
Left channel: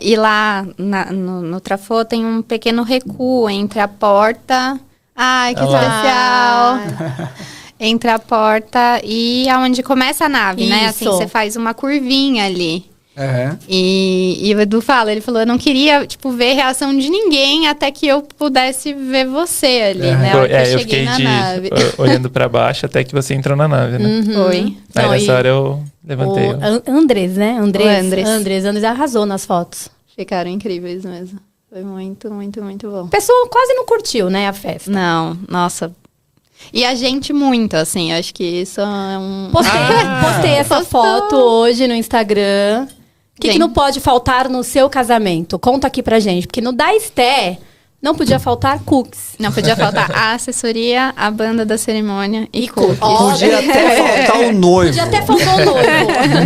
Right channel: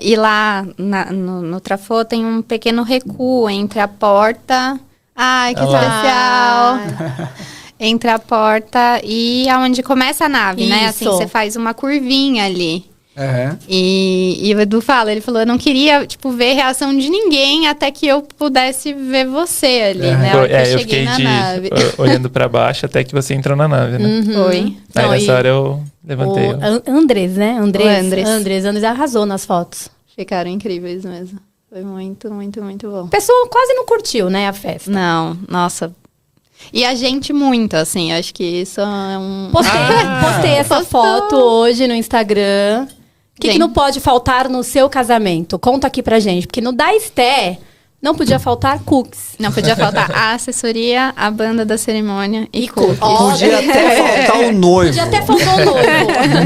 E lá no Trafô tem um pequeno recuo entre a porta... Ai, que especial! Entre a porta e aonde começa a nave, né? Assim, você faz uma curvinha ali. E o Edu ele falou, eu não queria, tipo, ver a reação de ninguém até que eu pudesse ver você ali, né? Eu fiquei olhando pra baixo até que você entrou na nave, né? Foi. Aí nessa hora eu levantei. Andrés, né? Andrés arrasou nas fotos. Ficaram incríveis mesmo. Foi muito, muito, muito bom. O pessoal quase não curtiu, né, a festa. Não, nossa... E a gente muito, assim, acho que isso é um... Postei essa foto hoje no Instagram. O que não pode faltar no seu casamento? Conta aqui pra gente. Porque no da Esté, não podia faltar cookies. Não podia faltar a assessoria, a banda da cerimônia e cookies. Podia até faltar o noivo.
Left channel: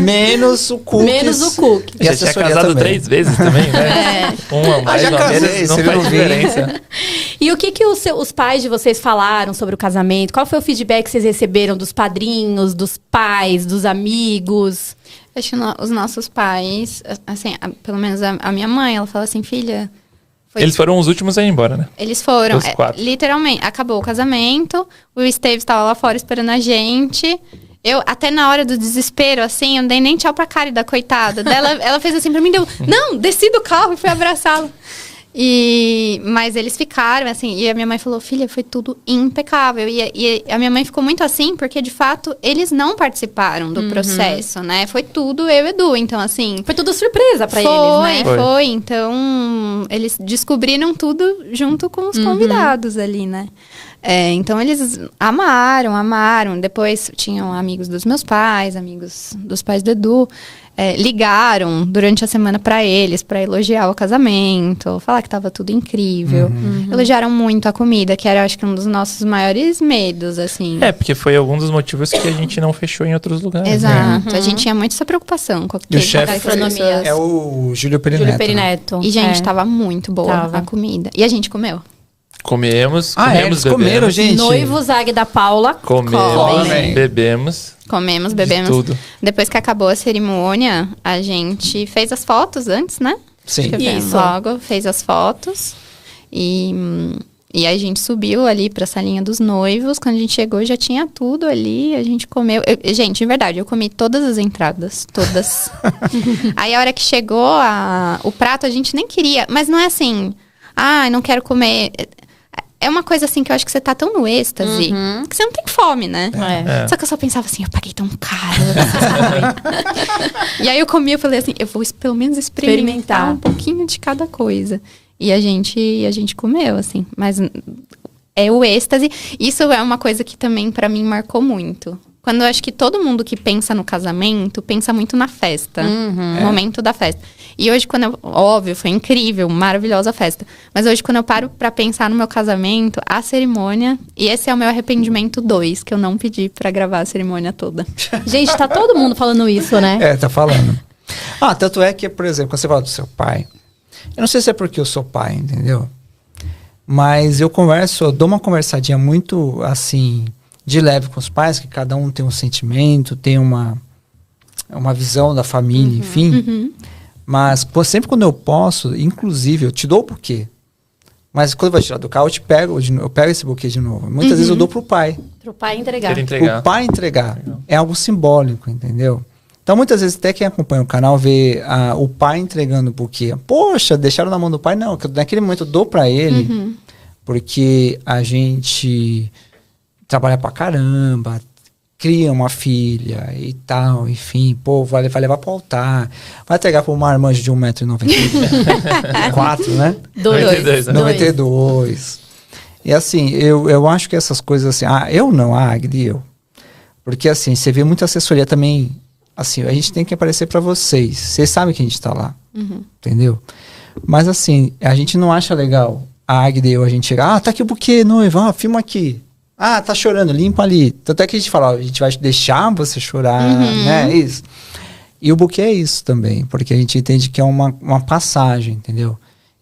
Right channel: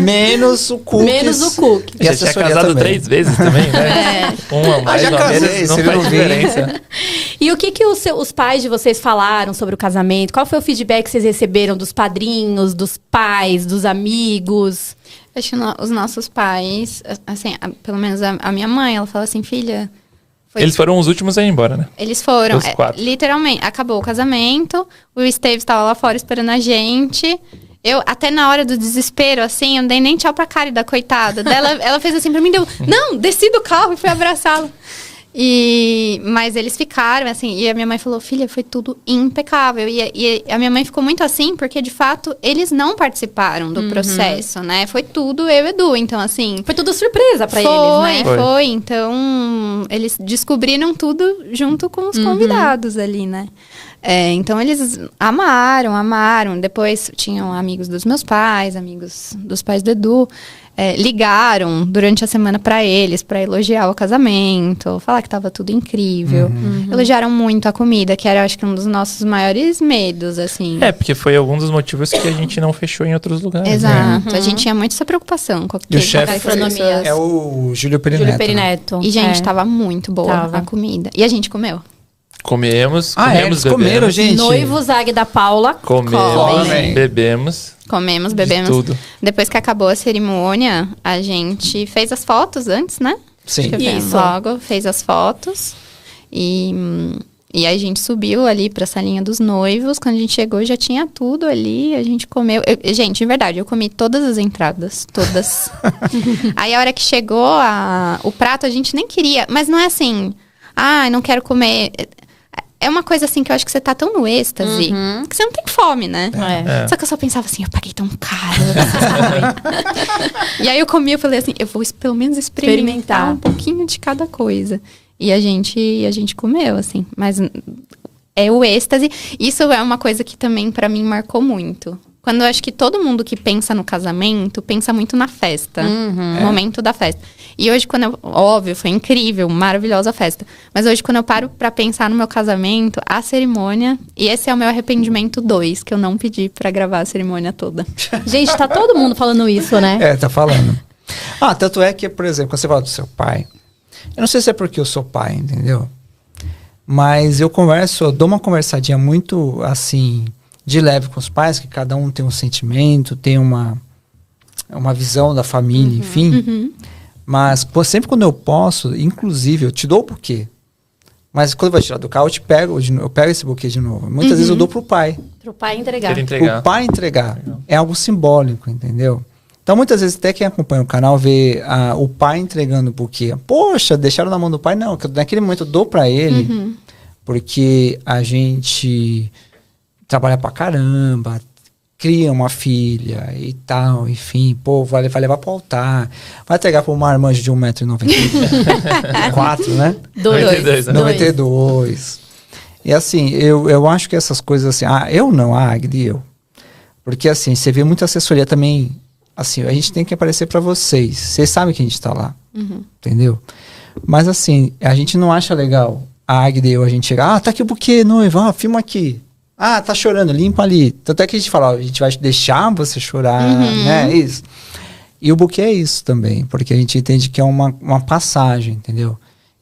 Menos o cookies. E você tinha casado também 3 vezes também, né? Uma mais, uma menos, não faz diferença. E o que os pais de vocês falaram sobre o casamento? Qual foi o feedback que vocês receberam dos padrinhos, dos pais, dos amigos? Acho que os nossos pais, assim, pelo menos a minha mãe, ela fala assim, filha... Eles foram os últimos a ir embora, né? Eles foram, literalmente, acabou o casamento, o Esteves estava lá fora esperando a gente... Eu, até na hora do desespero, assim, eu não dei nem tchau pra Cárida, coitada. Ela fez assim pra mim, desci do carro e fui abraçá-la. Mas eles ficaram, assim, e a minha mãe falou, filha, foi tudo impecável. E a minha mãe ficou muito assim, porque, de fato, eles não participaram do processo, né? Foi tudo eu e Edu, então, assim... Foi tudo surpresa pra eles, né? Foi. Então, eles descobriram tudo junto com os convidados ali, né? Então, eles amaram. Depois, tinham amigos dos meus pais, amigos dos pais do Edu. Ligaram durante a semana pra eles, pra elogiar o casamento, falar que tava tudo incrível. Elogiaram muito a comida, que era, acho que, um dos nossos maiores medos, assim. Porque foi algum dos motivos que a gente não fechou em outros lugares. Exato. A gente tinha muito essa preocupação com o chefe é o Júlio Perineto. E, gente, tava muito boa a comida. E a gente comeu. Comemos, comeram, gente. Noivo Zag da Paula. Bebemos. Comemos, bebemos. Tudo. Depois que acabou a cerimônia, a gente fez as fotos antes, né? Sim. Isso. Logo, fez as fotos. E a gente subiu ali pra salinha dos noivos. Quando a gente chegou, já tinha tudo ali. A gente comeu. Gente, de verdade, eu comi todas as entradas. Todas. Aí, a hora que chegou o prato, a gente nem queria. Mas não é assim... não quero comer... É uma coisa assim que eu acho que você tá tão no êxtase que você não tem fome, né? Só que eu só pensava assim, eu paguei tão caro. E aí eu comi, eu falei assim, eu vou pelo menos experimentar um pouquinho de cada coisa. E a gente comeu, assim. Mas é o êxtase. Isso é uma coisa que também pra mim marcou muito. Quando eu acho que todo mundo que pensa no casamento, pensa muito na festa. No momento da festa. E hoje, óbvio, foi incrível, maravilhosa festa. Mas hoje, quando eu paro pra pensar no meu casamento, a cerimônia... E esse é o meu arrependimento 2, que eu não pedi pra gravar a cerimônia toda. Gente, tá todo mundo falando isso, né? Tá falando. Tanto é que, por exemplo, quando você fala do seu pai... Eu não sei se é porque eu sou pai, entendeu? Mas eu dou uma conversadinha muito, assim... de leve com os pais, que cada um tem um sentimento, tem uma visão da família, enfim. Mas sempre quando eu posso, inclusive, eu te dou o buquê. Mas quando eu vou tirar do carro, eu pego esse buquê de novo. Muitas vezes eu dou pro pai. Pro pai entregar. O pai entregar. É algo simbólico, entendeu? Então, muitas vezes, até quem acompanha o canal vê o pai entregando o buquê. Poxa, deixaram na mão do pai? Não, naquele momento eu dou pra ele, porque a gente trabalha pra caramba, cria uma filha e tal, enfim, pô, vai levar pro altar, vai entregar pra uma marmanjo de 1,94 m, né? 92. E assim, eu acho que essas coisas assim, Agri, porque assim, você vê muita assessoria também, assim, a gente tem que aparecer pra vocês sabem que a gente tá lá, entendeu? Mas assim, a gente não acha legal a Agri, a gente chega, tá aqui o buquê, noiva, filma aqui. Tá chorando, limpa ali. Tanto é que a gente fala, a gente vai deixar você chorar, né? Isso. E o buquê é isso também, porque a gente entende que é uma passagem, entendeu?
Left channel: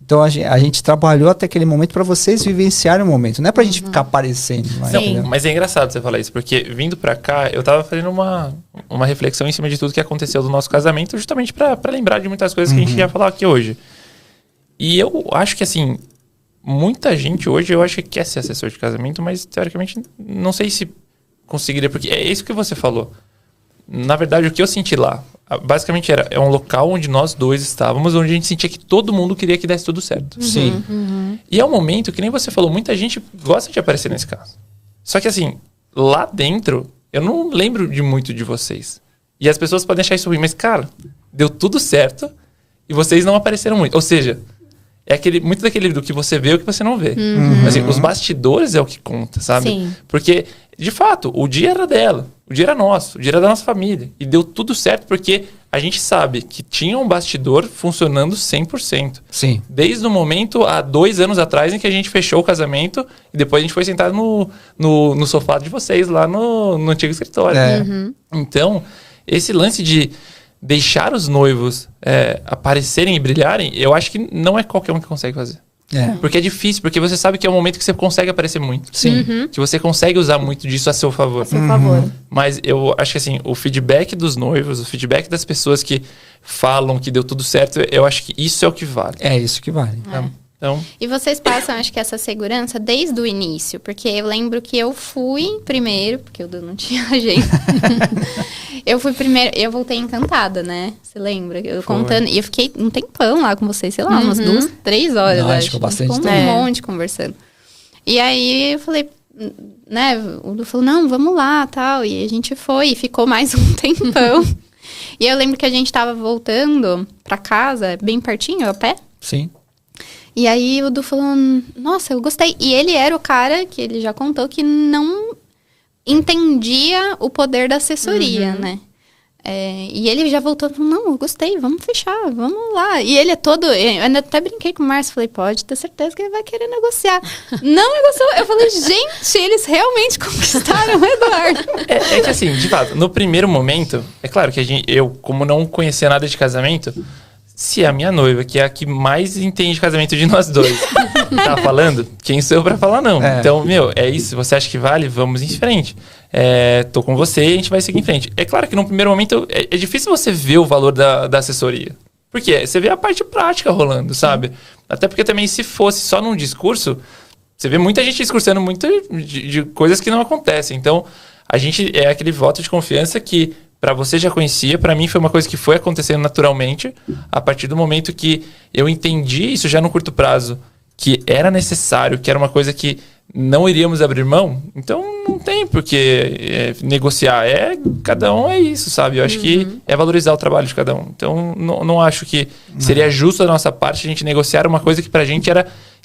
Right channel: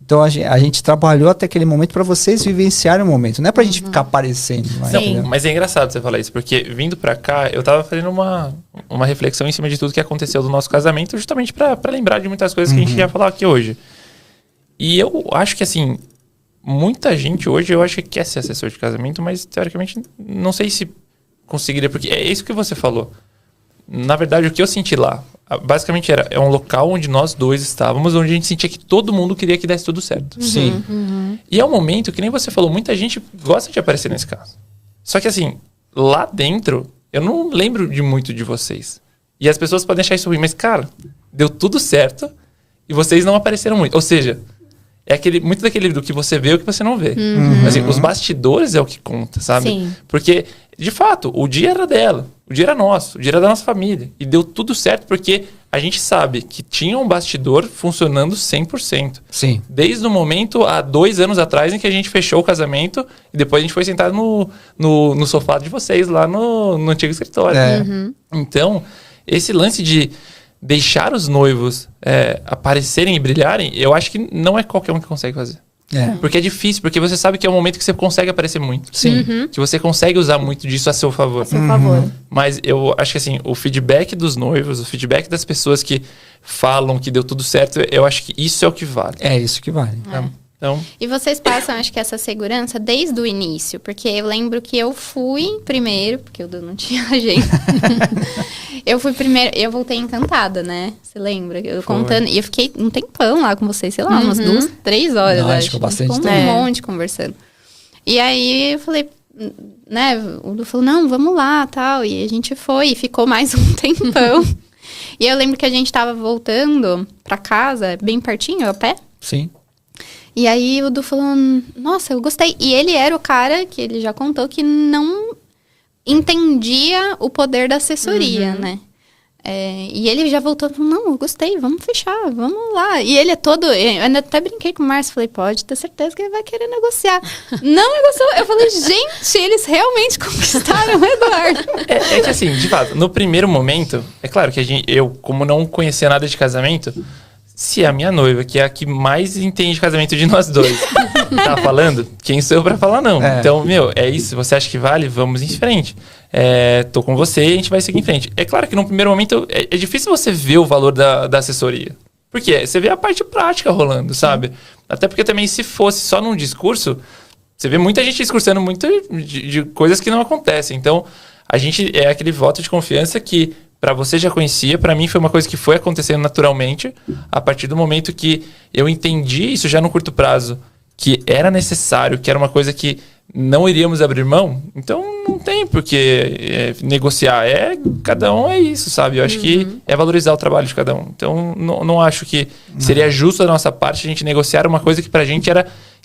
Então a gente trabalhou até aquele momento para vocês vivenciarem o momento, não é pra gente ficar aparecendo. Não, mas é engraçado você falar isso, porque vindo pra cá, eu tava fazendo uma reflexão em cima de tudo que aconteceu do nosso casamento, justamente pra lembrar de muitas coisas que a gente ia falar aqui hoje. E eu acho que assim, muita gente hoje, eu acho que quer ser assessor de casamento, mas teoricamente não sei se conseguiria, porque é isso que você falou. Na verdade, o que eu senti lá, basicamente é um local onde nós dois estávamos, onde a gente sentia que todo mundo queria que desse tudo certo. Sim. E é um momento que nem você falou, muita gente gosta de aparecer nesse caso. Só que assim, lá dentro, eu não lembro de muito de vocês. E as pessoas podem achar isso ruim, mas cara, deu tudo certo e vocês não apareceram muito. Ou seja, é muito daquele do que você vê e o que você não vê. Assim, os bastidores é o que conta, sabe? Sim. Porque, de fato, o dia era dela, o dia era nosso, o dia era da nossa família. E deu tudo certo porque a gente sabe que tinha um bastidor funcionando 100%. Sim. Desde o momento, há 2 anos atrás, em que a gente fechou o casamento e depois a gente foi sentar no sofá de vocês, lá no antigo escritório. Então, esse lance de deixar os noivos aparecerem e brilharem, eu acho que não é qualquer um que consegue fazer. Porque é difícil, porque você sabe que é um momento que você consegue aparecer muito. Sim. Que você consegue usar muito disso a seu favor. A seu favor. Mas eu acho que assim, o feedback dos noivos, o feedback das pessoas que falam que deu tudo certo, eu acho que isso é o que vale. É isso que vale. Então... E vocês passam, acho que essa segurança desde o início, porque eu lembro que eu fui primeiro, porque eu não tinha jeito. Eu fui primeiro, eu voltei encantada, né? Você lembra? Eu contando, e eu fiquei um tempão lá com vocês, sei lá, umas 2, 3 horas. Não, acho que bastante tempo. Um monte conversando. E aí eu falei, né? O Du falou, não, vamos lá, tal. E a gente foi, e ficou mais um tempão. E eu lembro que a gente tava voltando pra casa, bem pertinho, a pé. Sim. E aí o Du falou, nossa, eu gostei. E ele era o cara que ele já contou que não entendia o poder da assessoria, né? E ele já voltou e falou, não, eu gostei, vamos fechar, vamos lá. E ele é todo... Eu ainda até brinquei com o Márcio, falei, pode ter certeza que ele vai querer negociar. Não negociou. Eu falei, gente, eles realmente conquistaram o Eduardo. É que assim, de fato, no primeiro momento, é claro que eu, como não conhecia nada de casamento... Se a minha noiva, que é a que mais entende de casamento de nós dois, tá falando, quem sou eu pra falar não? Então, é isso. Você acha que vale? Vamos em frente. Tô com você e a gente vai seguir em frente. É claro que no primeiro momento é difícil você ver o valor da assessoria. Porque você vê a parte prática rolando, sabe? Até porque também se fosse só num discurso, você vê muita gente discursando muito de coisas que não acontecem. Então, a gente é aquele voto de confiança que... Pra você já conhecia, pra mim foi uma coisa que foi acontecendo naturalmente, a partir do momento que eu entendi isso já no curto prazo, que era necessário, que era uma coisa que não iríamos abrir mão, então não tem porque negociar, cada um é isso, sabe? Eu acho que é valorizar o trabalho de cada um. Então não acho que seria justo da nossa parte a gente negociar uma coisa que pra gente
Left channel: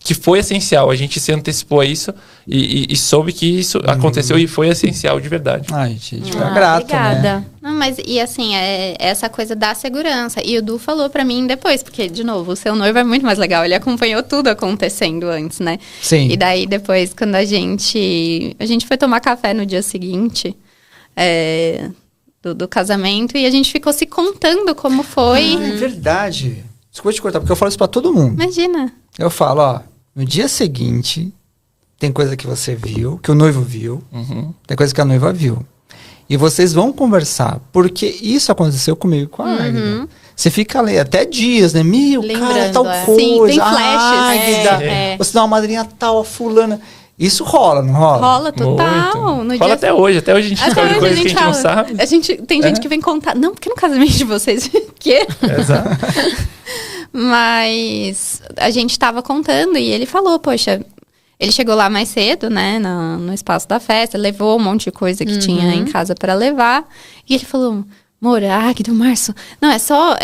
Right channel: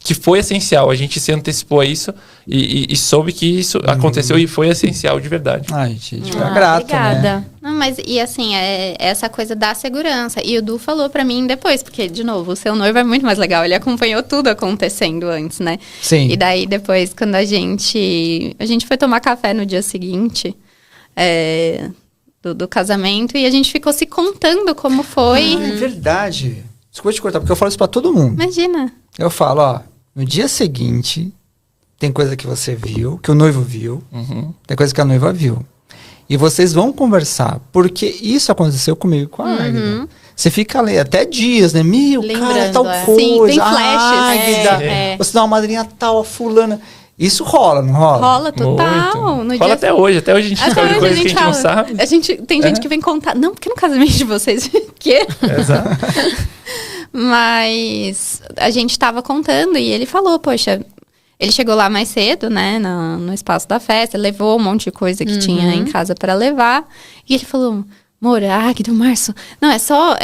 que foi essencial. A gente se antecipou a isso e soube que isso aconteceu e foi essencial de verdade. Ai, gente, fica grato, obrigada. né? Não, mas e assim, essa coisa da segurança. E o Du falou pra mim depois, porque, de novo, o seu noivo é muito mais legal. Ele acompanhou tudo acontecendo antes, né? Sim. E daí, depois, quando a gente foi tomar café no dia seguinte do casamento, e a gente ficou se contando como foi. É verdade. Desculpa te cortar, porque eu falo isso pra todo mundo. Imagina. Eu falo, no dia seguinte, tem coisa que você viu, que o noivo viu, tem coisa que a noiva viu. E vocês vão conversar, porque isso aconteceu comigo e com a Águida. Você fica ali até dias, né? Meu, cara, tal coisa. Sim, tem flashes. Águida, você dá uma madrinha tal, a fulana. Isso rola, não rola? Rola total. No Rola dia... até hoje a gente descobre coisas que a gente não sabe. Tem gente que vem contar. Não, porque no casamento de vocês. Quê? Exato. Mas a gente tava contando e ele falou, poxa, ele chegou lá mais cedo, né, no espaço da festa, levou um monte de coisa que tinha em casa pra levar. E ele falou, amor, Águida, Março, não, é só,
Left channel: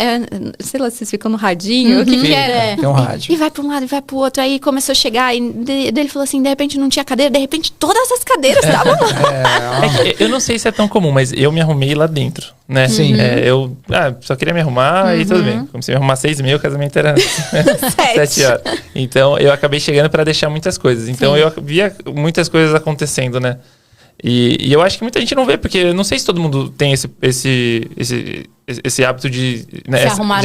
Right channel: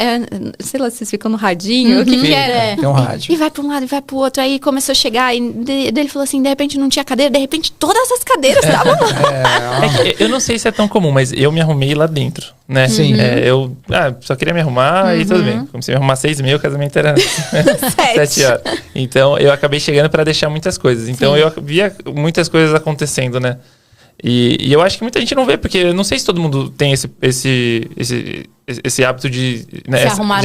sei lá, vocês ficam no radinho, o que era? Tem um rádio. E vai pra um lado e vai pro outro. Aí começou a chegar e ele falou assim, de repente não tinha cadeira, de repente todas as cadeiras estavam lá. Eu não sei se é tão comum, mas eu me arrumei lá dentro, né? Sim. Eu só queria me arrumar e tudo bem. Comecei a me arrumar 6h30, o casamento era 7 horas. Então, eu acabei chegando pra deixar muitas coisas. Então, eu via muitas coisas acontecendo, né? E eu acho que muita gente não vê, porque eu não sei se todo mundo tem esse hábito de se arrumar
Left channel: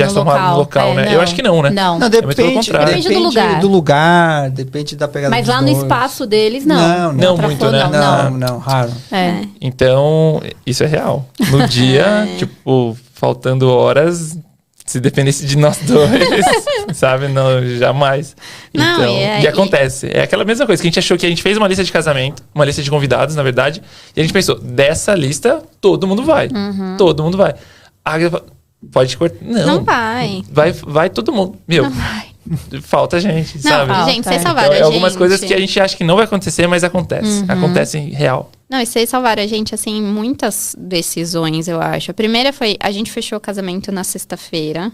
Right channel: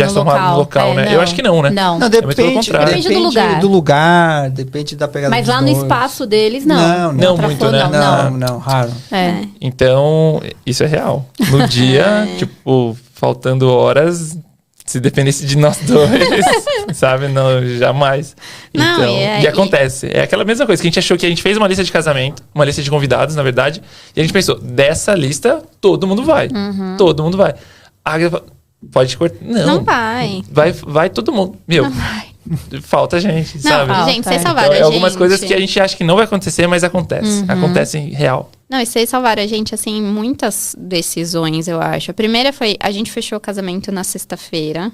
no local, né? Não. Eu acho que não, né? Não, muito pelo contrário. Depende do lugar. Depende da pegada. Mas lá no espaço deles, não. Não muito, né? Não, raro. Então, isso é real. No dia, tipo, faltando horas, se dependesse de nós dois, sabe? Não, jamais. Não, então, e acontece. É aquela mesma coisa que a gente achou que a gente fez uma lista de casamento, uma lista de convidados, na verdade, e a gente pensou, dessa lista, todo mundo vai. Todo mundo vai. Pode cortar. Não vai. Vai todo mundo. Meu, falta gente, sabe? Gente, vocês salvaram a gente. Algumas coisas que a gente acha que não vai acontecer, mas acontece. Acontece real. Não, e vocês salvaram a gente, assim, muitas decisões, eu acho. A primeira foi, a gente fechou o casamento na sexta-feira,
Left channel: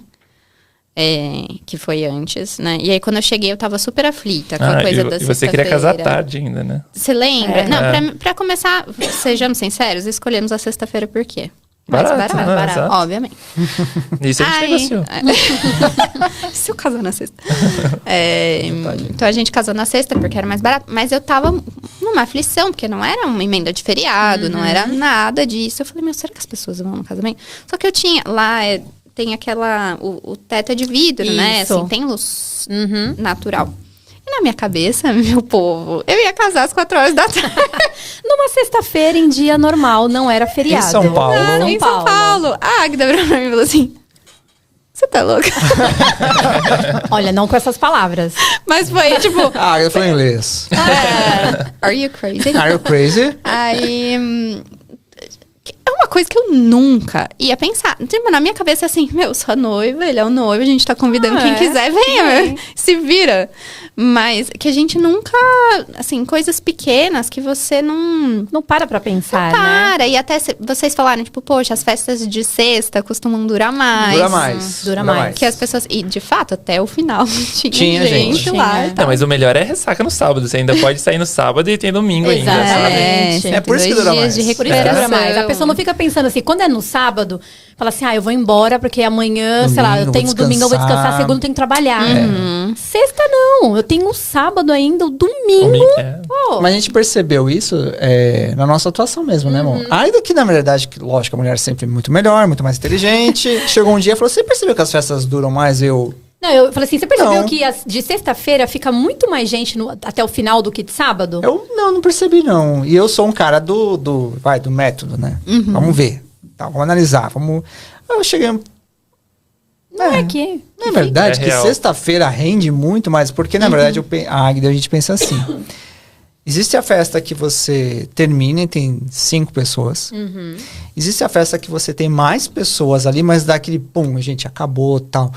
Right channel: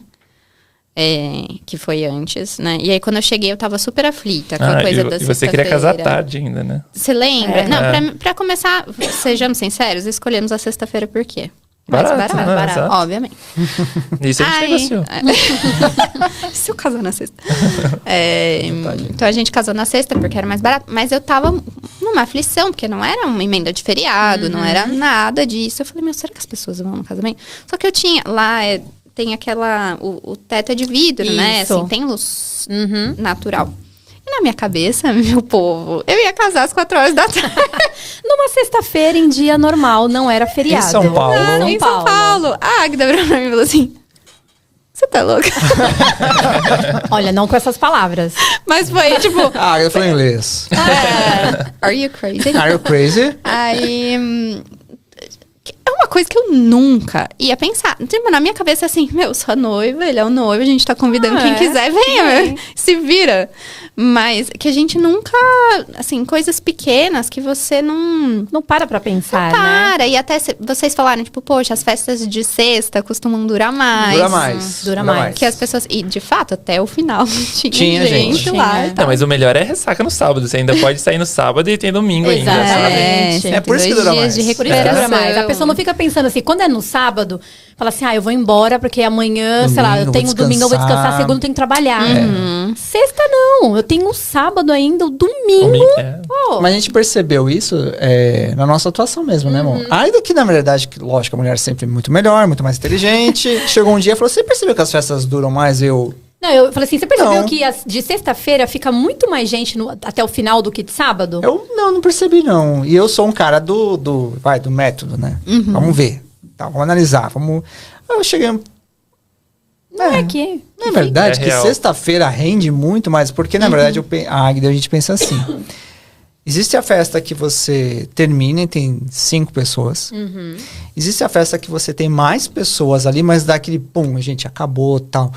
que foi antes, né? E aí, quando eu cheguei, eu tava super aflita com a coisa da sexta-feira. E você queria casar tarde ainda, né? Você lembra? Não, pra começar, sejamos sinceros, escolhemos a sexta-feira por quê? Barato, obviamente. Isso a gente negociou. Se eu casar na sexta. Então a gente casou na sexta porque era mais barato. Mas eu tava numa aflição, porque não era uma emenda de feriado, não era nada disso. Eu falei, meu, será que as pessoas vão no casamento? Só que eu tinha lá, tem aquela. O teto é de vidro, né? Assim, tem luz natural. E na minha cabeça, meu povo, eu ia casar às 4 horas da tarde. Numa sexta-feira, em dia normal, não era feriado. Em São Paulo. Em São Paulo. A Águida pra mim falou assim, você tá louca? Olha, não com essas palavras. Mas foi tipo... Eu falo inglês. Are you crazy? Are you crazy? Aí... É uma coisa que eu nunca ia pensar. Tipo, na minha cabeça é assim, meu, sou a noiva, ele é o noivo, a gente tá convidando quem quiser, venha, se vira. Mas que a gente nunca, assim, coisas pequenas que você não para pra pensar, para. né? E até vocês falaram, tipo, poxa, as festas de sexta costumam durar mais. Dura mais. Que as pessoas... E, de fato, até o final tinha gente lá. Não, mas o melhor é ressaca no sábado. Você ainda pode sair no sábado e tem domingo ainda, sabe? É por isso que dura mais. Por isso que dura mais. A pessoa não fica pensando assim, quando é no sábado, fala assim, eu vou embora porque amanhã, domingo, sei lá, eu tenho domingo, eu vou descansar, segunda eu tenho que trabalhar. Sexta não, eu tenho um sábado ainda, o domingo. Mas a gente percebeu isso na nossa atuação mesmo, né, amor? Ainda que, na verdade, lógico, a mulher é sempre muito melhor, muito mais inteligente. Chegou um dia e falou, você percebeu que as festas duram mais? Não, eu falei assim, você percebeu que de sexta-feira fica muito mais gente até o final do que de sábado? Eu não percebi, não. E eu sou um cara do método, né? Vamos ver. Tá, vamos analisar. Eu cheguei... Na verdade, que sexta-feira rende muito mais, porque na verdade a gente pensa assim. Existe a festa que você termina e tem 5 pessoas. Existe a festa que você tem mais pessoas ali, mas dá aquele pum, gente, acabou, tal.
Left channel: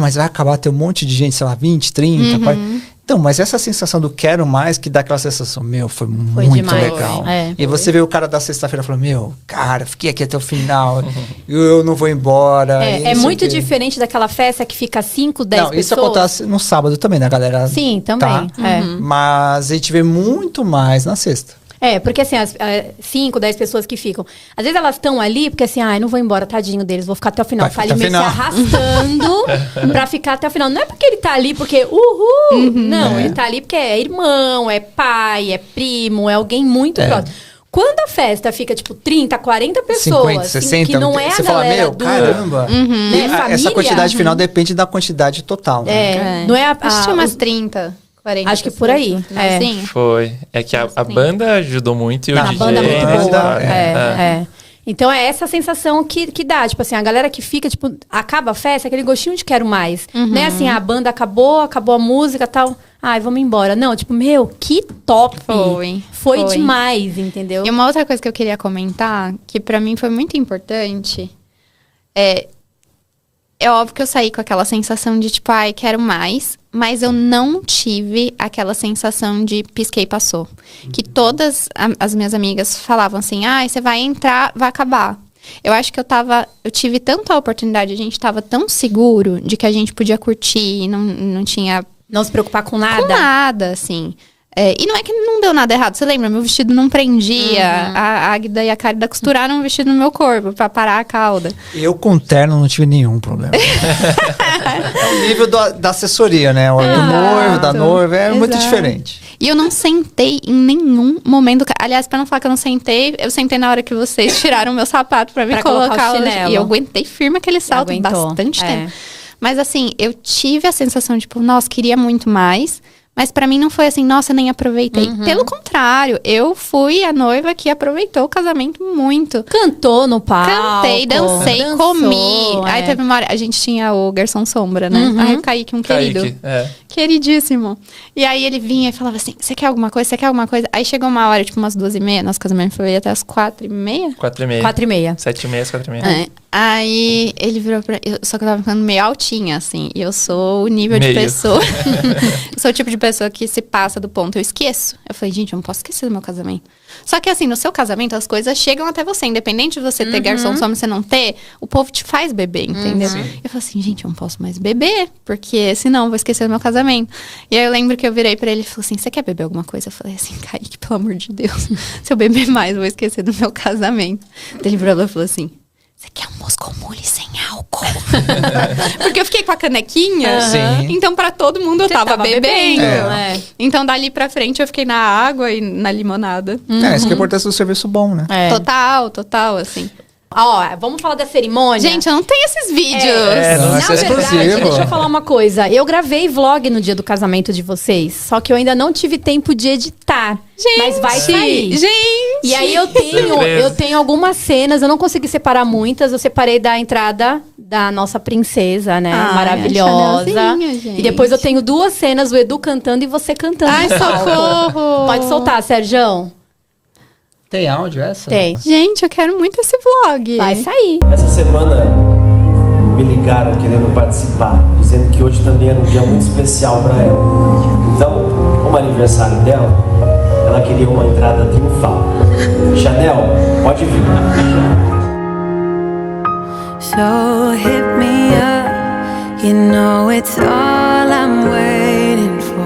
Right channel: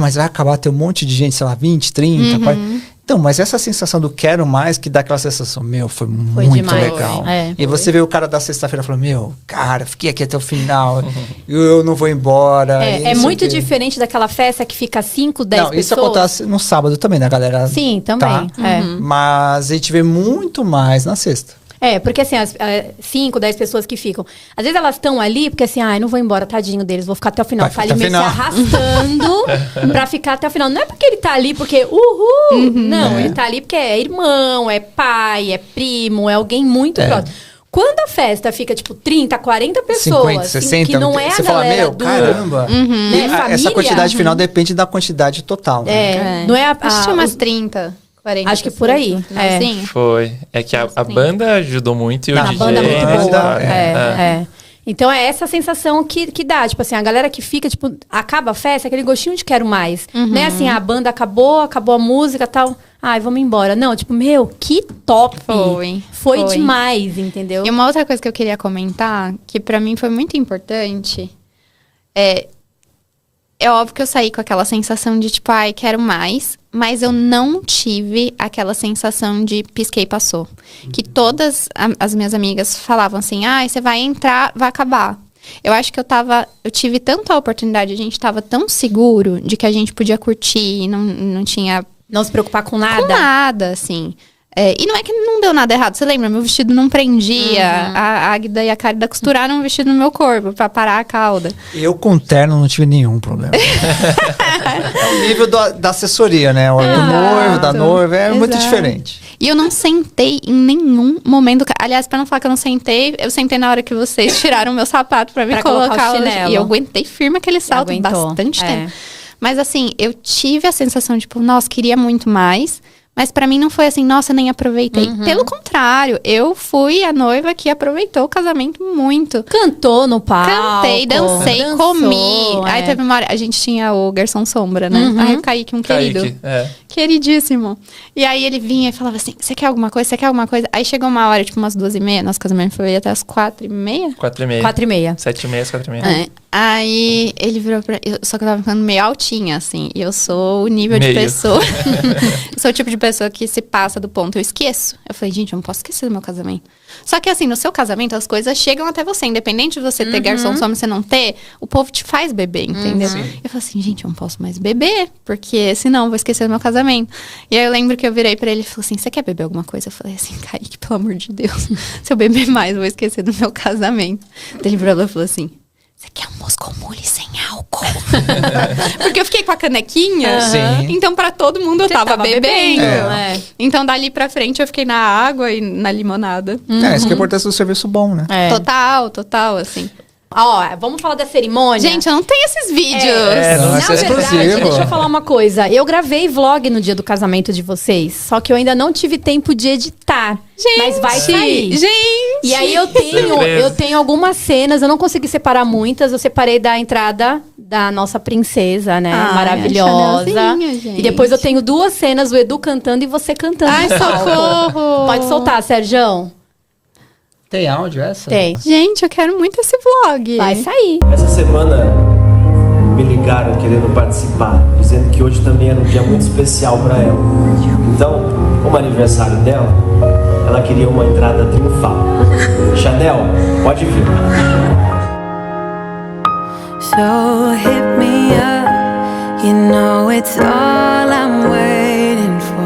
Mas vai acabar, tem um monte de gente, sei lá, 20, 30, 40. Então, mas essa sensação do quero mais, que dá aquela sensação, meu, foi muito demais, legal. E você vê o cara da sexta-feira falando, meu, cara, fiquei aqui até o final, eu não vou embora. É muito diferente daquela festa que fica 5, 10 pessoas. Não, isso acontece no sábado também, né, galera? Sim, também. Tá? Mas a gente vê muito mais na sexta. Porque assim, as 5, 10 pessoas que ficam. Às vezes elas estão ali porque assim, eu não vou embora, tadinho deles, vou ficar até o final. Tá ali meio se arrastando pra ficar até o final. Não é porque ele tá ali porque, não, ele tá ali porque é irmão, é pai, é primo, é alguém muito próximo. Quando a festa fica, tipo, 30, 40 pessoas... 50, 60, que não é você fala, meu, caramba. Essa quantidade final depende da quantidade total, né? Não é tinha umas 30... 40, acho que por aí. Foi. É que a banda ajudou muito e o a DJ... banda muito boa. né? Então é essa sensação que dá. Tipo assim, a galera que fica, tipo, acaba a festa, aquele gostinho de quero mais. Não é assim, a banda acabou a música e tal. Ai, vamos embora. Não, tipo, meu, que top. Foi demais, entendeu? E uma outra coisa que eu queria comentar, que pra mim foi muito importante, é óbvio que eu saí com aquela sensação de, tipo, ai, quero mais. Mas eu não tive aquela sensação de pisquei e passou. Que todas as minhas amigas falavam assim, ai, você vai entrar, vai acabar. Eu acho que eu tive tanta oportunidade, a gente tava tão seguro de que a gente podia curtir, não tinha... Não se preocupar com nada? Com nada, assim. E não é que não deu nada errado. Você lembra? Meu vestido não prendia. A Águida e a Cárida costuraram um vestido no meu corpo pra parar a cauda. Eu com terno não tive nenhum problema. É o nível da assessoria, né? O do noivo, da noiva, é muito diferente. E eu não sentei em nenhum momento. Aliás, pra não falar que eu não sentei, eu sentei na hora que vocês tiraram o meu sapato pra me colocar o chinelo. E eu aguentei firme aquele salto bastante tempo. Mas assim, eu tive a sensação de, tipo, nossa, queria muito mais. Mas pra mim não foi assim, nossa, eu nem aproveitei. Pelo contrário, eu fui a noiva que aproveitou o casamento muito. Cantou no palco. Cantei, dancei, comi. Aí teve uma hora, a gente tinha o garçom sombra, né? Aí o Kaique, querido. Queridíssimo. E aí ele vinha e falava assim, você quer alguma coisa? Você quer alguma coisa? Aí chegou uma hora, tipo umas 2h30, nosso casamento foi até as 4h30. 4h30. 7h30, 4h30. Aí ele virou pra... Só que eu tava ficando meio altinha, assim. E eu sou o nível de pessoa... Eu sou o tipo de pessoa que se passa do ponto, eu esqueço. Eu falei, gente, eu não posso esquecer do meu casamento. Só que assim, no seu casamento, as coisas chegam até você. Independente de você ter garçom sombra, você não ter, o povo te faz beber, entendeu? Eu falei assim, gente, eu não posso mais beber, porque senão eu vou esquecer do meu casamento. E aí eu lembro que eu virei pra ele e falei assim, você quer beber alguma coisa? Eu falei assim, Kaique, pelo amor de Deus, se eu beber mais, eu vou esquecer do meu casamento. Ele virou e falou assim, você quer um Moscow Mule sem álcool? Porque eu fiquei com a canequinha. Então pra todo mundo eu tava bebendo. Então dali pra frente eu fiquei na água e na limonada. Isso que é a importância do serviço bom, né? Total, assim. Ó, vamos falar da cerimônia? Gente, eu não tenho esses vídeos. Não é exclusivo. Deixa eu falar uma coisa. Eu gravei vlog no dia do casamento de vocês, só que eu ainda não tive tempo de editar. Gente, mas vai sair. Gente! E aí eu tenho algumas cenas, eu não consegui separar muitas. Eu separei da entrada da nossa princesa, né? Maravilhosa. E depois eu tenho 2 cenas, o Edu cantando e você cantando. Ai, socorro! Pode soltar, Sérgio. Tem áudio essa? Tem. Gente, eu quero muito esse vlog. Vai sair. Essa semana me ligaram querendo participar, dizendo que hoje também era um dia muito especial para ela. Então, como é aniversário dela, ela queria uma entrada triunfal. Chanel, pode vir. So hit me up, you know it's all I'm waiting for.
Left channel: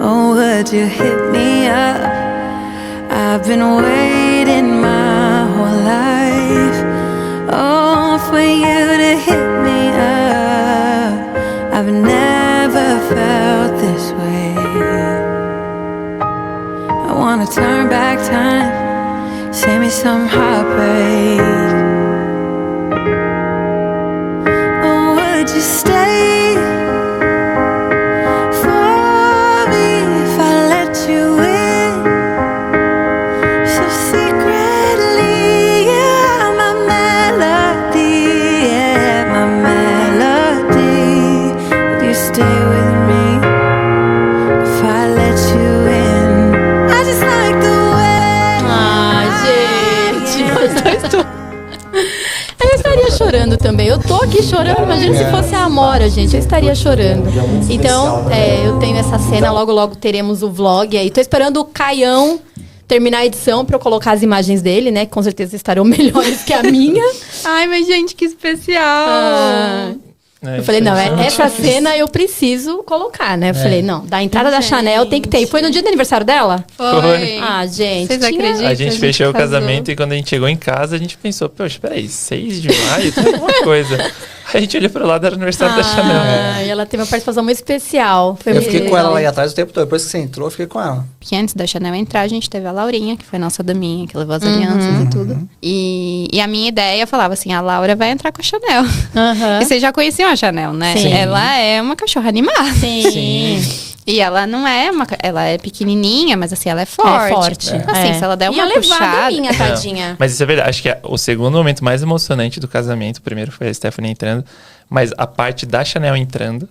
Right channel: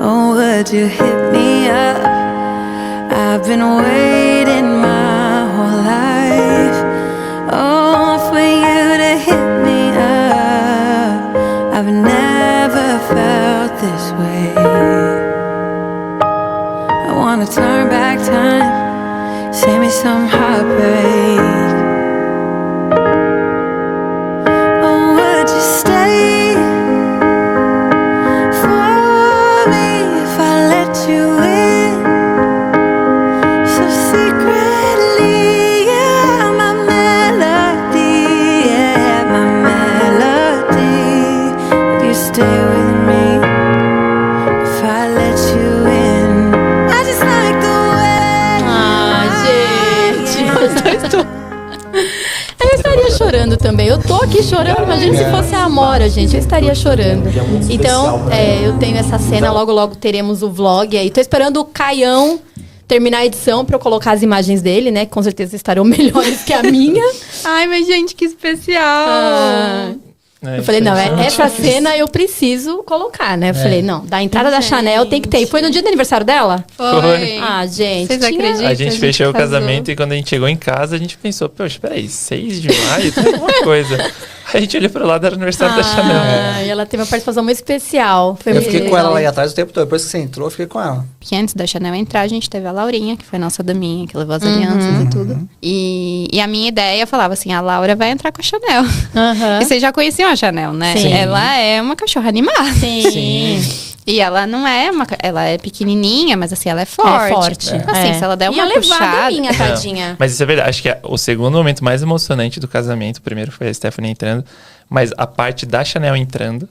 Oh, would you hit me up? I've been waiting my whole life, oh, for you to hit me up. I've never felt this way. I wanna turn back time, save me some heartbreak. Oh, would you stay for me if I let you in? Stay with me if I let you in. I just like the way. Eu estaria chorando também. Eu tô aqui chorando. Imagina se fosse a Amora, gente. Eu estaria chorando. Então, eu tenho essa cena. Logo teremos o vlog aí. Tô esperando o Caião terminar a edição pra eu colocar as imagens dele, né? Com certeza estarão melhores que a minha. Ai, mas gente, que especial. Eu falei, não, essa cena eu preciso colocar, né? Eu falei, não, da entrada da Chanel tem que ter. E foi no dia do aniversário dela? Foi. Ah, gente. Vocês acreditam? A gente fechou o casamento e quando a gente chegou em casa, a gente pensou, poxa, peraí, 6 de maio? Tem alguma coisa. Aí a gente olhou pro lado, era o aniversário da Chanel. E ela teve uma participação muito especial. Eu fiquei com ela lá atrás o tempo todo. Depois que você entrou, eu fiquei com ela. Que antes da Chanel entrar, a gente teve a Laurinha, que foi nossa daminha, que levou as alianças e tudo. E a minha ideia, eu falava assim, a Laura vai entrar com a Chanel. E vocês já conheciam a Chanel, né? Sim. Ela é uma cachorra animada. Sim. E ela não é ela é pequenininha, mas assim, ela é forte. É forte. Assim, se ela der uma puxada... minha tadinha. Mas isso é verdade. Acho que o segundo momento mais emocionante do casamento, o primeiro foi a Stephanie entrando, mas a parte da Chanel entrando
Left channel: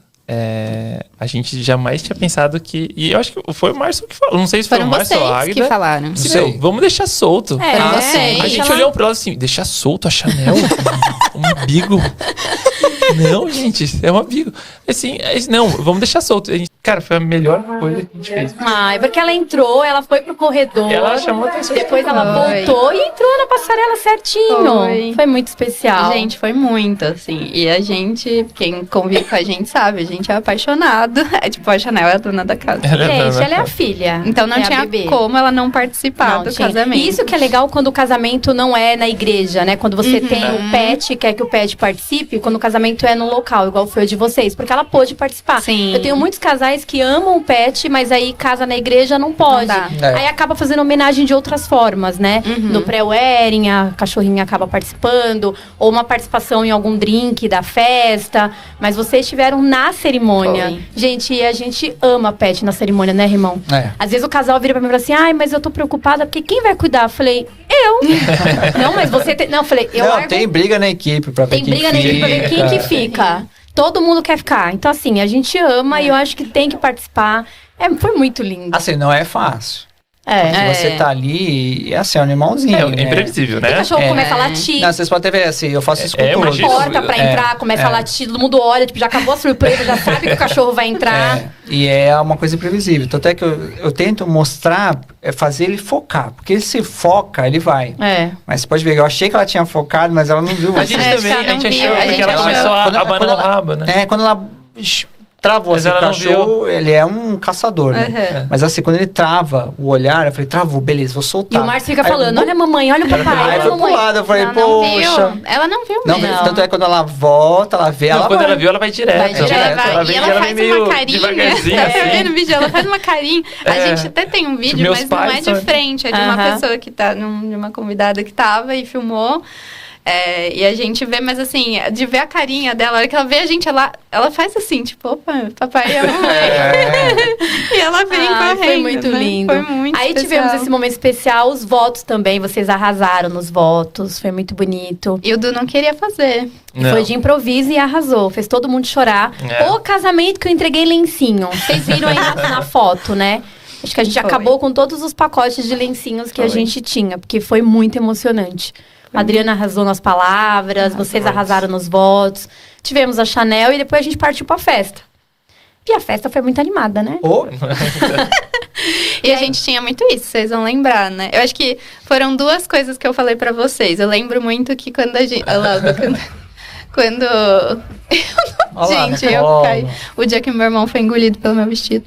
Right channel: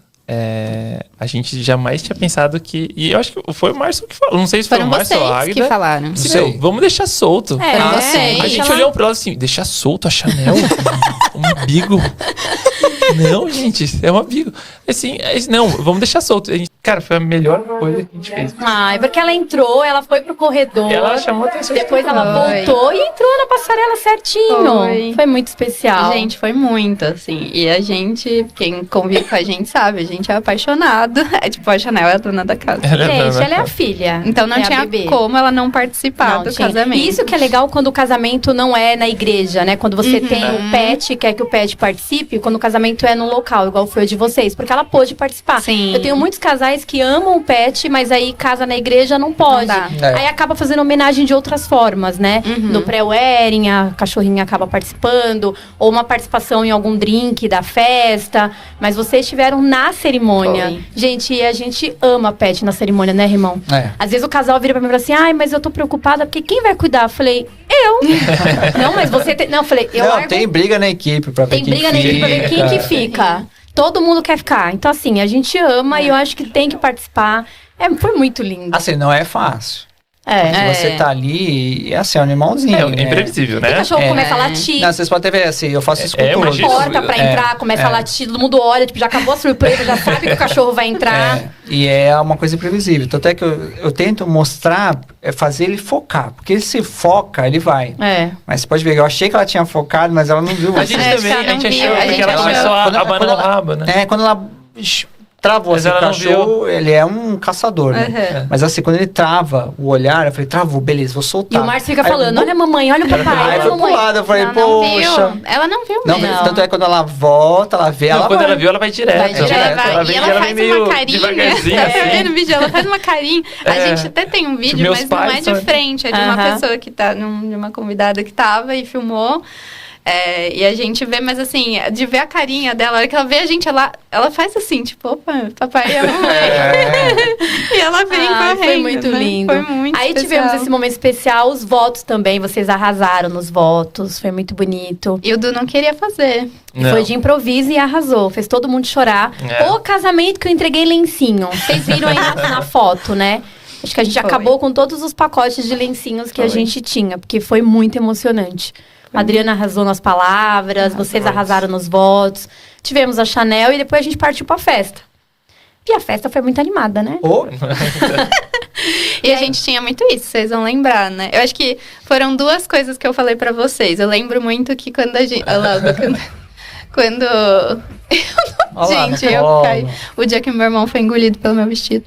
a gente jamais tinha pensado que... E eu acho que foi o Márcio que falou. Não sei se foi o Márcio ou a Águida. Que falaram. Não sei. Vamos deixar solto. A gente olhou pro lado assim, deixar solto a Chanel? Um umbigo? Não, gente, é um umbigo. Assim, não, vamos deixar solto. Cara, foi a melhor coisa que a gente fez. Porque ela entrou, ela foi pro corredor. Ela chamou a atenção. Depois ela voltou e entrou na passarela certinho. Foi muito especial. Gente, foi muito, assim. E a gente, quem convive com a gente sabe, a gente é apaixonado. É tipo, a Chanel é a dona da casa. Gente, ela é a filha. Então não tinha como ela não participar do casamento. E isso que é legal quando o casamento não é na igreja, né? Quando você tem o pet e quer que o pet participe, quando o casamento é no local, igual foi o de vocês. Porque ela pôde participar. Sim. Eu tenho muitos casais que amam o pet, mas aí casa na igreja não pode. Aí acaba fazendo homenagem de outras formas, né? No pré-wedding, a cachorrinha acaba participando, ou uma participação em algum drink da festa. Mas vocês estiveram na cerimônia. Gente, e a gente ama pet na cerimônia, né, irmão? Às vezes o casal vira pra mim e fala assim, mas eu tô preocupada, porque quem vai cuidar? Eu falei, eu. Não, mas você tem... Não, eu falei, eu... Não, tem briga na equipe pra ver quem briga na equipe pra ver quem que fica. Todo mundo quer ficar. Então, assim, a gente ama e eu acho que tem que participar. Foi muito lindo. Assim, não é fácil. Você tá ali, é assim, é um animalzinho. É imprevisível, né? O cachorro começa a latir. Não, vocês podem ver assim, eu faço isso com tudo. A porta pra entrar, começa a latir, todo mundo olha, tipo, já acabou a surpresa, já sabe que o cachorro vai entrar. E é uma coisa imprevisível. Tanto é que eu tento mostrar, fazer ele focar. Porque se foca, ele vai. Mas você pode ver, eu achei que ela tinha focado, mas ela não viu. A gente também, a gente achou, porque ela começou a abanar o rabo, né? Quando ela... travou, assim, o cachorro, ele é um caçador, né? Mas assim, quando ele trava o olhar, eu falei, travou, beleza, vou soltar. E o Márcio fica falando, olha a mamãe, olha o papai, Aí foi pro lado, eu falei, poxa. Ela não viu não, mesmo. Tanto é que quando ela volta, ela vê, ela quando ela viu, ela vai direto. Ela faz uma carinha. Assim. Vê no vídeo, ela faz uma carinha. A gente até tem um vídeo, mas não é de frente, é de uma pessoa que tá, de uma convidada que tava e filmou. E a gente vê, mas assim, de ver a carinha dela, a hora que ela vê a gente, ela faz assim, tipo, opa, papai e a mamãe. E ela vem correndo. Foi muito lindo. Foi muito Aí especial. tivemos esse momento especial, os votos também, vocês arrasaram nos votos, foi muito bonito. E o Du não queria fazer. Foi de improviso e arrasou, fez todo mundo chorar. O casamento que eu entreguei lencinho, vocês viram aí na foto, né? Acho que a gente acabou com todos os pacotes de lencinhos que a gente tinha, porque foi muito emocionante. A Adriana arrasou nas palavras, vocês arrasaram nos votos. Tivemos a Chanel e depois a gente partiu pra festa. E a festa foi muito animada, né? E a gente tinha muito isso, vocês vão lembrar, né? Eu acho que foram duas coisas que eu falei pra vocês. Eu lembro muito que quando a gente... Quando... Gente, eu caí. O dia que meu irmão foi engolido pelo meu vestido.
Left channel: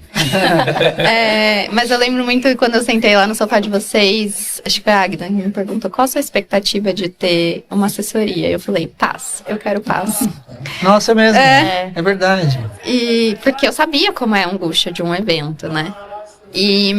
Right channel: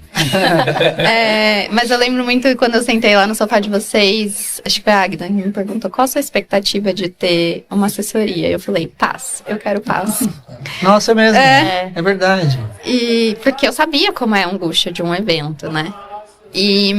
Mas eu lembro muito quando eu sentei lá no sofá de vocês. Acho que foi a Agda que me perguntou qual a sua expectativa de ter uma assessoria. Eu falei, paz. Eu quero paz. Nossa, é mesmo. É verdade. E porque eu sabia como é a angústia de um evento, né? E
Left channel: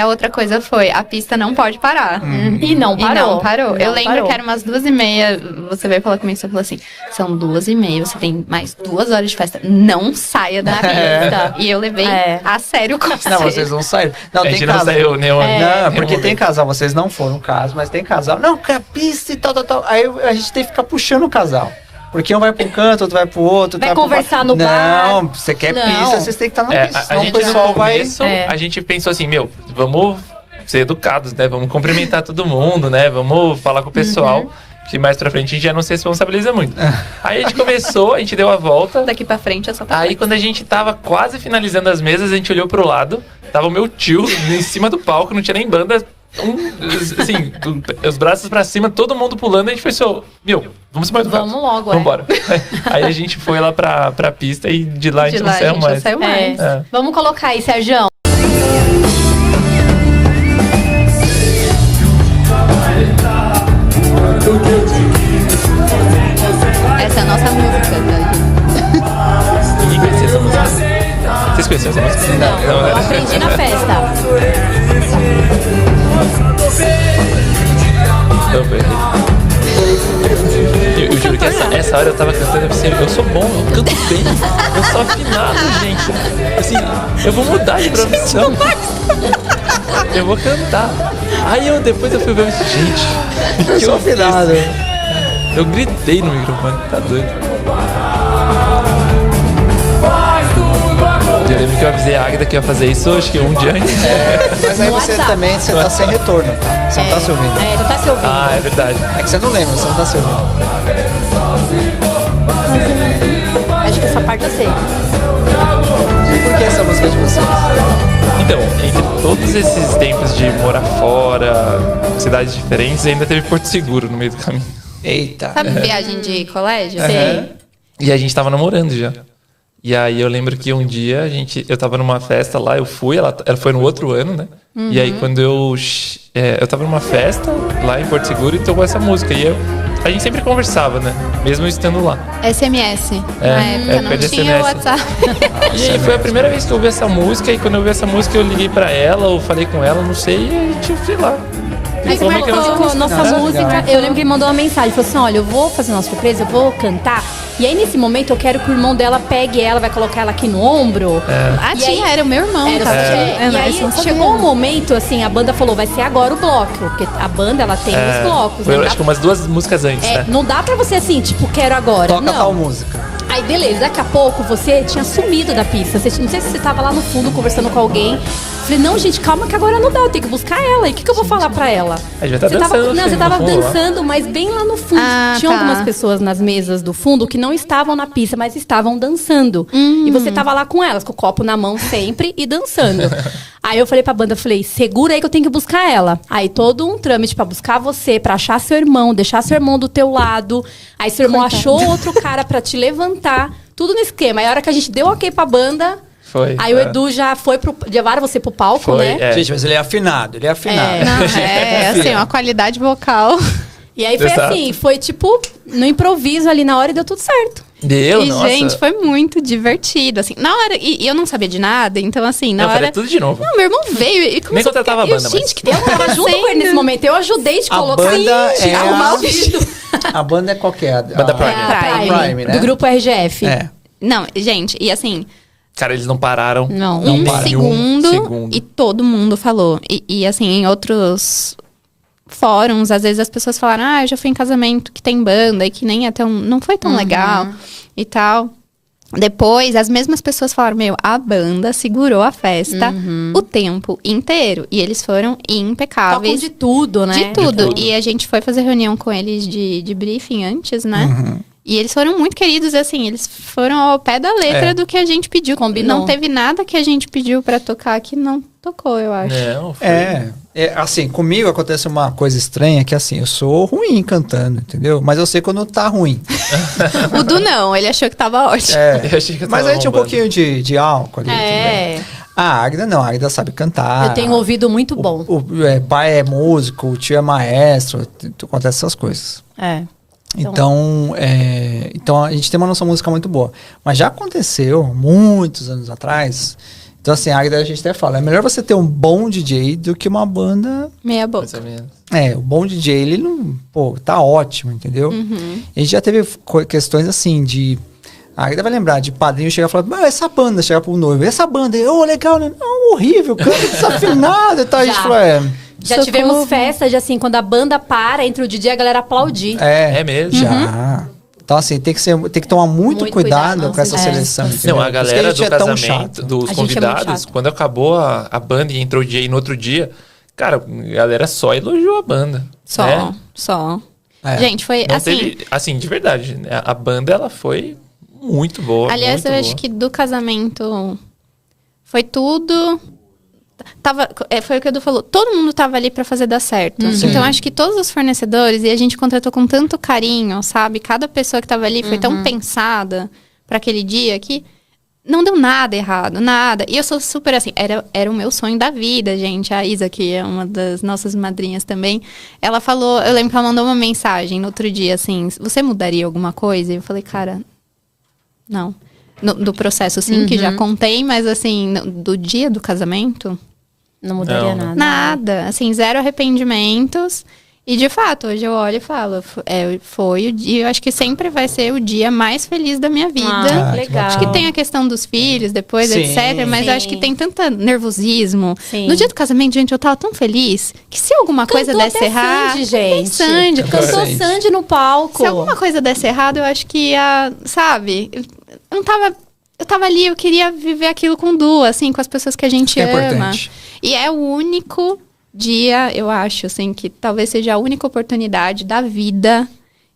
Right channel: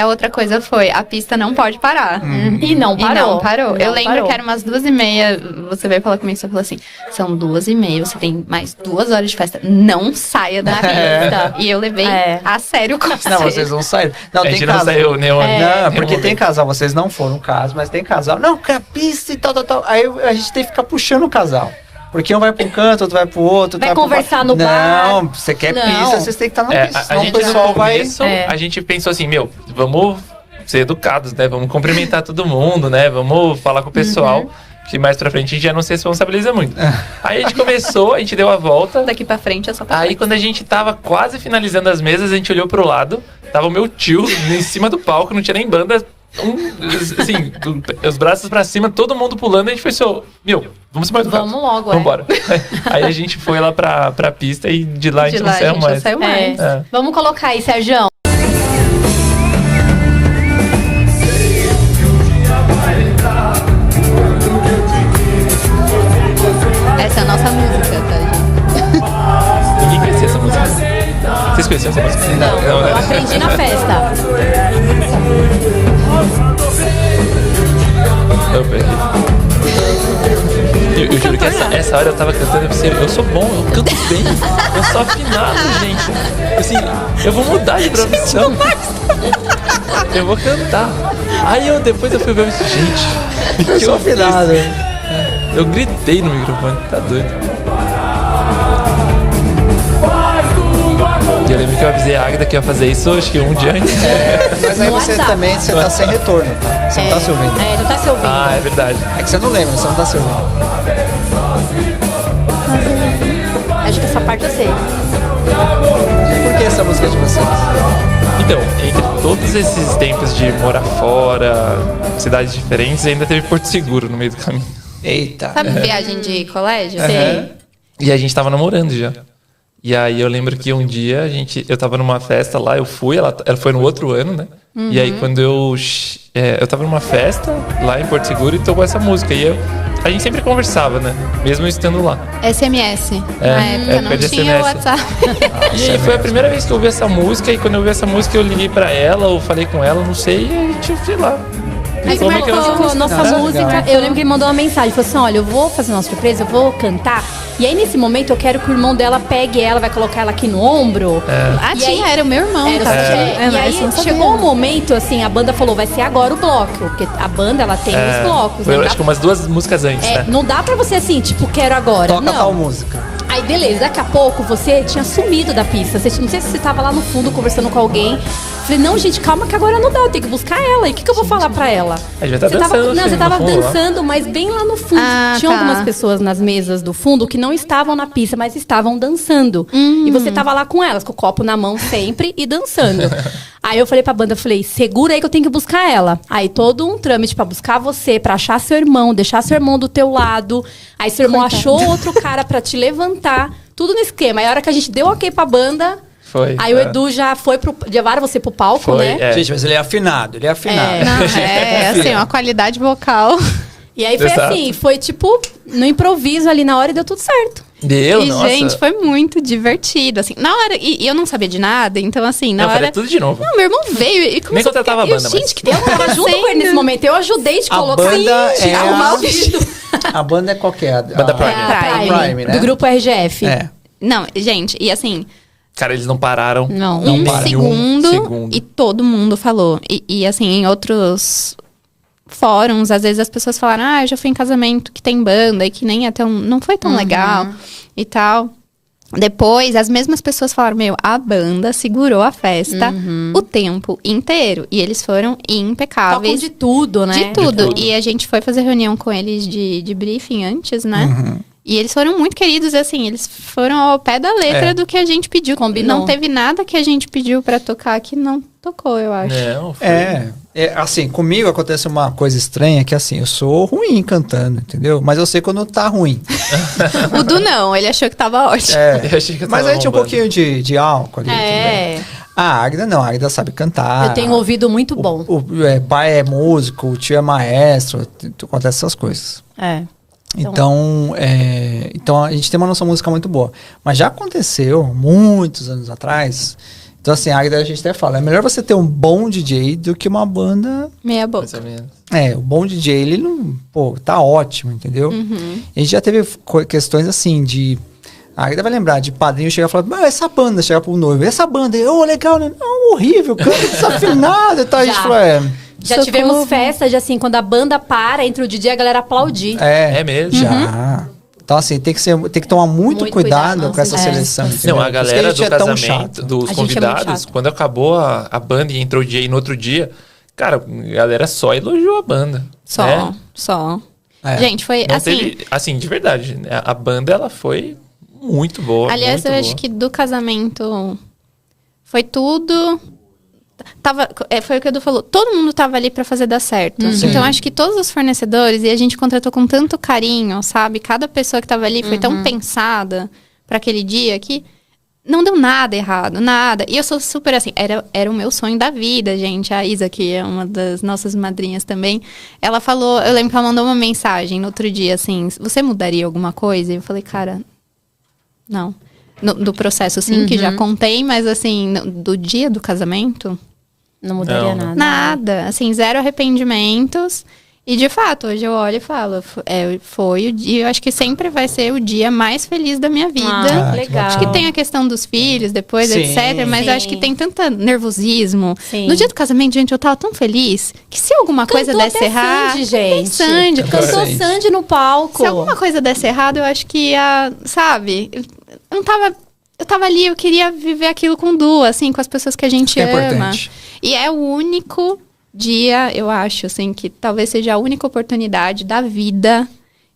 a outra coisa foi, a pista não pode parar. E não parou. Eu lembro que era umas 2h30, você veio falar comigo, você falou assim, são 2h30, você tem mais 2 horas de festa, não saia da pista. E eu levei a sério o conselho. Não, vocês não saíram. Não, a gente tem não casal. saiu, nem Não, porque tem casal, vocês não foram caso, mas tem casal. Não, porque a pista e tal. Aí a gente tem que ficar puxando o casal. Porque um vai para um canto, outro vai pro outro. Vai conversar no bar. Não, você quer pista, vocês têm que estar na pista. A gente no começo, a gente pensou assim, vamos ser educados, né? Vamos cumprimentar todo mundo, né? Vamos falar com o pessoal. Que mais pra frente a gente já não se responsabiliza muito. Aí a gente começou, a gente deu a volta. Daqui pra frente é só pra Aí quando a gente tava quase finalizando as mesas, a gente olhou pro lado. Tava o meu tio em cima do palco, não tinha nem banda. Assim, os braços pra cima, todo mundo pulando, a gente pensou, vamos embora. Vamos logo, vamos embora. Aí a gente foi lá pra pista e de lá a gente não saiu mais. Vamos colocar aí, Sérgio. Essa é a nossa música, né? Ninguém conhecia essa música. Vocês conheciam essa música? Não, eu aprendi na festa. Eu juro que essa hora eu tava cantando, eu sou bom, eu canto bem, eu sou afinado, gente. Assim, eu vou mudar de profissão. Eu vou cantar. Aí depois eu fui ver isso, gente. Eu sou afinado. Eu gritei no microfone, tá doido? lembro que eu avisei a Águida que ia fazer isso, acho que um dia antes. Mas aí você também, você tá sem retorno. Você não tá se ouvindo. Não tá se ouvindo. Ah, é verdade. É que você não lembra, você não tá se ouvindo. Acho que essa parte eu sei. Por que essa música é de vocês? Então, entre todos esses tempos de morar fora, cidades diferentes, ainda teve Porto Seguro no meio do caminho. Eita. Sabe viagem de colégio? Sim. E a gente tava namorando já. E aí eu lembro que um dia eu tava numa festa lá, eu fui, ela foi no outro ano, né? E aí quando eu tava numa festa lá em Porto Seguro e tocou essa música. E a gente sempre conversava, né? Mesmo estando lá. SMS. Na época não de tinha SMS. WhatsApp. E foi a primeira vez que eu ouvi essa música. E quando eu ouvi essa música, eu liguei pra ela, ou falei com ela, não sei, e tipo, sei lá. Aí Como é que marcou nossa música. Eu lembro que ele mandou uma mensagem. Falou assim: olha, eu vou fazer uma surpresa, eu vou cantar. E aí, nesse momento, eu quero que o irmão dela pegue ela, vai colocar ela aqui no ombro. A tia era o meu irmão. E aí, chegou um momento, assim, a banda falou, vai ser agora o bloco. Porque a banda, ela tem os blocos. Foi, acho que umas 2 músicas antes, né? Não dá pra você, assim, tipo, quero agora. Toca tal música. Aí, beleza, daqui a pouco você tinha sumido da pista. Não sei se você tava lá no fundo conversando com alguém. Falei, não, gente, calma que agora não dá, eu tenho que buscar ela. E o que eu vou falar pra ela? A gente tá Você dançando. não, você tava dançando, mas bem lá no fundo. Tinha algumas pessoas nas mesas do fundo que não estavam na pista, mas estavam dançando. E você tava lá com elas, com o copo na mão sempre e dançando. Aí eu falei pra banda, falei, segura aí que eu tenho que buscar ela. Aí todo um trâmite pra buscar você, pra achar seu irmão, deixar seu irmão do teu lado. Aí seu irmão achou outro cara pra te levantar. Tudo no esquema. Aí a hora que a gente deu ok pra banda... Foi. Aí o Edu já foi levaram você pro palco, Foi, né? Gente, mas ele é afinado, Não, assim, uma qualidade vocal. E aí foi Exato. assim, foi tipo no improviso ali na hora e deu tudo certo. Nossa. Gente, foi muito divertido, assim. Na hora, e eu não sabia de nada, então assim, na Não, hora... faria tudo de novo. Não, meu irmão veio e começou Nem contratava a banda, gente, mas- que Eu tava junto com ele nesse momento, eu ajudei de A colocar banda e é arrumar o vídeo. A banda é qualquer. Banda Prime. Prime, né? Do grupo RGF. É. Não, gente, e assim, Cara, eles não pararam. Não. um pararam. segundo e todo mundo falou. E assim, em outros fóruns, às vezes as pessoas falaram, eu já fui em casamento que tem banda e que nem é tão... Não foi tão legal e tal. Depois, as mesmas pessoas falaram, a banda segurou a festa o tempo inteiro. E eles foram impecáveis. Tocam de tudo, né? De tudo. De tudo. E a gente foi fazer reunião com eles de briefing antes, né? E eles foram muito queridos, assim, eles foram ao pé da letra do que a gente pediu. Combinou. Não teve nada que a gente pediu pra tocar que não tocou, eu acho. Não, foi. Assim, comigo acontece uma coisa estranha que assim, eu sou ruim cantando, entendeu? Mas eu sei quando tá ruim. O Du não, ele achou que tava ótimo. Eu achei que eu Mas tava aí tinha um bombando. pouquinho de álcool ali também. A Águida não, a Águida sabe cantar. Eu tenho um ouvido muito bom. O pai é músico, o tio é maestro, acontece essas coisas. Então a gente tem uma noção musical muito boa. Mas já aconteceu muitos anos atrás. Então, assim, a Águida a gente até fala, é melhor você ter um bom DJ do que uma banda. Meia boca. Mais ou menos. O bom DJ, ele não. Pô, tá ótimo, entendeu? A gente já teve questões assim de. A Águida vai lembrar de padrinho chegar e falar, essa banda, chegar pro noivo, essa banda, legal, né? Não, horrível, canta desafinado e tal. A gente falou, Já tivemos festa de assim, quando a banda para, entre o DJ e a galera aplaudir. É mesmo? Já. Então, assim, tem que tomar muito cuidado com essa seleção. Não, a Por isso que galera gente do é tão casamento, chato. dos A gente é muito convidados, chato. quando acabou a banda e entrou o DJ no outro dia, cara, a galera só elogiou a banda. né? Só. É. Gente, foi Não assim... teve, assim, de verdade, né? A banda, ela foi muito boa. Aliás, muito eu boa. acho que do casamento foi tudo... foi o que o Edu falou. Todo mundo tava ali pra fazer dar certo. Então, acho que todos os fornecedores, e a gente contratou com tanto carinho, sabe? Cada pessoa que tava ali foi tão pensada pra aquele dia que não deu nada errado, nada. E eu sou super assim, era o meu sonho da vida, gente. A Isa, que é uma das nossas madrinhas também, ela falou, eu lembro que ela mandou uma mensagem no outro dia, assim, você mudaria alguma coisa? E eu falei, cara, não. Do processo, sim, que já contei, mas assim, do dia do casamento... Não mudaria Não. nada. Nada, assim, 0 arrependimentos. E de fato, hoje eu olho e falo, foi o dia, eu acho que sempre vai ser o dia mais feliz da minha vida. Legal. Acho que tem a questão dos filhos depois, Sim, etc. Mas sim. eu acho que tem tanto nervosismo. Sim. No dia do casamento, gente, eu tava tão fez que se alguma coisa Cantou desse até errado. Sandy, gente. Sandy, Cantou Sandy. Sandy no palco. se alguma coisa desse errado, eu acho que ia, sabe? Eu não tava eu tava ali, eu queria viver aquilo com Du, assim, com as pessoas que a gente ama. Importante. E é o único dia, eu acho, assim, que talvez seja a única oportunidade da vida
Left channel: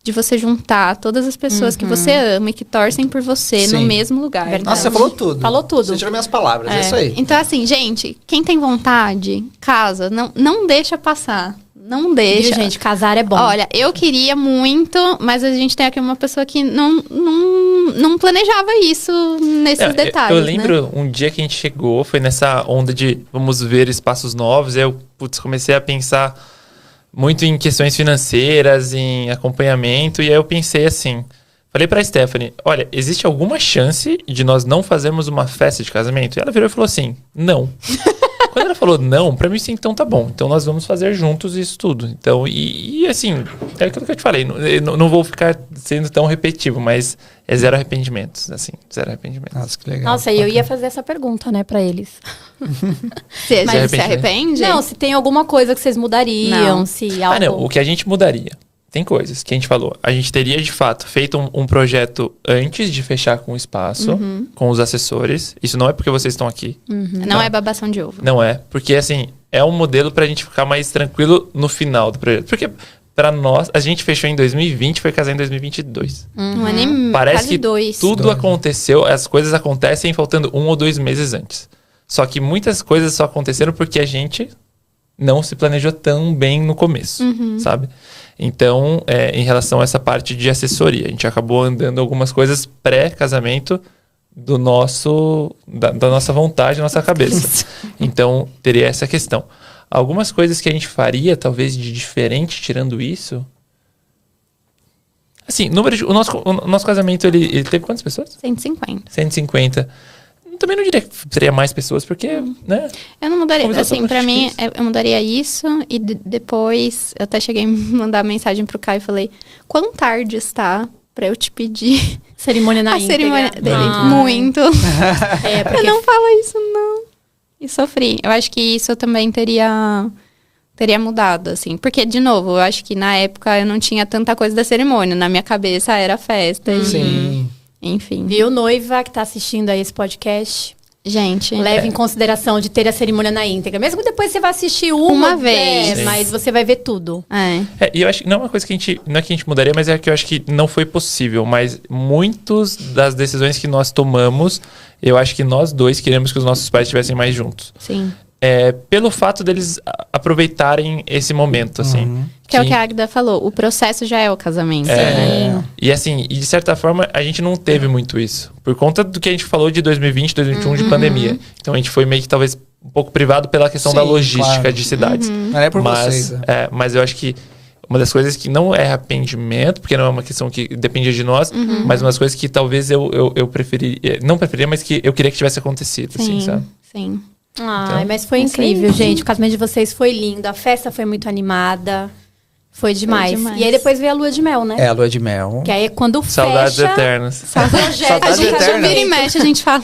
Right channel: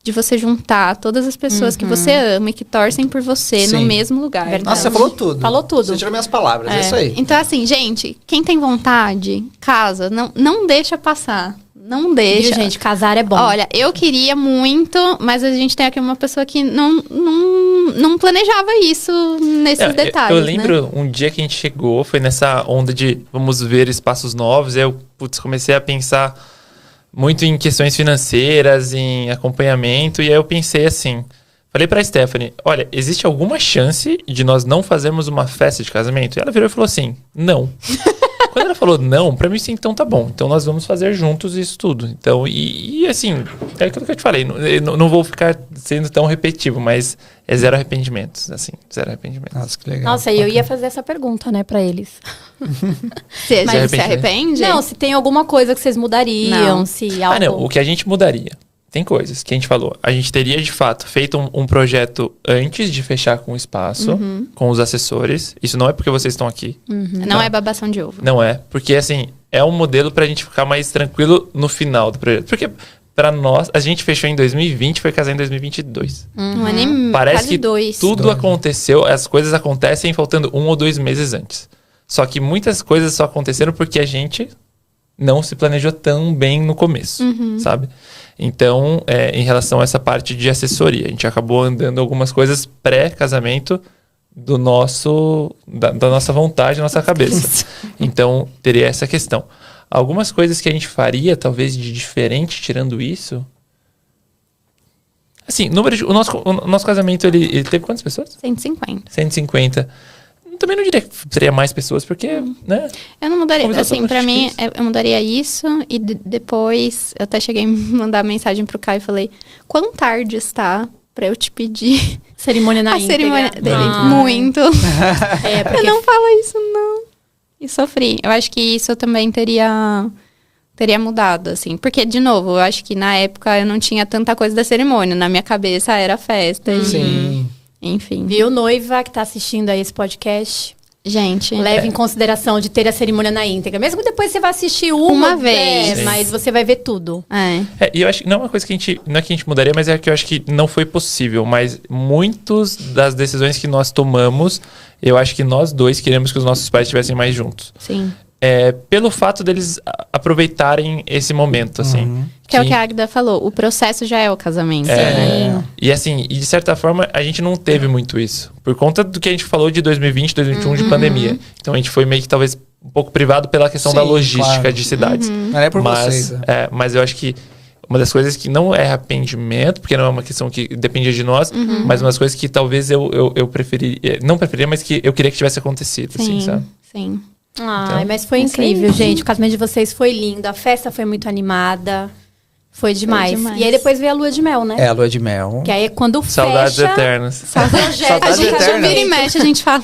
de você juntar todas as pessoas que você ama e que torcem por você no mesmo lugar. Nossa, você falou tudo. Falou tudo. Você tirou minhas palavras, é isso aí. Então, assim, gente, quem tem vontade, casa, não deixa passar. Não deixa. Viu, gente, casar é bom. Olha, eu queria muito, mas a gente tem aqui uma pessoa que não planejava isso nesses detalhes. Eu lembro um dia que a gente chegou, foi nessa onda de vamos ver espaços novos, aí eu comecei a pensar muito em questões financeiras, em acompanhamento, e aí eu pensei assim, falei pra Stephanie, olha, existe alguma chance de nós não fazermos uma festa de casamento? E ela virou e falou assim, não. Quando ela falou não, pra mim sim, então tá bom. Então nós vamos fazer juntos isso tudo. Então, e assim, é aquilo que eu te falei. Não vou ficar sendo tão repetitivo, mas é zero arrependimentos, assim, zero arrependimentos. Nossa, que legal. Nossa, e eu ia fazer essa pergunta, né, pra eles. Você se arrepende? Não, se tem alguma coisa que vocês mudariam, Não. se algo... Não, o que a gente mudaria. Tem coisas que a gente falou. A gente teria, de fato, feito um projeto antes de fechar com o espaço, com os assessores. Isso não é porque vocês estão aqui. Não é babação de ovo. Não é. Porque, assim, é um modelo pra gente ficar mais tranquilo no final do projeto. Porque, pra nós, a gente fechou em 2020, foi casar em 2022. Um ano Parece quase que 2. tudo aconteceu, as coisas acontecem faltando 1 ou 2 meses antes. Só que muitas coisas só aconteceram porque a gente não se planejou tão bem no começo, sabe? Então, em relação a essa parte de assessoria, a gente acabou andando algumas coisas pré-casamento da nossa vontade, da nossa cabeça. Então, teria essa questão. Algumas coisas que a gente faria, talvez, de diferente, tirando isso... Assim, o nosso casamento, ele teve quantas pessoas? 150. 150. Também não diria que seria mais pessoas, porque, né? Eu não mudaria. Como Assim, pra mim, eu mudaria isso. E depois, eu até cheguei a mandar mensagem pro Caio e falei, quão tarde está pra eu te pedir Cerimônia na a íntegra. cerimônia dele? Muito. Eu não falo isso, não. E sofri. Eu acho que isso também teria mudado, assim. Porque, de novo, eu acho que na época eu não tinha tanta coisa da cerimônia. Na minha cabeça era festa. Sim. Enfim. Viu, noiva que tá assistindo a esse podcast? Gente, Leve em consideração de ter a cerimônia na íntegra. Mesmo que depois você vá assistir uma vez. Mas você vai ver tudo. E eu acho que não é uma coisa que a gente... Não é que a gente mudaria, mas é que eu acho que não foi possível. Mas muitas das decisões que nós tomamos, eu acho que nós dois queremos que os nossos pais estivessem mais juntos. Sim. Pelo fato deles aproveitarem esse momento, assim. Que é o que a Agda falou, o processo já é o casamento. Né? E assim, de certa forma, a gente não teve muito isso. Por conta do que a gente falou de 2020, 2021, de pandemia. Então a gente foi meio que talvez um pouco privado pela questão da logística de cidades. Não é por vocês. Mas eu acho que uma das coisas que não é arrependimento, porque não é uma questão que dependia de nós, mas uma das coisas que talvez eu preferiria, não preferia, mas que eu queria que tivesse acontecido, assim, sabe? Sim. Ai, mas foi incrível, gente. O casamento de vocês foi lindo. A festa foi muito animada. Foi demais. E aí depois veio a lua de mel, né? A lua de mel. Que aí é quando Saudades fecha... eternas. Saudades A gente eternas. vira e mexe, a gente fala...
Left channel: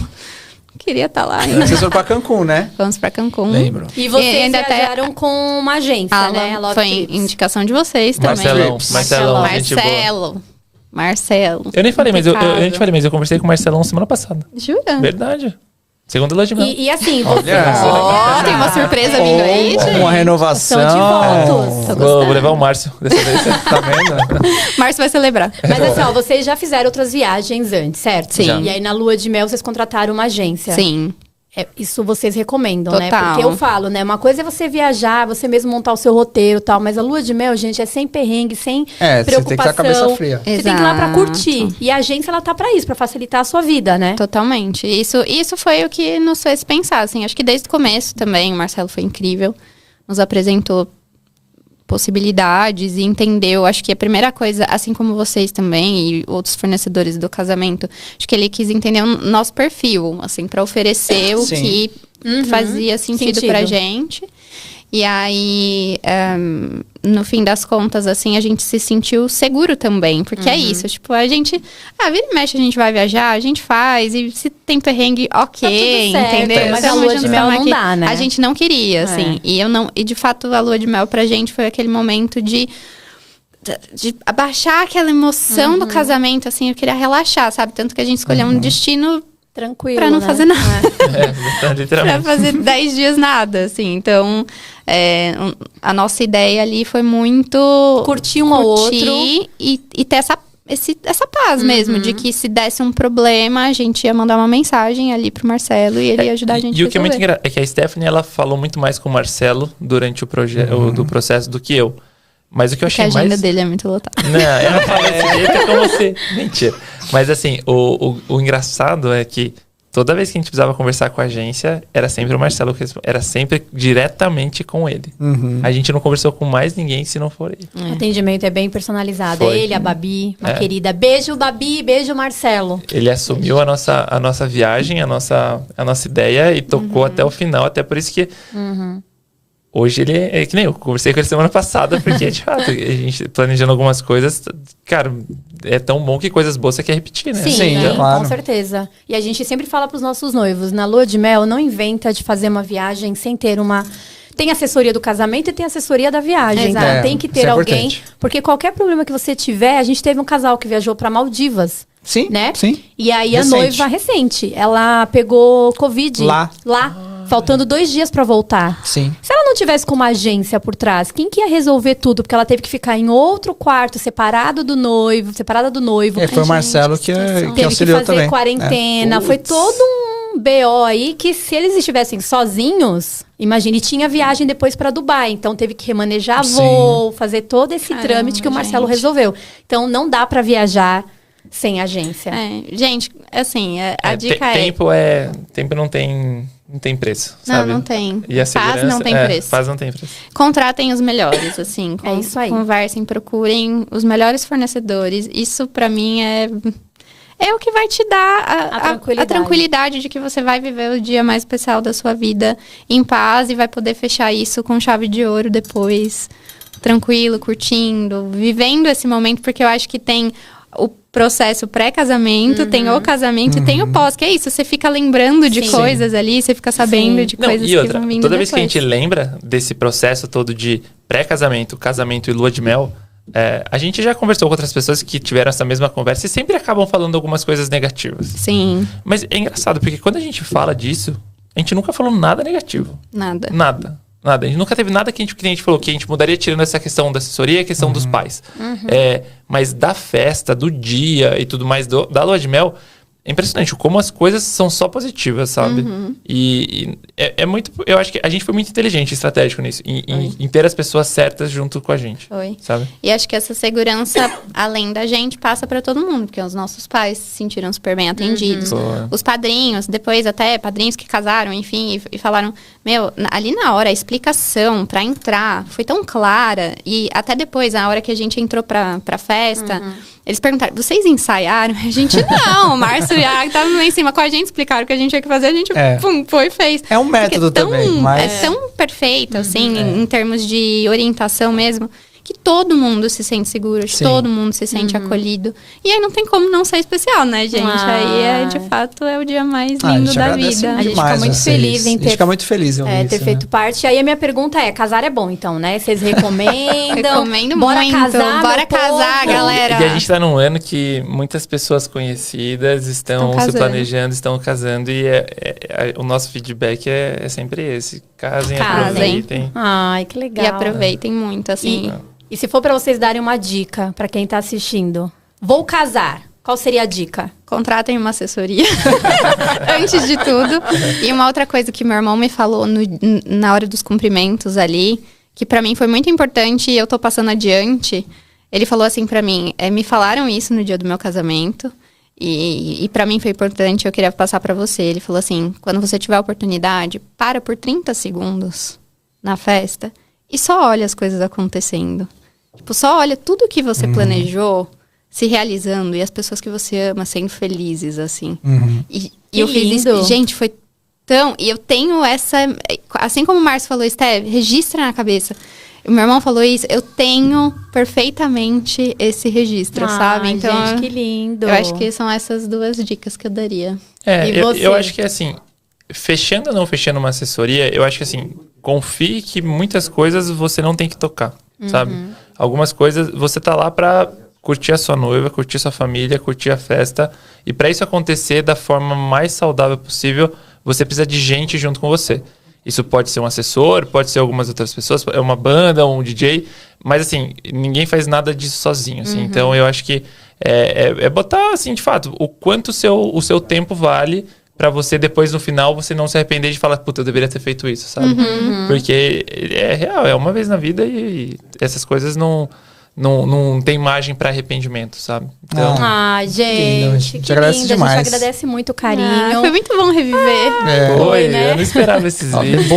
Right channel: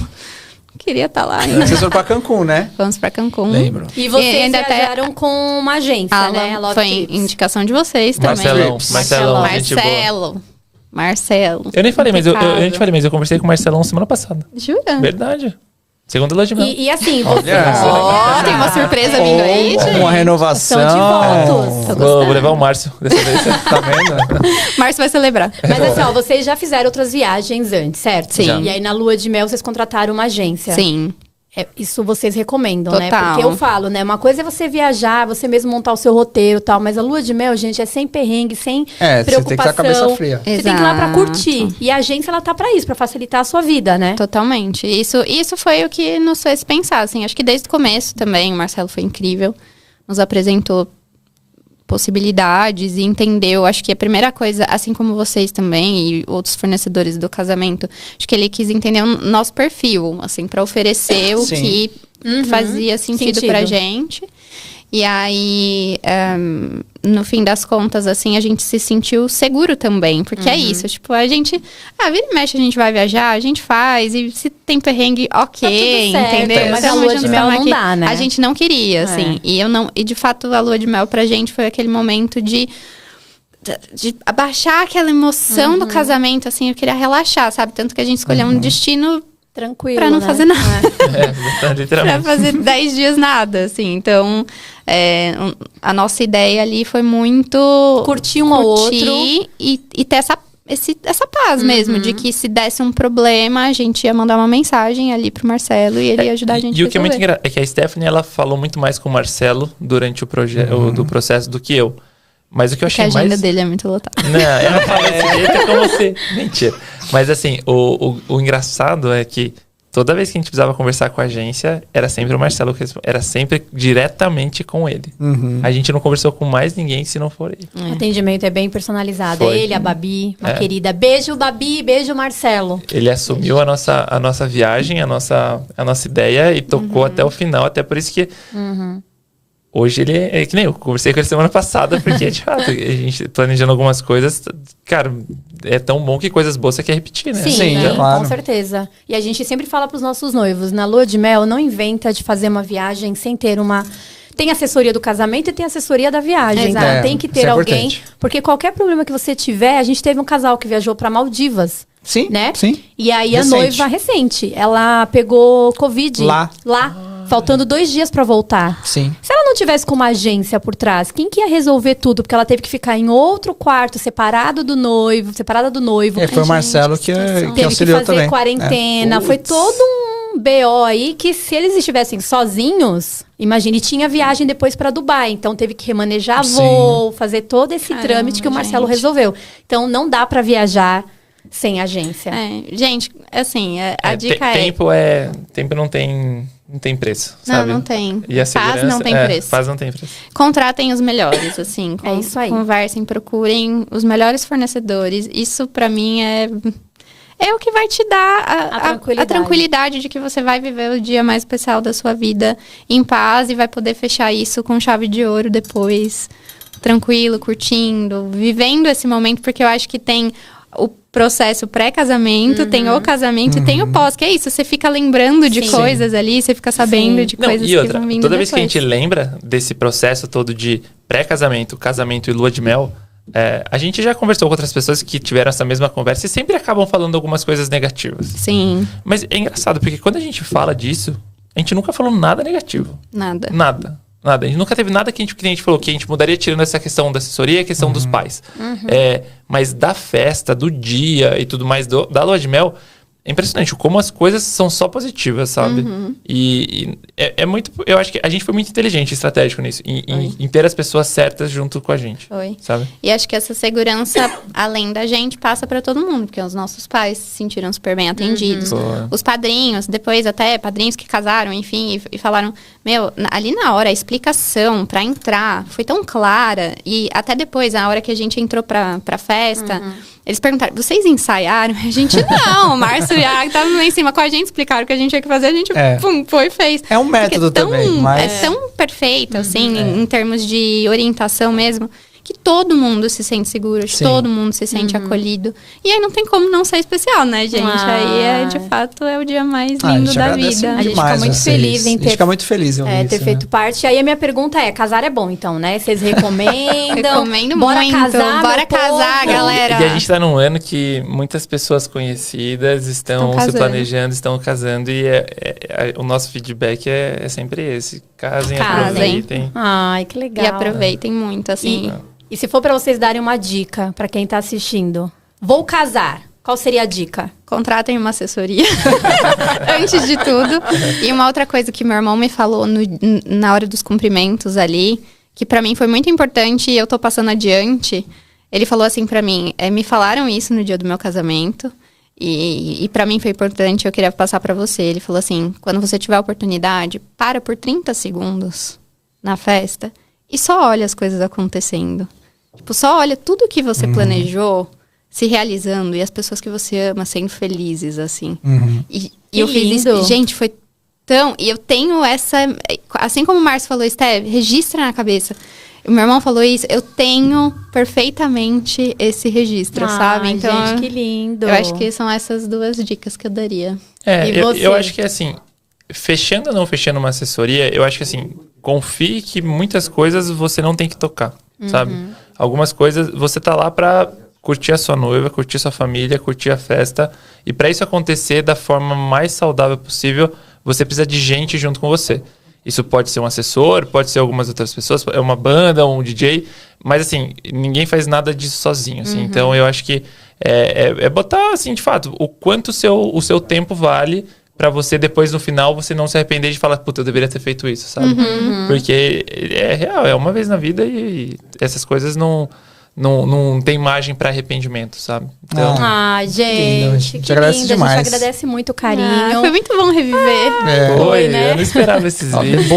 Queria estar lá. Vocês foram pra Cancún, né? Vamos pra Cancún. Lembro. E vocês ainda viajaram com uma agência, né? A Love Foi Trips. indicação de vocês também. Marcelão, gente boa. Marcelo. Eu nem falei, mas eu conversei com o Marcelão semana passada. Jura? Verdade. Segunda lua de mel. E assim, você... Tem uma surpresa vindo aí, gente. Uma renovação. São de votos. Vou levar o Márcio dessa vez. Tá vendo? Márcio vai celebrar. Mas assim, ó, vocês já fizeram outras viagens antes, certo? Sim. E aí na lua de mel vocês contrataram uma agência. Sim. Isso vocês recomendam, né? Total. Porque eu falo, né? Uma coisa é você viajar, você mesmo montar o seu roteiro e tal. Mas a lua de mel, gente, é sem perrengue, sem Você tem que estar com a preocupação. cabeça fria. Você tem que ir lá pra curtir. E a agência, ela tá pra isso, pra facilitar a sua vida, né? Totalmente. Isso foi o que nos fez pensar, assim. Acho que desde o começo também, o Marcelo foi incrível. Nos apresentou possibilidades e entendeu. Acho que a primeira coisa, assim como vocês também e outros fornecedores do casamento, acho que ele quis entender o nosso perfil, assim, pra oferecer o que fazia sentido pra gente. E aí, no fim das contas, assim, a gente se sentiu seguro também. Porque é isso, tipo, a gente... vira e mexe, a gente vai viajar, a gente faz. E se tem perrengue, ok, Tá tudo certo, entendeu? mas a lua de mel não dá, né? A gente não queria, assim. E de fato, a lua de mel pra gente foi aquele momento de abaixar aquela emoção do casamento, assim. Eu queria relaxar, sabe? Tanto que a gente escolheu um destino Tranquilo, pra não fazer nada. Pra Pra fazer 10 dias nada, assim. Então, a nossa ideia ali foi muito... Curtir um ao outro. E ter essa paz mesmo, de que se desse um problema, a gente ia mandar uma mensagem ali pro Marcelo e ele ia ajudar a gente a resolver. E o que é muito engraçado é que a Stephanie, ela falou muito mais com o Marcelo durante o processo do que eu. Mas o que eu achei Porque a agenda mais... dele é muito lotada. Não, ela fala desse jeito com você. Mentira. Mas assim, o engraçado é que toda vez que a gente precisava conversar com a agência, era sempre o Marcelo que respondia. Era sempre diretamente com ele. A gente não conversou com mais ninguém se não for ele. O atendimento é bem personalizado. Foi. Ele, a Babi, uma querida. Beijo, Babi, beijo, Marcelo. Ele assumiu a nossa viagem, a nossa ideia e tocou até o final. Até por isso que hoje ele é que nem eu conversei com ele semana passada, porque de fato, a gente planejando algumas coisas, cara, é tão bom que coisas boas você quer repetir, né? Sim, Sim, claro. com certeza. E a gente sempre fala pros nossos noivos, na lua de mel, não inventa de fazer uma viagem sem ter uma... Tem assessoria do casamento e tem assessoria da viagem. Exato. Então tem que ter Isso é alguém... importante. Porque qualquer problema que você tiver... A gente teve um casal que viajou pra Maldivas. Sim, Né? sim. E aí Recente. a noiva recente, ela pegou Covid. Lá. Faltando 2 dias pra voltar. Sim. Se ela não tivesse com uma agência por trás, quem que ia resolver tudo? Porque ela teve que ficar em outro quarto, separada do noivo. Foi o Marcelo que Teve que auxiliou fazer também. quarentena. Foi todo um BO aí que se eles estivessem sozinhos, imagine, tinha viagem depois pra Dubai. Então teve que remanejar voo, fazer todo esse trâmite que o Marcelo resolveu. Então não dá pra viajar sem agência. Gente, assim, a dica Tempo não tem preço, sabe? Não tem. E a Paz segurança, não tem preço. Paz não tem preço. Contratem os melhores, assim. É isso aí. Conversem, procurem os melhores fornecedores. Isso, pra mim, é o que vai te dar a tranquilidade de que você vai viver o dia mais especial da sua vida em paz e vai poder fechar isso com chave de ouro depois, tranquilo, curtindo, vivendo esse momento, porque eu acho que tem o processo pré-casamento, tem o casamento e tem o pós, que é isso, você fica lembrando de coisas ali, você fica sabendo de coisas e outra, que vão vindo toda vez que a depois. gente lembra desse processo todo de pré-casamento, casamento e lua de mel, a gente já conversou com outras pessoas que tiveram essa mesma conversa e sempre acabam falando algumas coisas negativas. Sim. Mas é engraçado, porque quando a gente fala disso, a gente nunca falou nada negativo. Nada. Nada. A gente nunca teve nada que a gente falou que a gente mudaria, tirando essa questão da assessoria e a questão dos pais. Mas da festa, do dia e tudo mais, da lua de mel, é impressionante como as coisas são só positivas, sabe? E é muito... Eu acho que a gente foi muito inteligente e estratégico nisso. Em ter as pessoas certas junto com a gente. Foi. Sabe? E acho que essa segurança, além da gente, passa pra todo mundo. Porque os nossos pais se sentiram super bem atendidos. Os padrinhos, depois até padrinhos que casaram, enfim, e falaram... Meu, ali na hora, a explicação pra entrar foi tão clara. E até depois, a hora que a gente entrou pra festa... Eles perguntaram, vocês ensaiaram? A gente, não, o Márcio e a tava lá em cima com a gente, explicaram o que a gente tinha que fazer, a gente foi e fez. É um método também, mas... É tão perfeito, assim, em termos de orientação mesmo, que todo mundo se sente seguro, todo mundo se sente acolhido. E aí não tem como não ser especial, né, gente? Aí, de fato, é o dia mais lindo da vida. A gente fica muito feliz em ter... A gente fica muito feliz em ouvir ter isso, feito parte. Aí a minha pergunta é, casar é bom, então, né? Vocês recomendam? Recomendo bora muito. Casar, bora casar, povo. galera. E a gente tá num ano que muitas pessoas conhecidas estão se planejando, estão casando. E o nosso feedback é sempre esse. Casem, aproveitem. Ai, que legal. E aproveitem muito, assim. E se for pra vocês darem uma dica pra quem tá assistindo, vou casar, qual seria a dica? Contratem uma assessoria, antes de tudo. E uma outra coisa que meu irmão me falou na hora dos cumprimentos ali, que pra mim foi muito importante e eu tô passando adiante. Ele falou assim pra mim, me falaram isso no dia do meu casamento e pra mim foi importante, eu queria passar pra você. Ele falou assim, quando você tiver a oportunidade, para por 30 segundos na festa e só olha as coisas acontecendo. Tipo, só olha tudo que você planejou se realizando e as pessoas que você ama sendo felizes, assim. E eu fiz isso. Gente, foi tão... E eu tenho essa... Assim como o Márcio falou, Steph, registra na cabeça. O meu irmão falou isso, eu tenho perfeitamente esse registro, sabe? Então, gente, que lindo. Eu acho que são essas 2 dicas que eu daria. Eu acho que assim, fechando ou não fechando uma assessoria, eu acho que assim, confie que muitas coisas você não tem que tocar, sabe? Algumas coisas você tá lá pra curtir a sua noiva, curtir sua família, curtir a festa. E para isso acontecer da forma mais saudável possível, você precisa de gente junto com você. Isso pode ser um assessor, pode ser algumas outras pessoas, é uma banda, um DJ, mas assim, ninguém faz nada disso sozinho, assim. Então eu acho que é botar, assim, de fato, o quanto o seu tempo vale pra você depois, no final, você não se arrepender de falar, puta, eu deveria ter feito isso, sabe? Porque é real, é uma vez na vida e essas coisas não tem margem pra arrependimento, sabe? Então, gente, que agradece lindo. demais. A gente agradece muito o carinho. Foi muito bom reviver. foi, né? eu não esperava esses vídeos.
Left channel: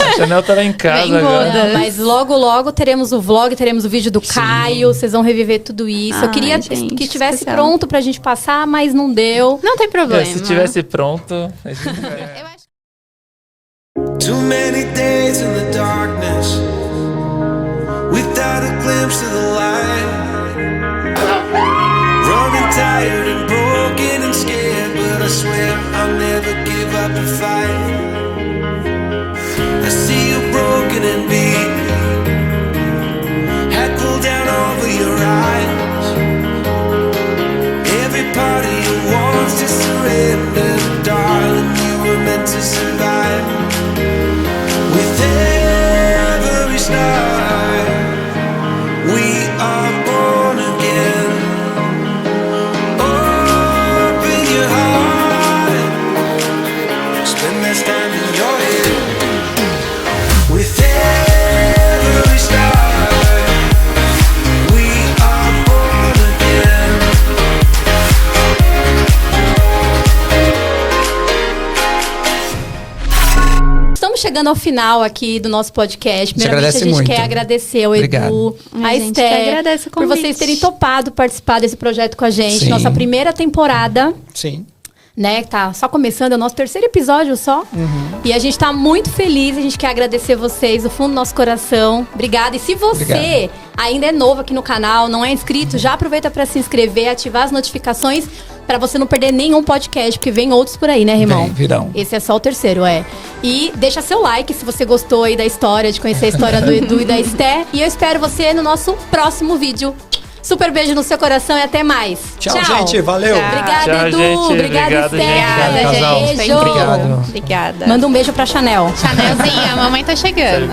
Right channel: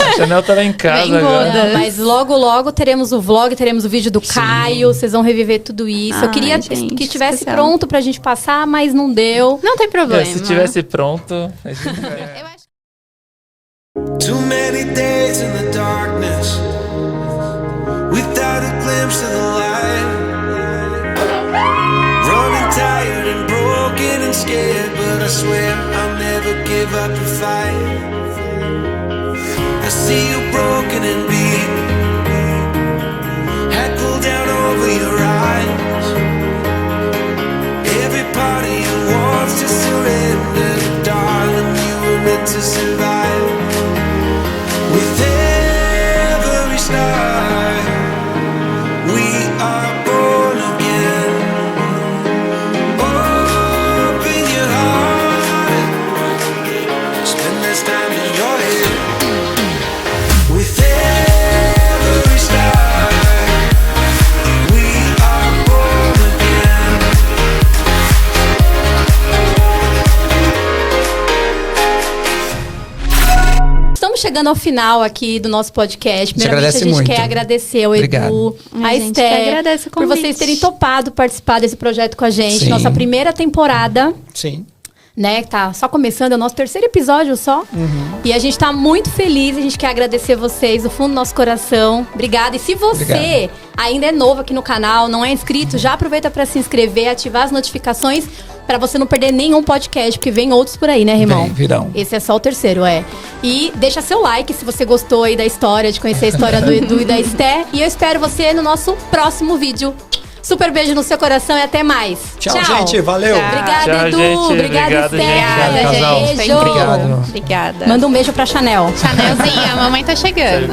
A Chanel tá lá em casa agora. Mas logo teremos o vlog, teremos o vídeo do Caio, vocês vão reviver tudo isso. Eu queria gente, que tivesse especial. pronto pra gente passar, mas não deu. Não tem problema. Se tivesse pronto... Too many days in the darkness without a glimpse of the light. Running tired and broken and scared, but I swear I'll never give up the fight. I see you broken and beat, head pulled down over your eyes. Every part of you wants to surrender, but darling, you were meant to survive. With every star, we are born again. Open your heart, spend this time in your head. With every star, we are born again. Estamos chegando ao final aqui do nosso podcast. Primeiramente, a gente muito. quer agradecer ao Obrigado. Edu, a A gente que Esté, agradece o por convite. vocês terem topado participar desse projeto com a gente. Sim. Nossa primeira temporada, Sim. né? Tá só começando, é o nosso terceiro episódio só. E a gente tá muito feliz, a gente quer agradecer vocês do fundo do nosso coração. Obrigada. E se você ainda é novo aqui no canal, não é inscrito, já aproveita pra se inscrever, ativar as notificações pra você não perder nenhum podcast, porque vem outros por aí, né, Rimão? Virão. Esse é só o terceiro, E deixa seu like se você gostou aí da história, de conhecer a história do Edu e da Esté. E eu espero você no nosso próximo vídeo. Super beijo no seu coração e até mais. Tchau, gente. Valeu. Obrigada, Tchau, Edu. gente. Obrigada, Obrigado, Esté. gente. Casal. Beijo. Obrigado. Obrigada. Manda um beijo pra Chanel. Chanelzinha, a mamãe tá chegando.